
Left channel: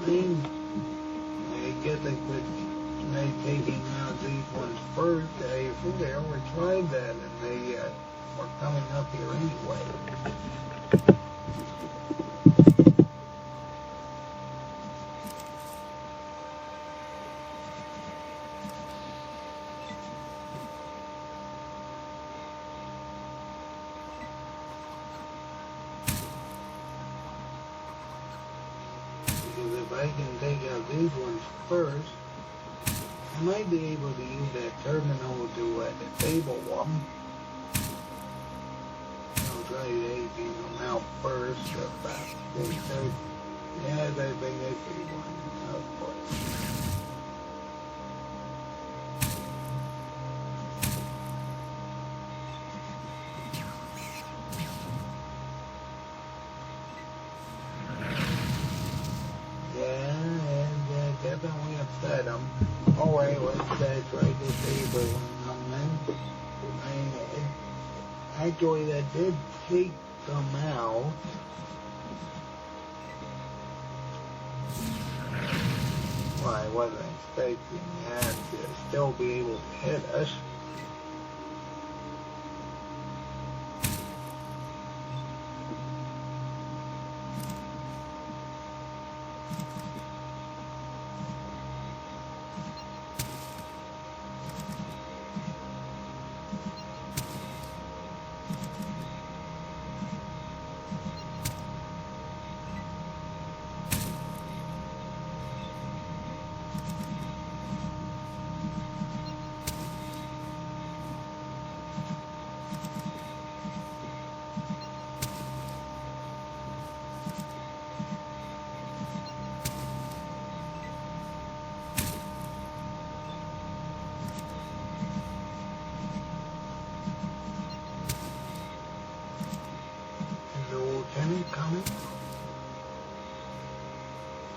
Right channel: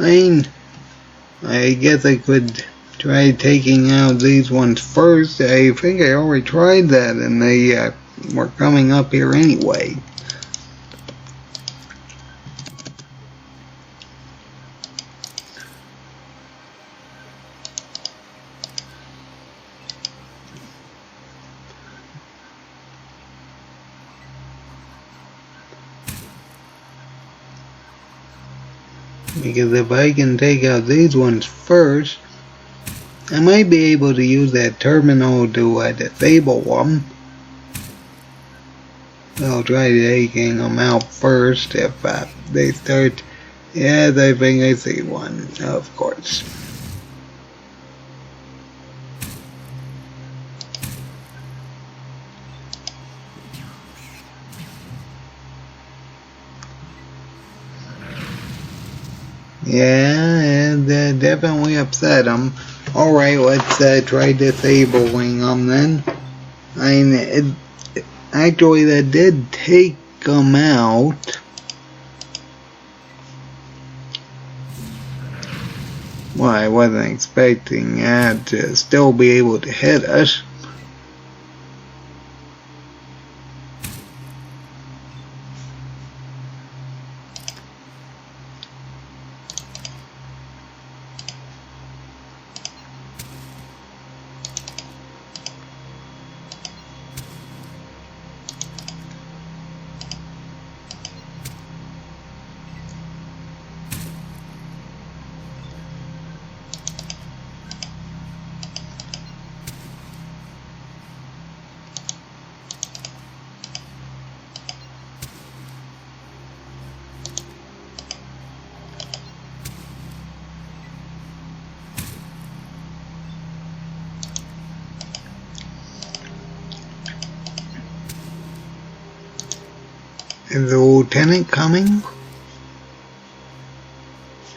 I guess I could try taking out these ones first. I think I already tried that and they were coming up here anyway. Because if I can take out these ones first, I might be able to use that terminal to disable them. I'll try taking them out first if they start. Yes, I think I see one, of course. Yeah, it definitely upset them. Alright, let's try disabling them then. Actually, that did take them out. Well, I wasn't expecting that to still be able to hit us. Is the lieutenant coming?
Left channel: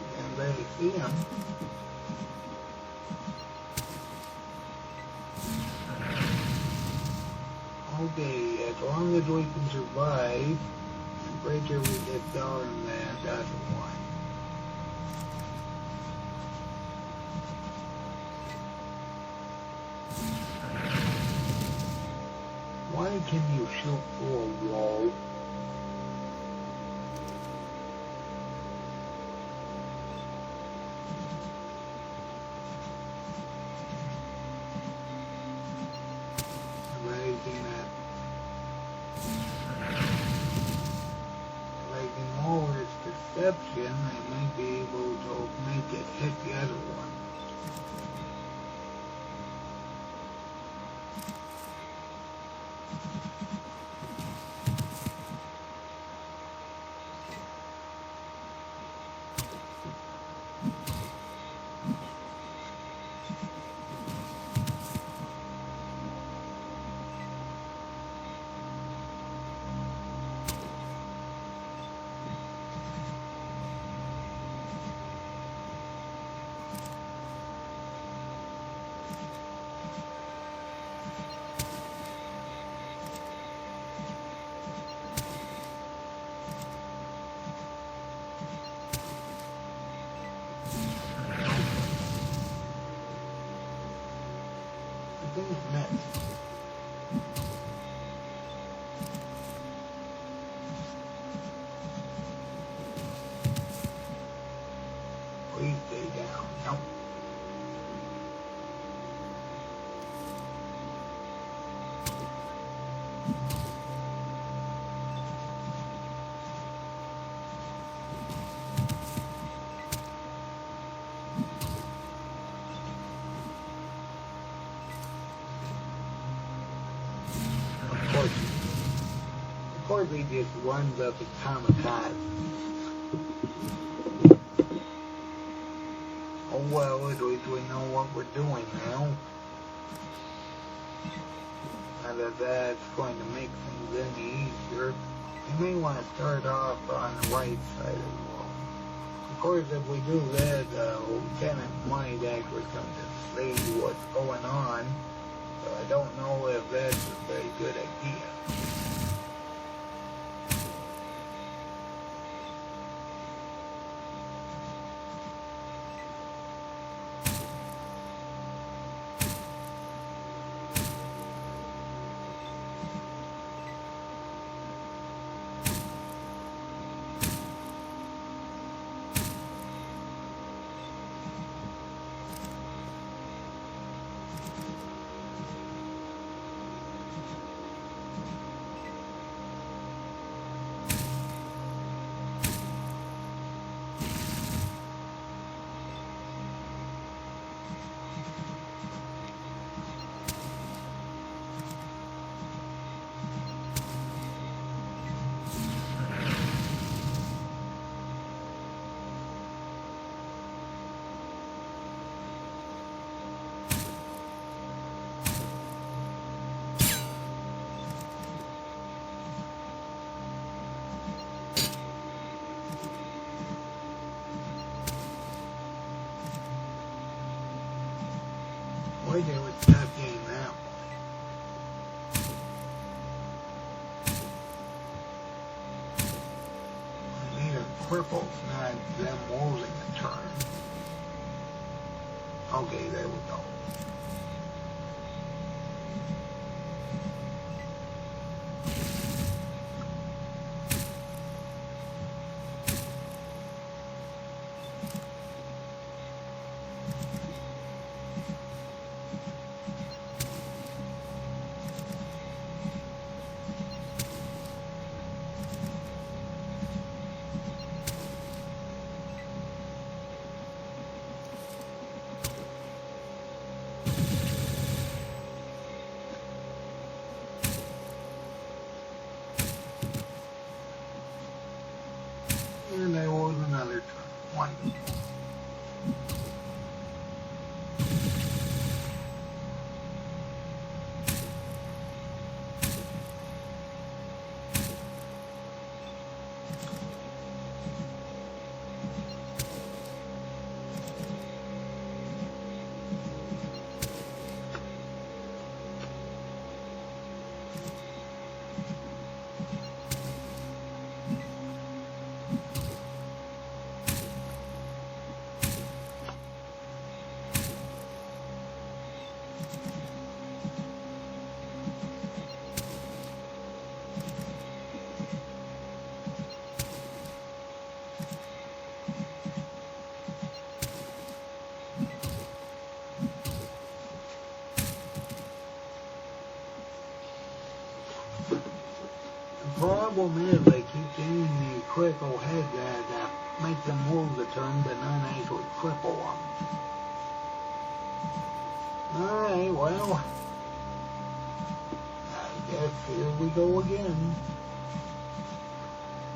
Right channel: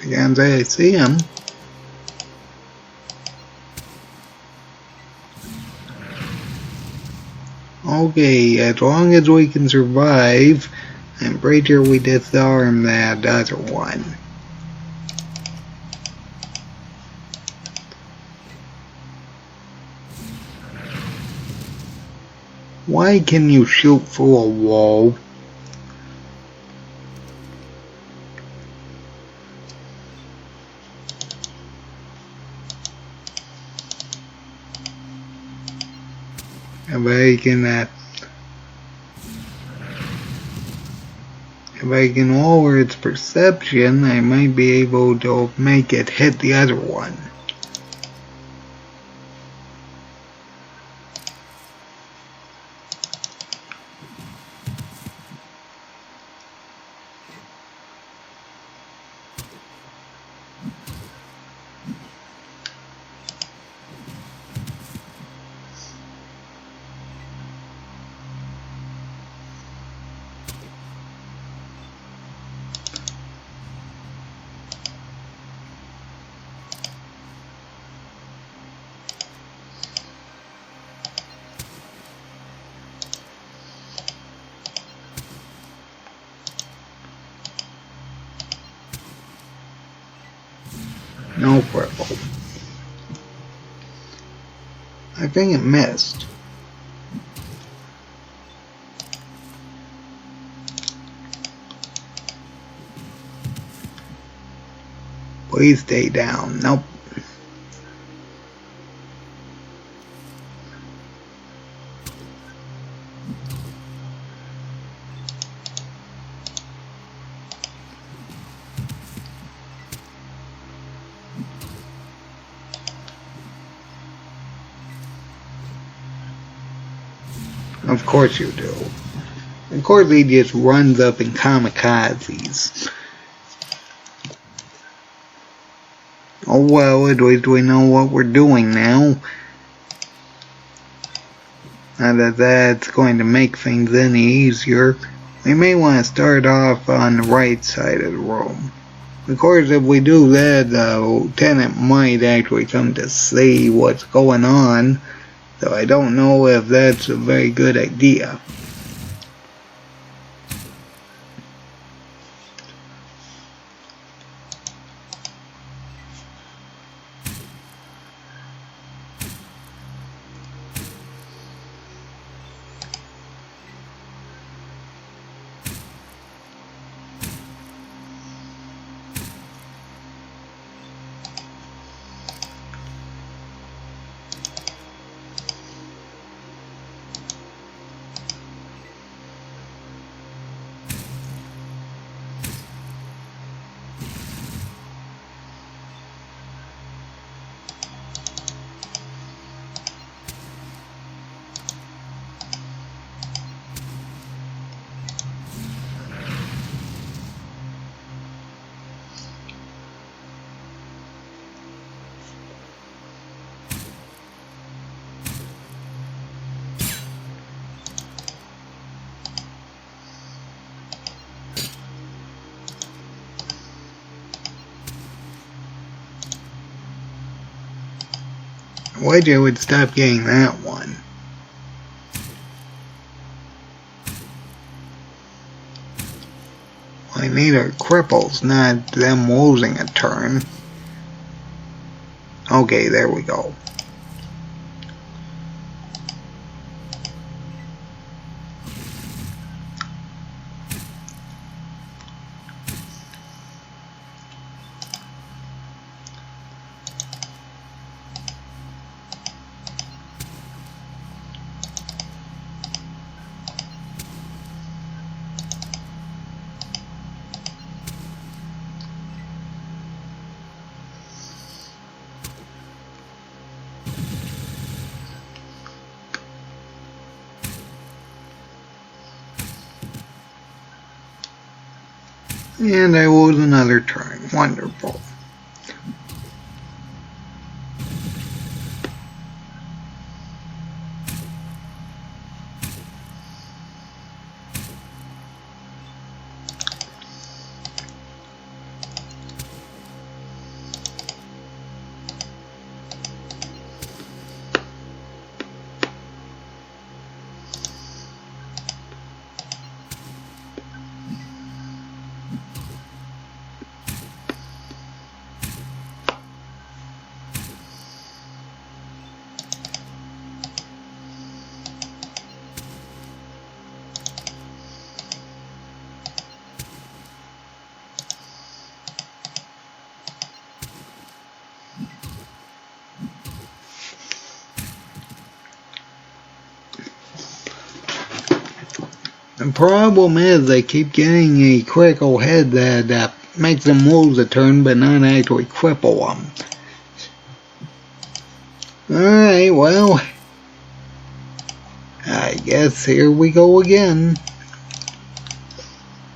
I can't say I see him. Okay, as long as we can survive, I'm pretty sure we disarm that other one. Why can you shoot through a wall? If I can lower its perception, I might be able to make it hit the other one. No purple. I think it missed. Please stay down. Nope. Of course you do. Of course he just runs up and kamikazes. Oh well, at least we know what we're doing now. Now that that's going to make things any easier, we may want to start off on the right side of the room. Of course, if we do that, the lieutenant might actually come to see what's going on. So I don't know if that's a very good idea. Wish I would stop getting that one. I need our cripples, not them losing a turn. Okay, there we go. And I lose another turn. Wonderful. The problem is they keep getting a critical hit that makes them lose a turn but not actually cripple them. Alright, well, I guess here we go again.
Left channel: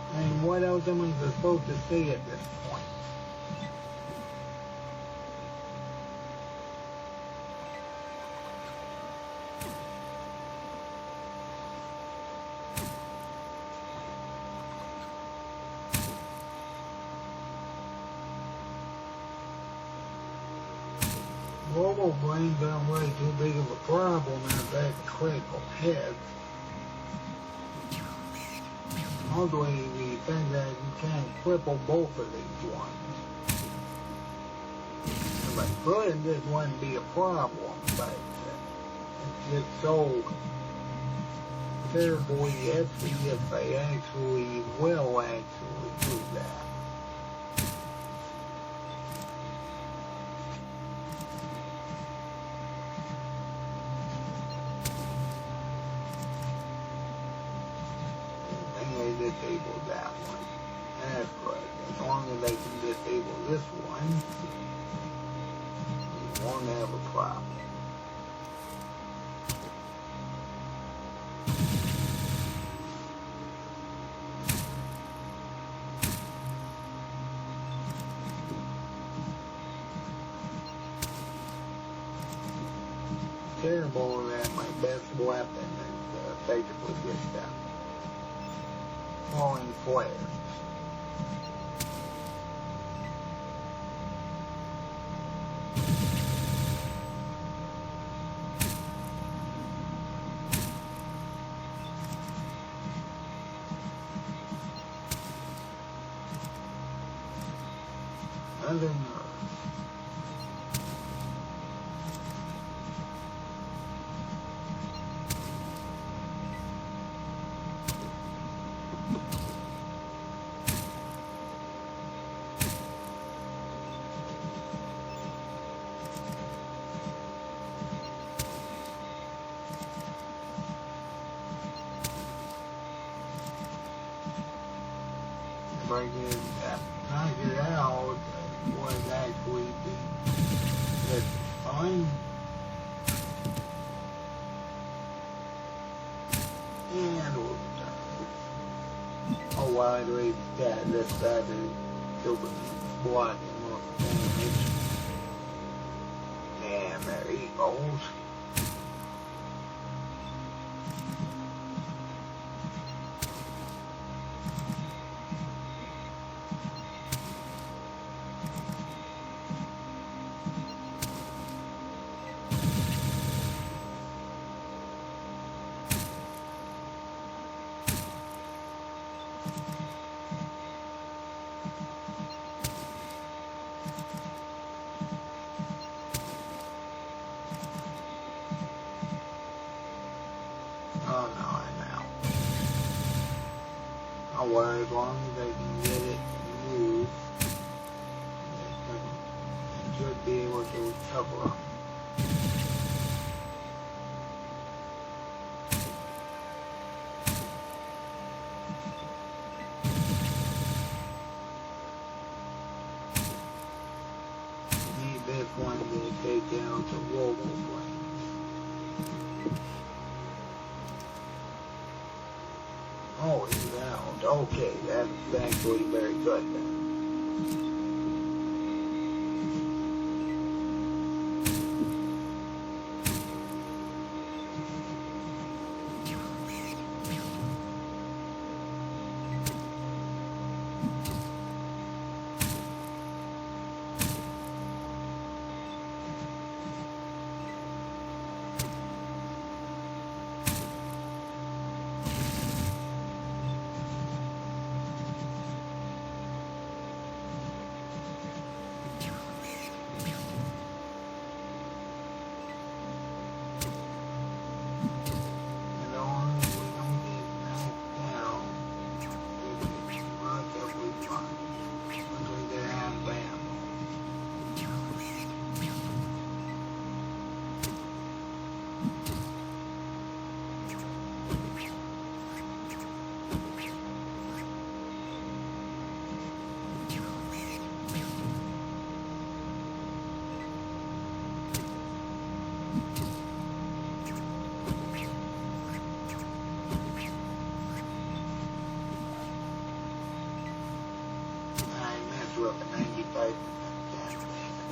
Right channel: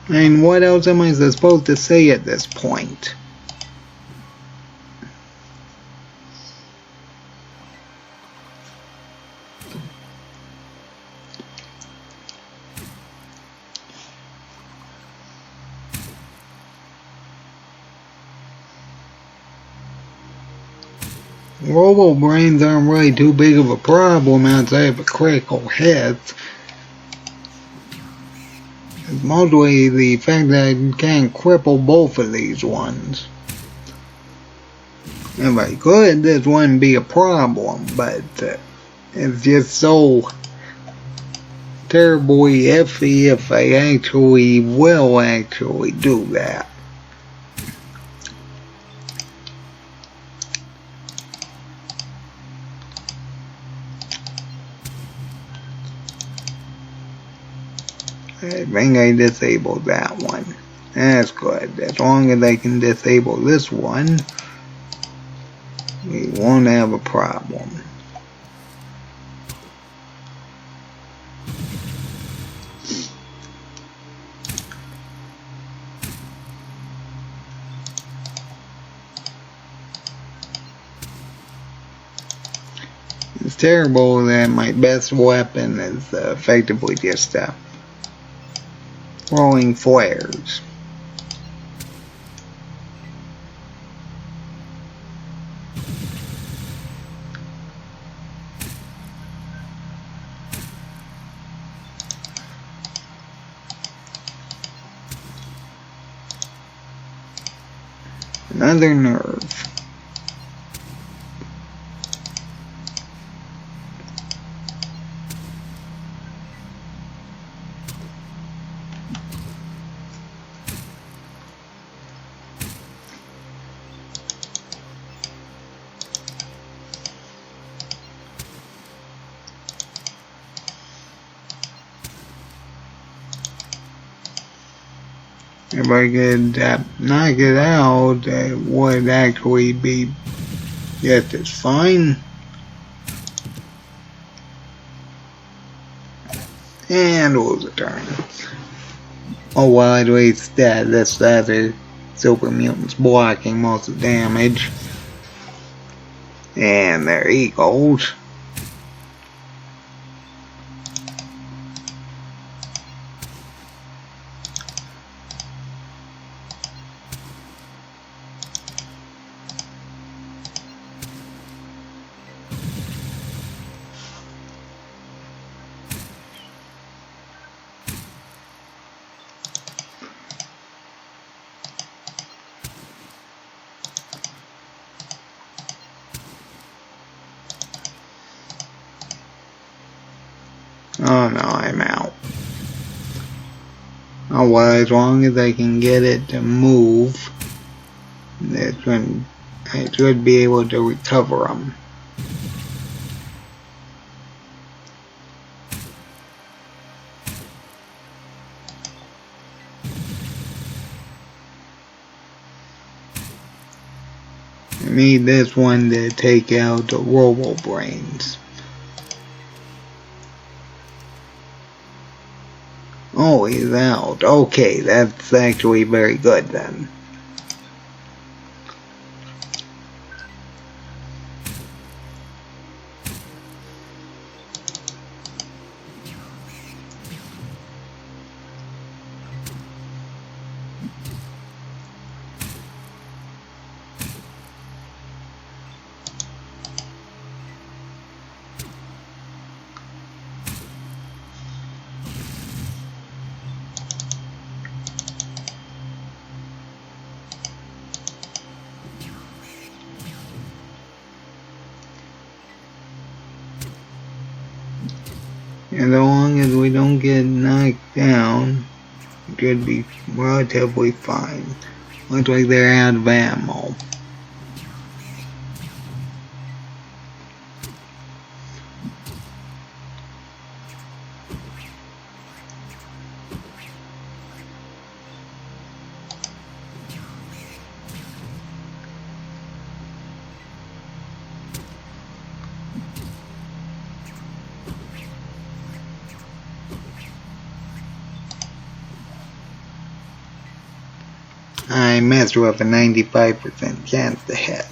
And what else am I supposed to say at this point? Robo brains aren't really too big of a problem outside of a critical hit. It's mostly the fact that I can't cripple both of these ones. If I could, this wouldn't be a problem, but it's just so terribly iffy if I actually will actually do that. I think I disabled that one. That's good. As long as I can disable this one, we won't have a problem. It's terrible that my best weapon is effectively just throwing flares. Another nerve. If I could knock it out, it would actually be just as fine. And lose a turn. Oh well, at least this other super mutant's blocking most of the damage. And there he goes. Oh no, I'm out. Oh well, as long as I can get it to move, that's when I should be able to recover them. I need this one to take out the Robo Brains. Oh, he's out. Okay, that's actually very good then. As long as we don't get knocked down, it should be relatively fine. Looks like they're out of ammo. I messed with a 95% chance to hit.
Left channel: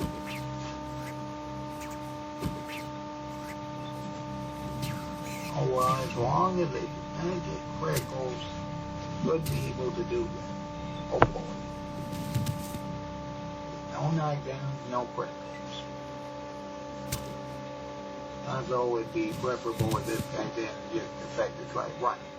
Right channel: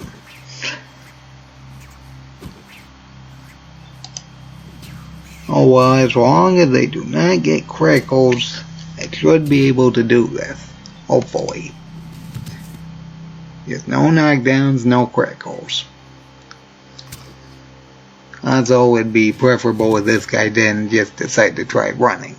Oh well, as long as they do not get crickles, I should be able to do this. Hopefully. Just no knockdowns, no crickles. Also, it'd be preferable if this guy didn't just decide to try running.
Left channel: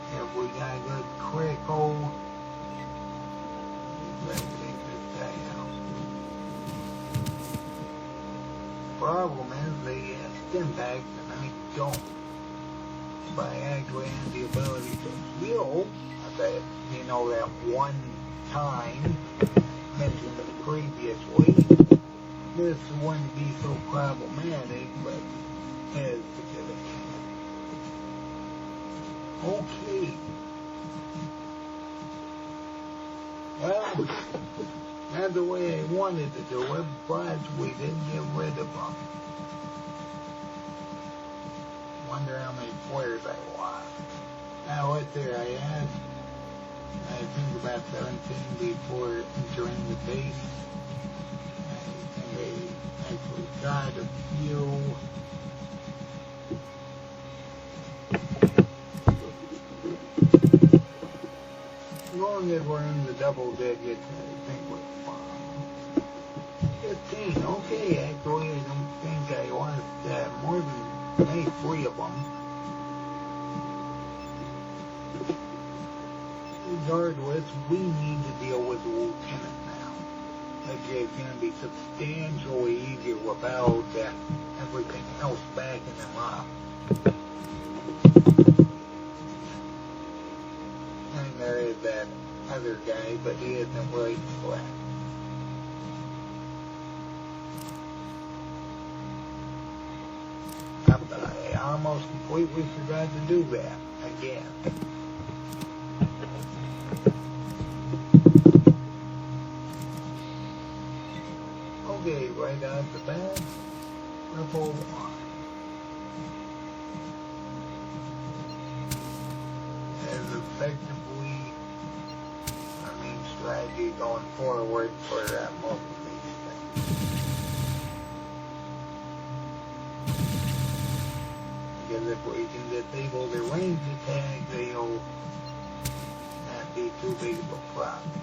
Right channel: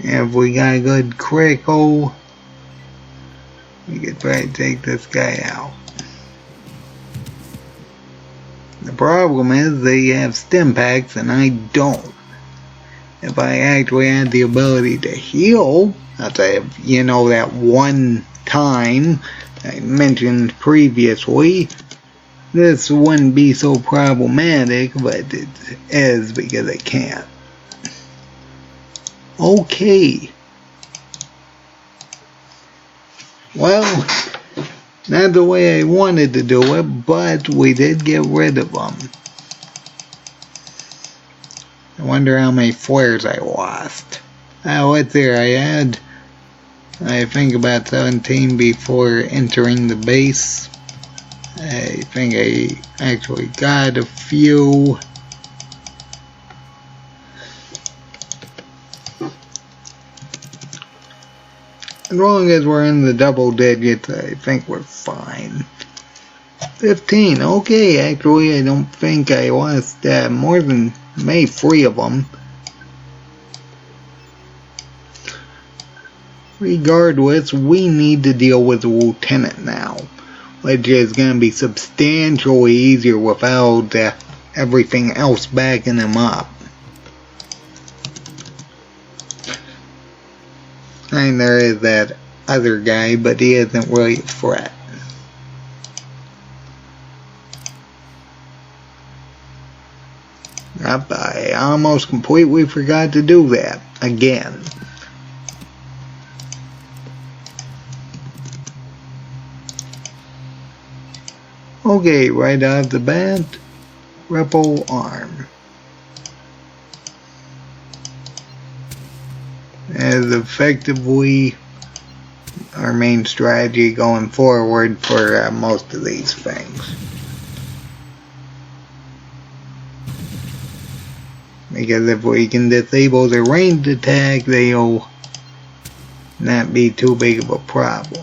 If we got a good crickle, we could try to take this guy out. The problem is they have stim packs and I don't. If I actually had the ability to heal, outside of, you know, that one time I mentioned previously, this wouldn't be so problematic, but it is because I can't. Okay. Well, not the way I wanted to do it, but we did get rid of them. I wonder how many flares I lost. Let's see, I had, I think, about 17 before entering the base. I think I actually got a few. As long as we're in the double digits, I think we're fine. 15, okay, actually I don't think I lost more than maybe 3 of them. Regardless, we need to deal with the lieutenant now, which is going to be substantially easier without everything else backing him up. And there is that other guy, but he isn't really a threat. Yep, I almost completely forgot to do that again. Okay, right off the bat, Ripple Arm. As effectively our main strategy going forward for most of these things. Because if we can disable the ranged attack, they'll not be too big of a problem.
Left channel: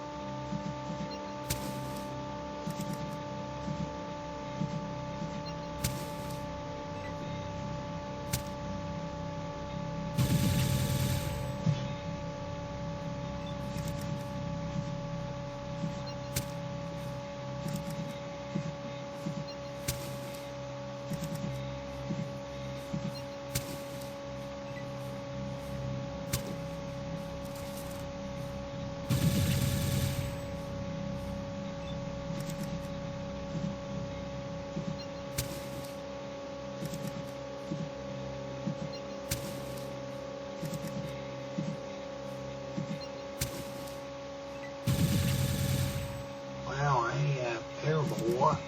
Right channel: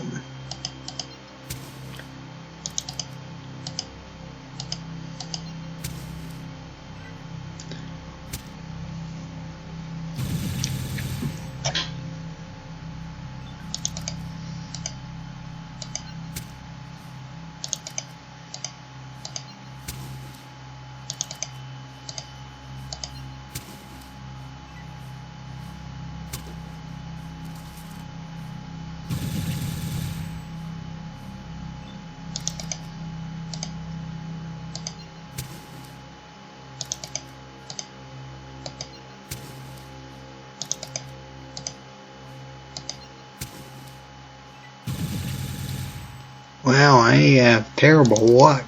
Wow, I have terrible luck.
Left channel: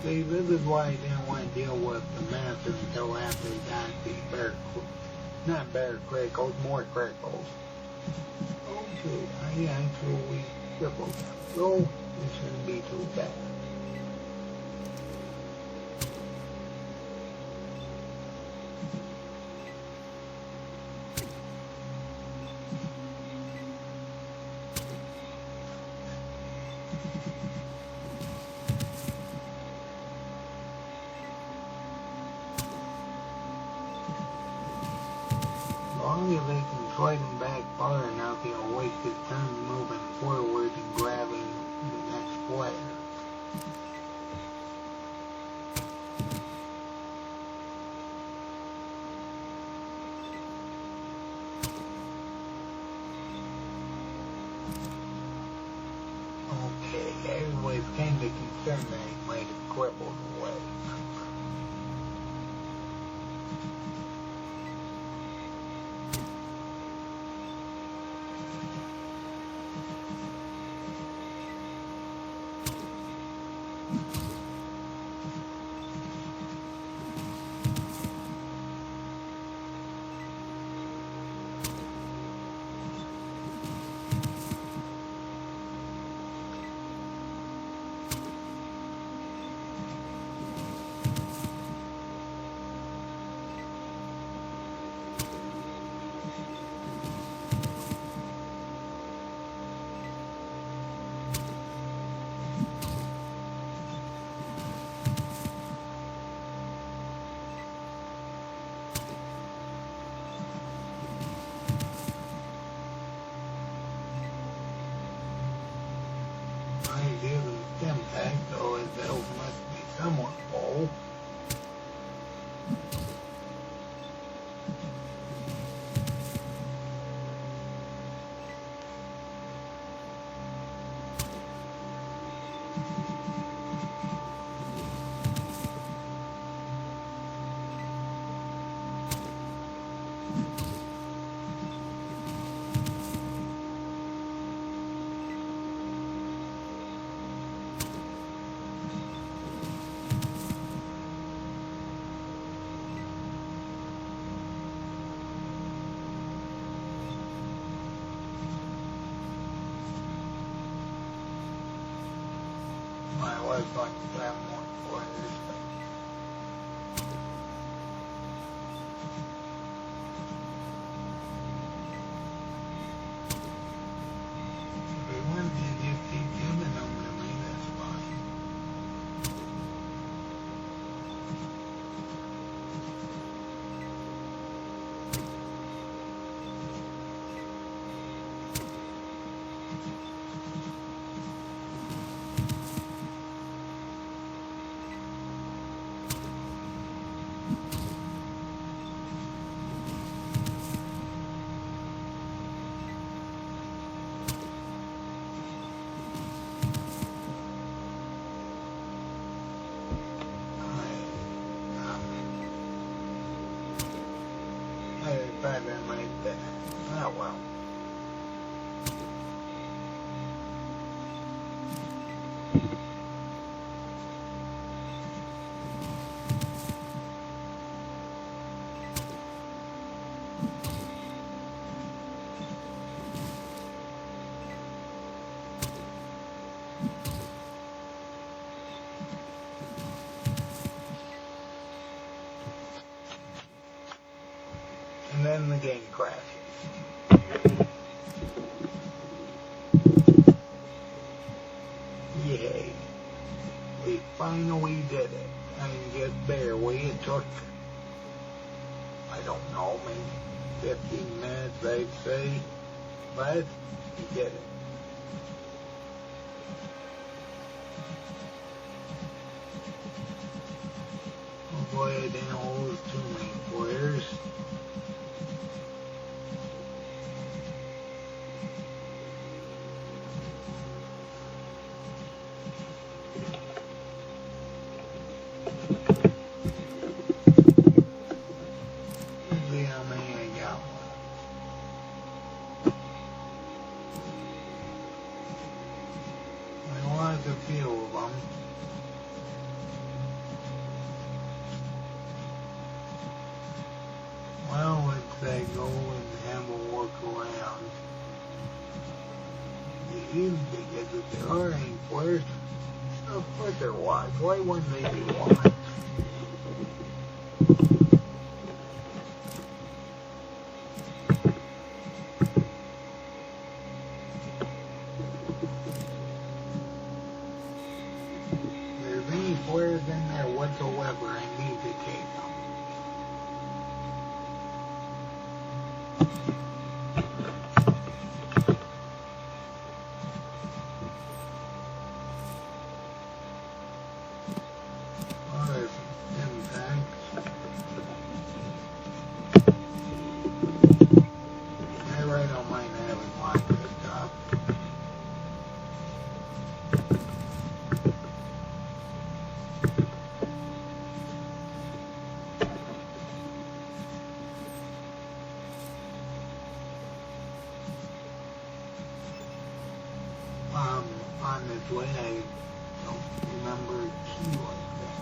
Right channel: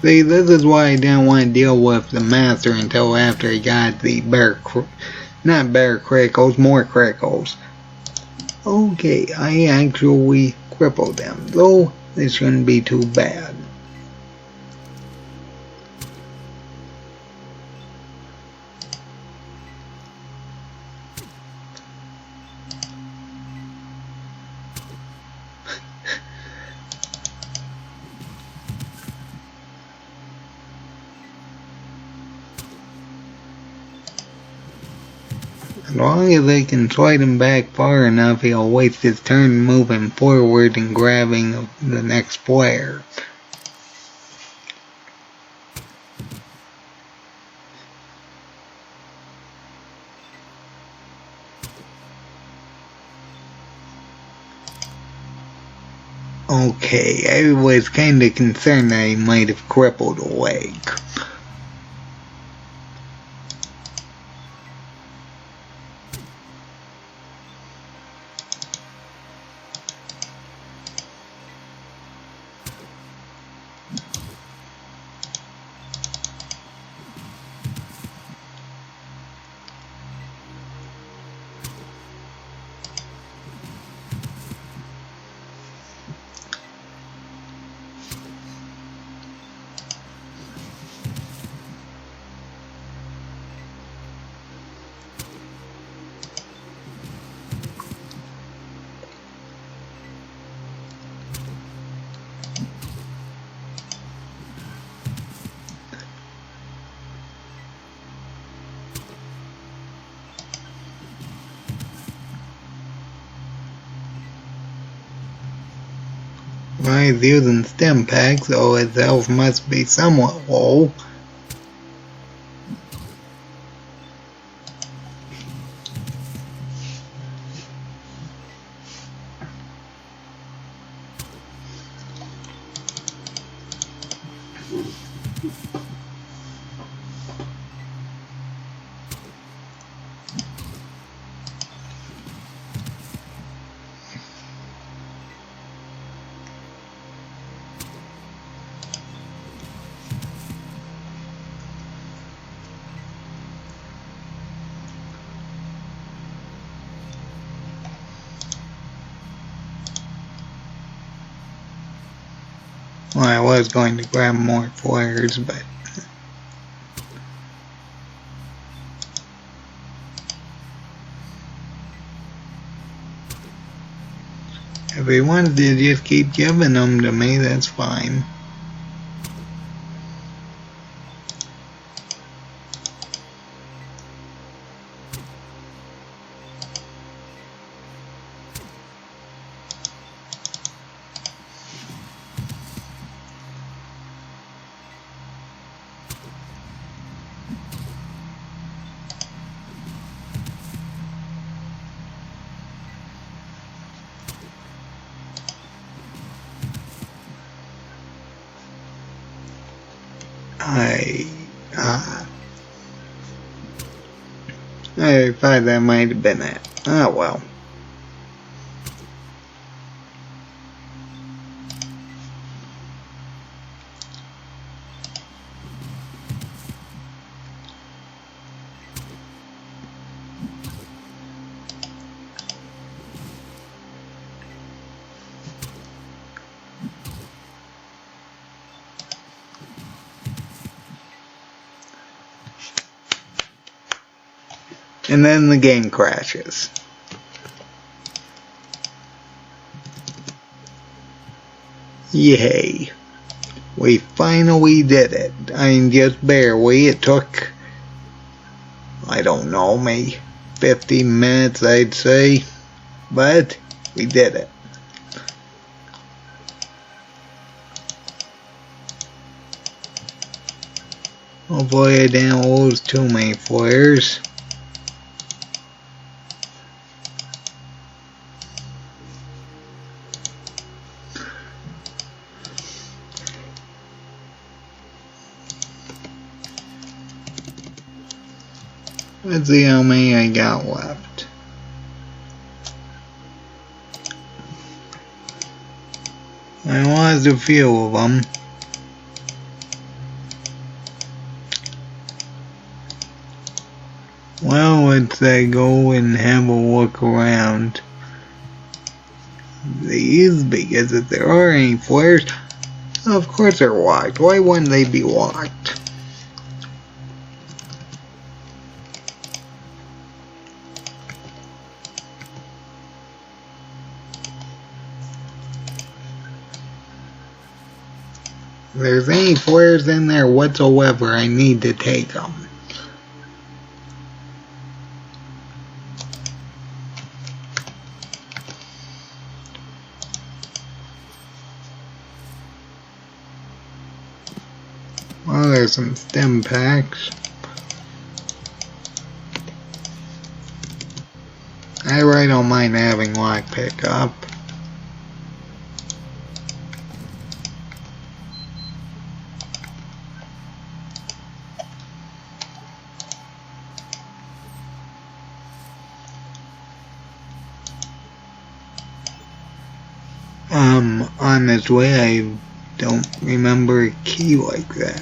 See, this is why I didn't want to deal with the master until after I got the not bear crickles, more crickles. Okay, I actually crippled them, though this shouldn't be too bad. As long as they can slide him back far enough, he'll waste his turn moving forward and grabbing the next player. Okay, I was kinda concerned that he might have crippled a leg. Well, he's using stim pack, so his health must be somewhat low. Well, I was going to grab more flares, but if he wanted to just keep giving them to me, that's fine. I thought that might have been it. Oh well. And then the game crashes. Yay. We finally did it. I mean, just barely. It took, I don't know, maybe 15 minutes, I'd say. But we did it. Hopefully I didn't lose too many flares. Let's see how many I got left. I lost a few of them. Well, let's go and have a look around these, because if there are any flares, of course they're locked. Why wouldn't they be locked? If there's any flares in there whatsoever, I need to take them. Well, there's some stim packs. I really don't mind having lockpick up. On its way, I don't remember a key like that.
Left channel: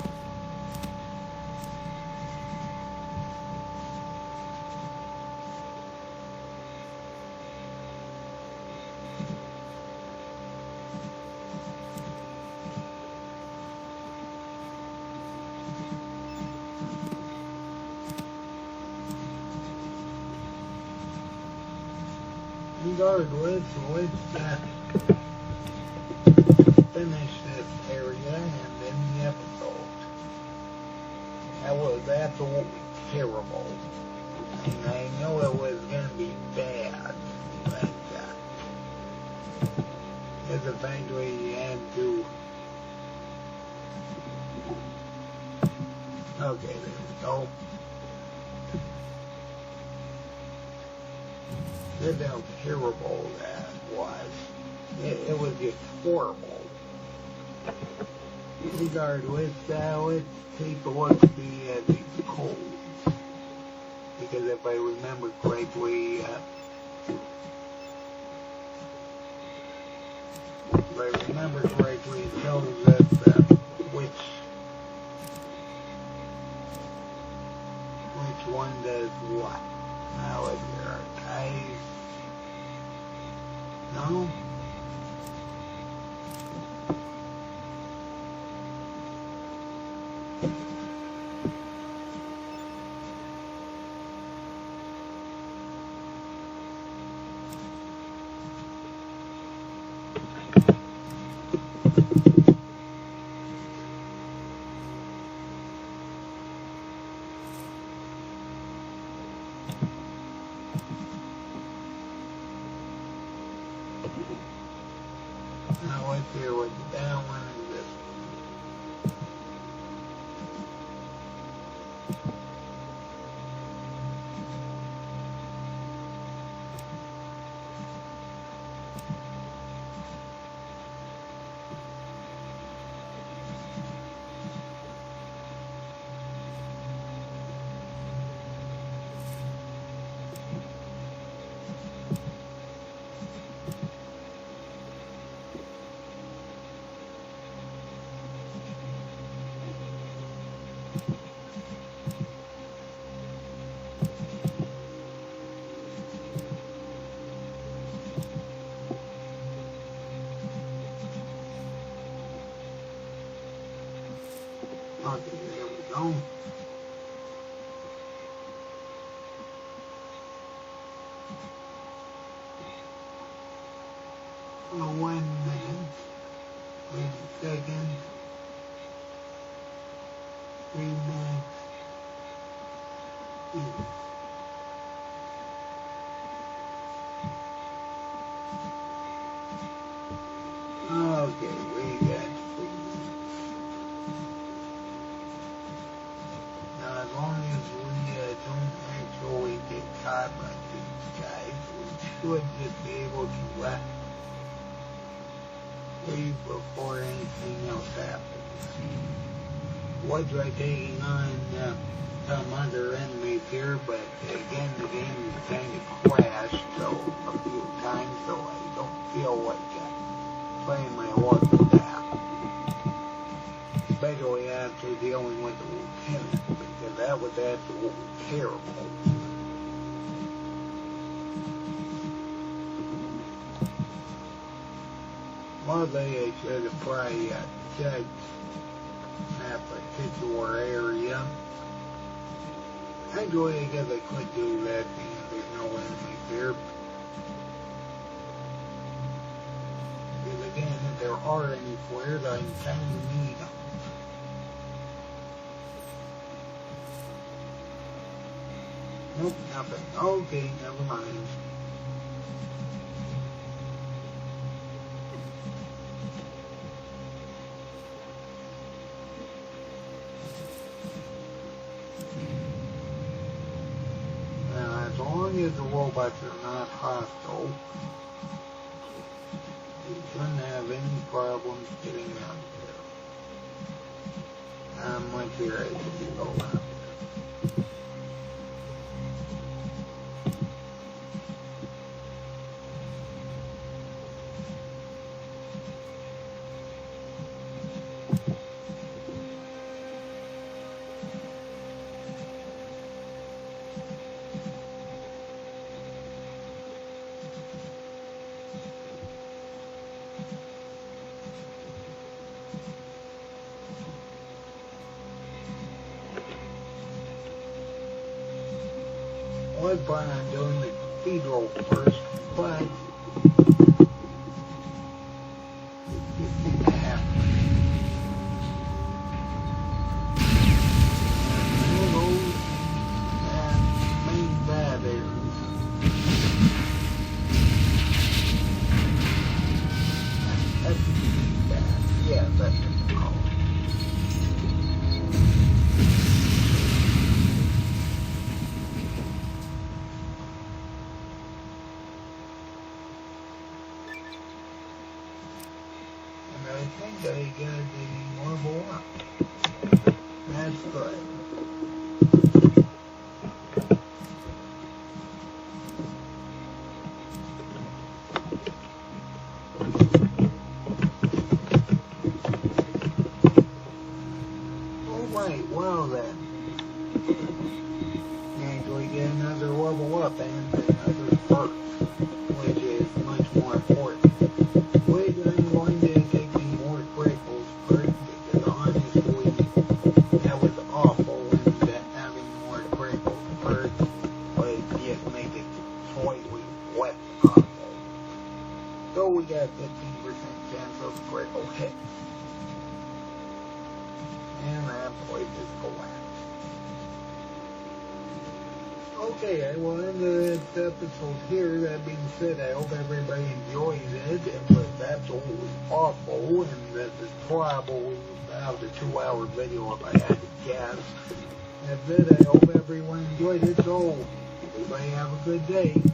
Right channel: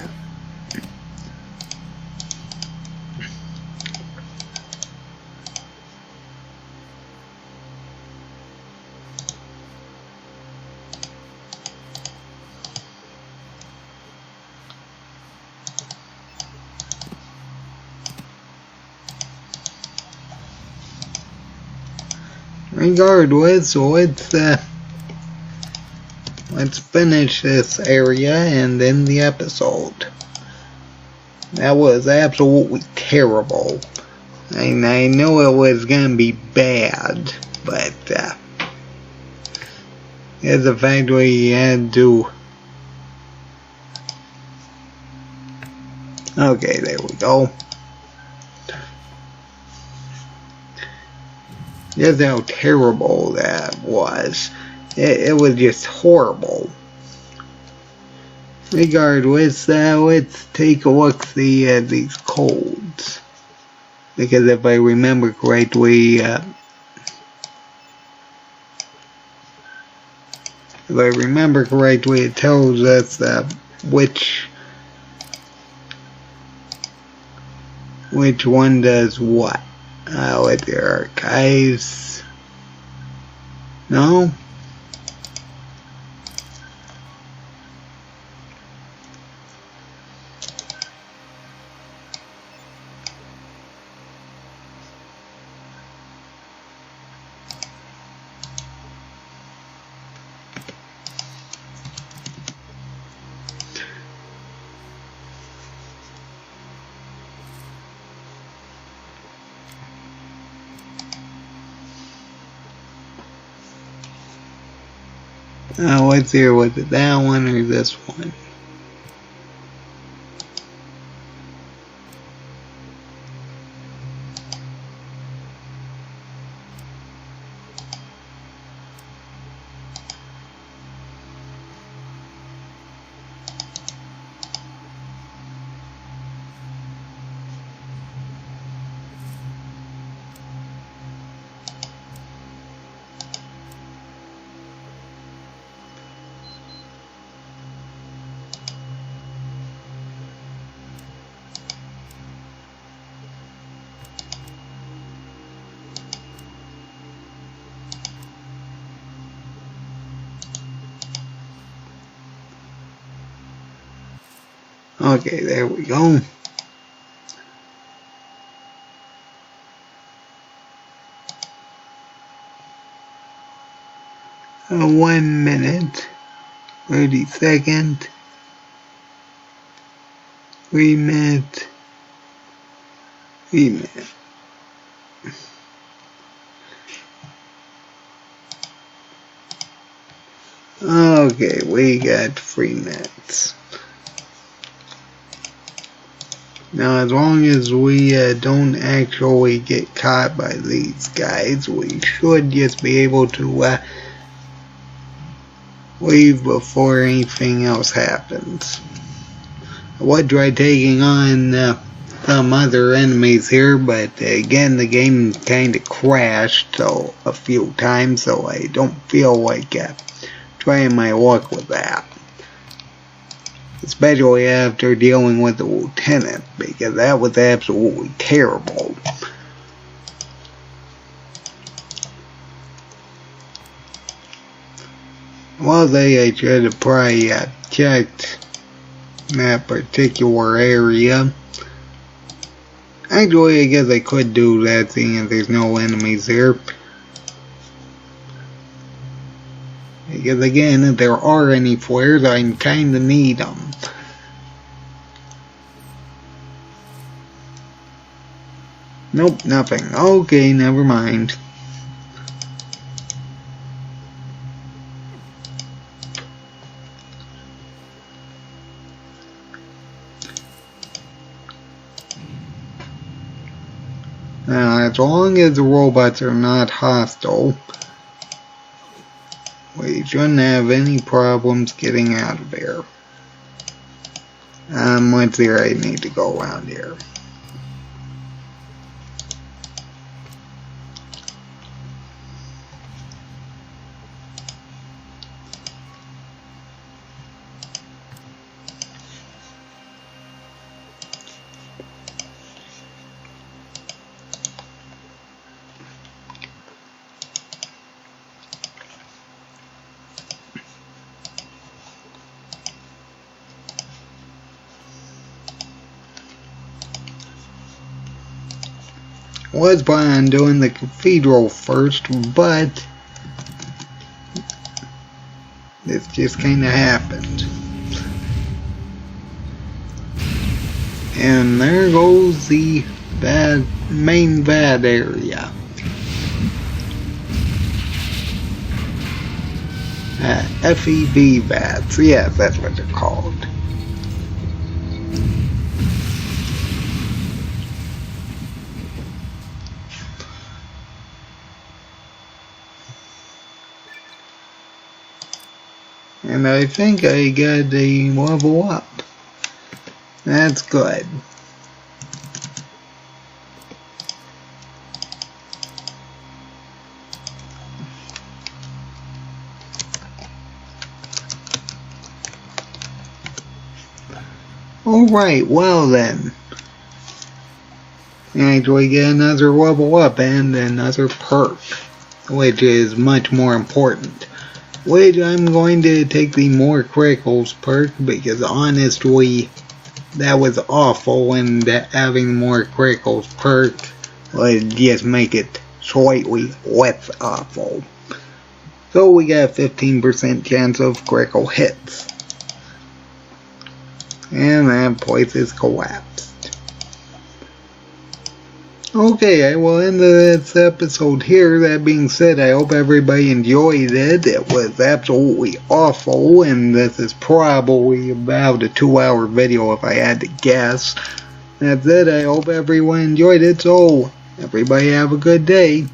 regardless, let's finish this area and end the episode. That was absolutely terrible. I know it was gonna be bad, but it's the fact we had to. Okay, there we go. Just how terrible that was. It was just horrible. Regardless, let's take a look at these codes. Because if I remember correctly, it tells us which one does what. With the archives. No? Let's see, was it that one or this one? Okay, there we go. A 1 minute, 30 second, 3 minute, 3 minute. Okay, we got 3 minutes. Now, as long as we don't actually get caught by these guys, we should just be able to leave before anything else happens. I would try taking on some other enemies here, but again, the game kind of crashed a few times, so I don't feel like trying my luck with that. Especially after dealing with the lieutenant, because that was absolutely terrible. Well, I should have probably checked that particular area. Actually, I guess I could do that, seeing as there's no enemies there. Because again, if there are any flares, I kinda need them. Nope, nothing. Okay, never mind. Now, as long as the robots are not hostile, we shouldn't have any problems getting out of there. Let's see, I need to go around here. Was planning on doing the cathedral first, but this just kind of happened. And there goes the main vat area. FEV vats, yes, that's what they're called. And I think I got a level up. That's good. Alright, well then. Actually get another level up and another perk, which is much more important. Which I'm going to take the more criticals perk, because honestly, that was awful, and having more criticals perk would just make it slightly less awful. So we got a 15% chance of critical hits. And that place is collapsed. Okay, I will end this episode here. That being said, I hope everybody enjoyed it. It was absolutely awful, and this is probably about a 2-hour video if I had to guess. That's it. I hope everyone enjoyed it, so everybody have a good day.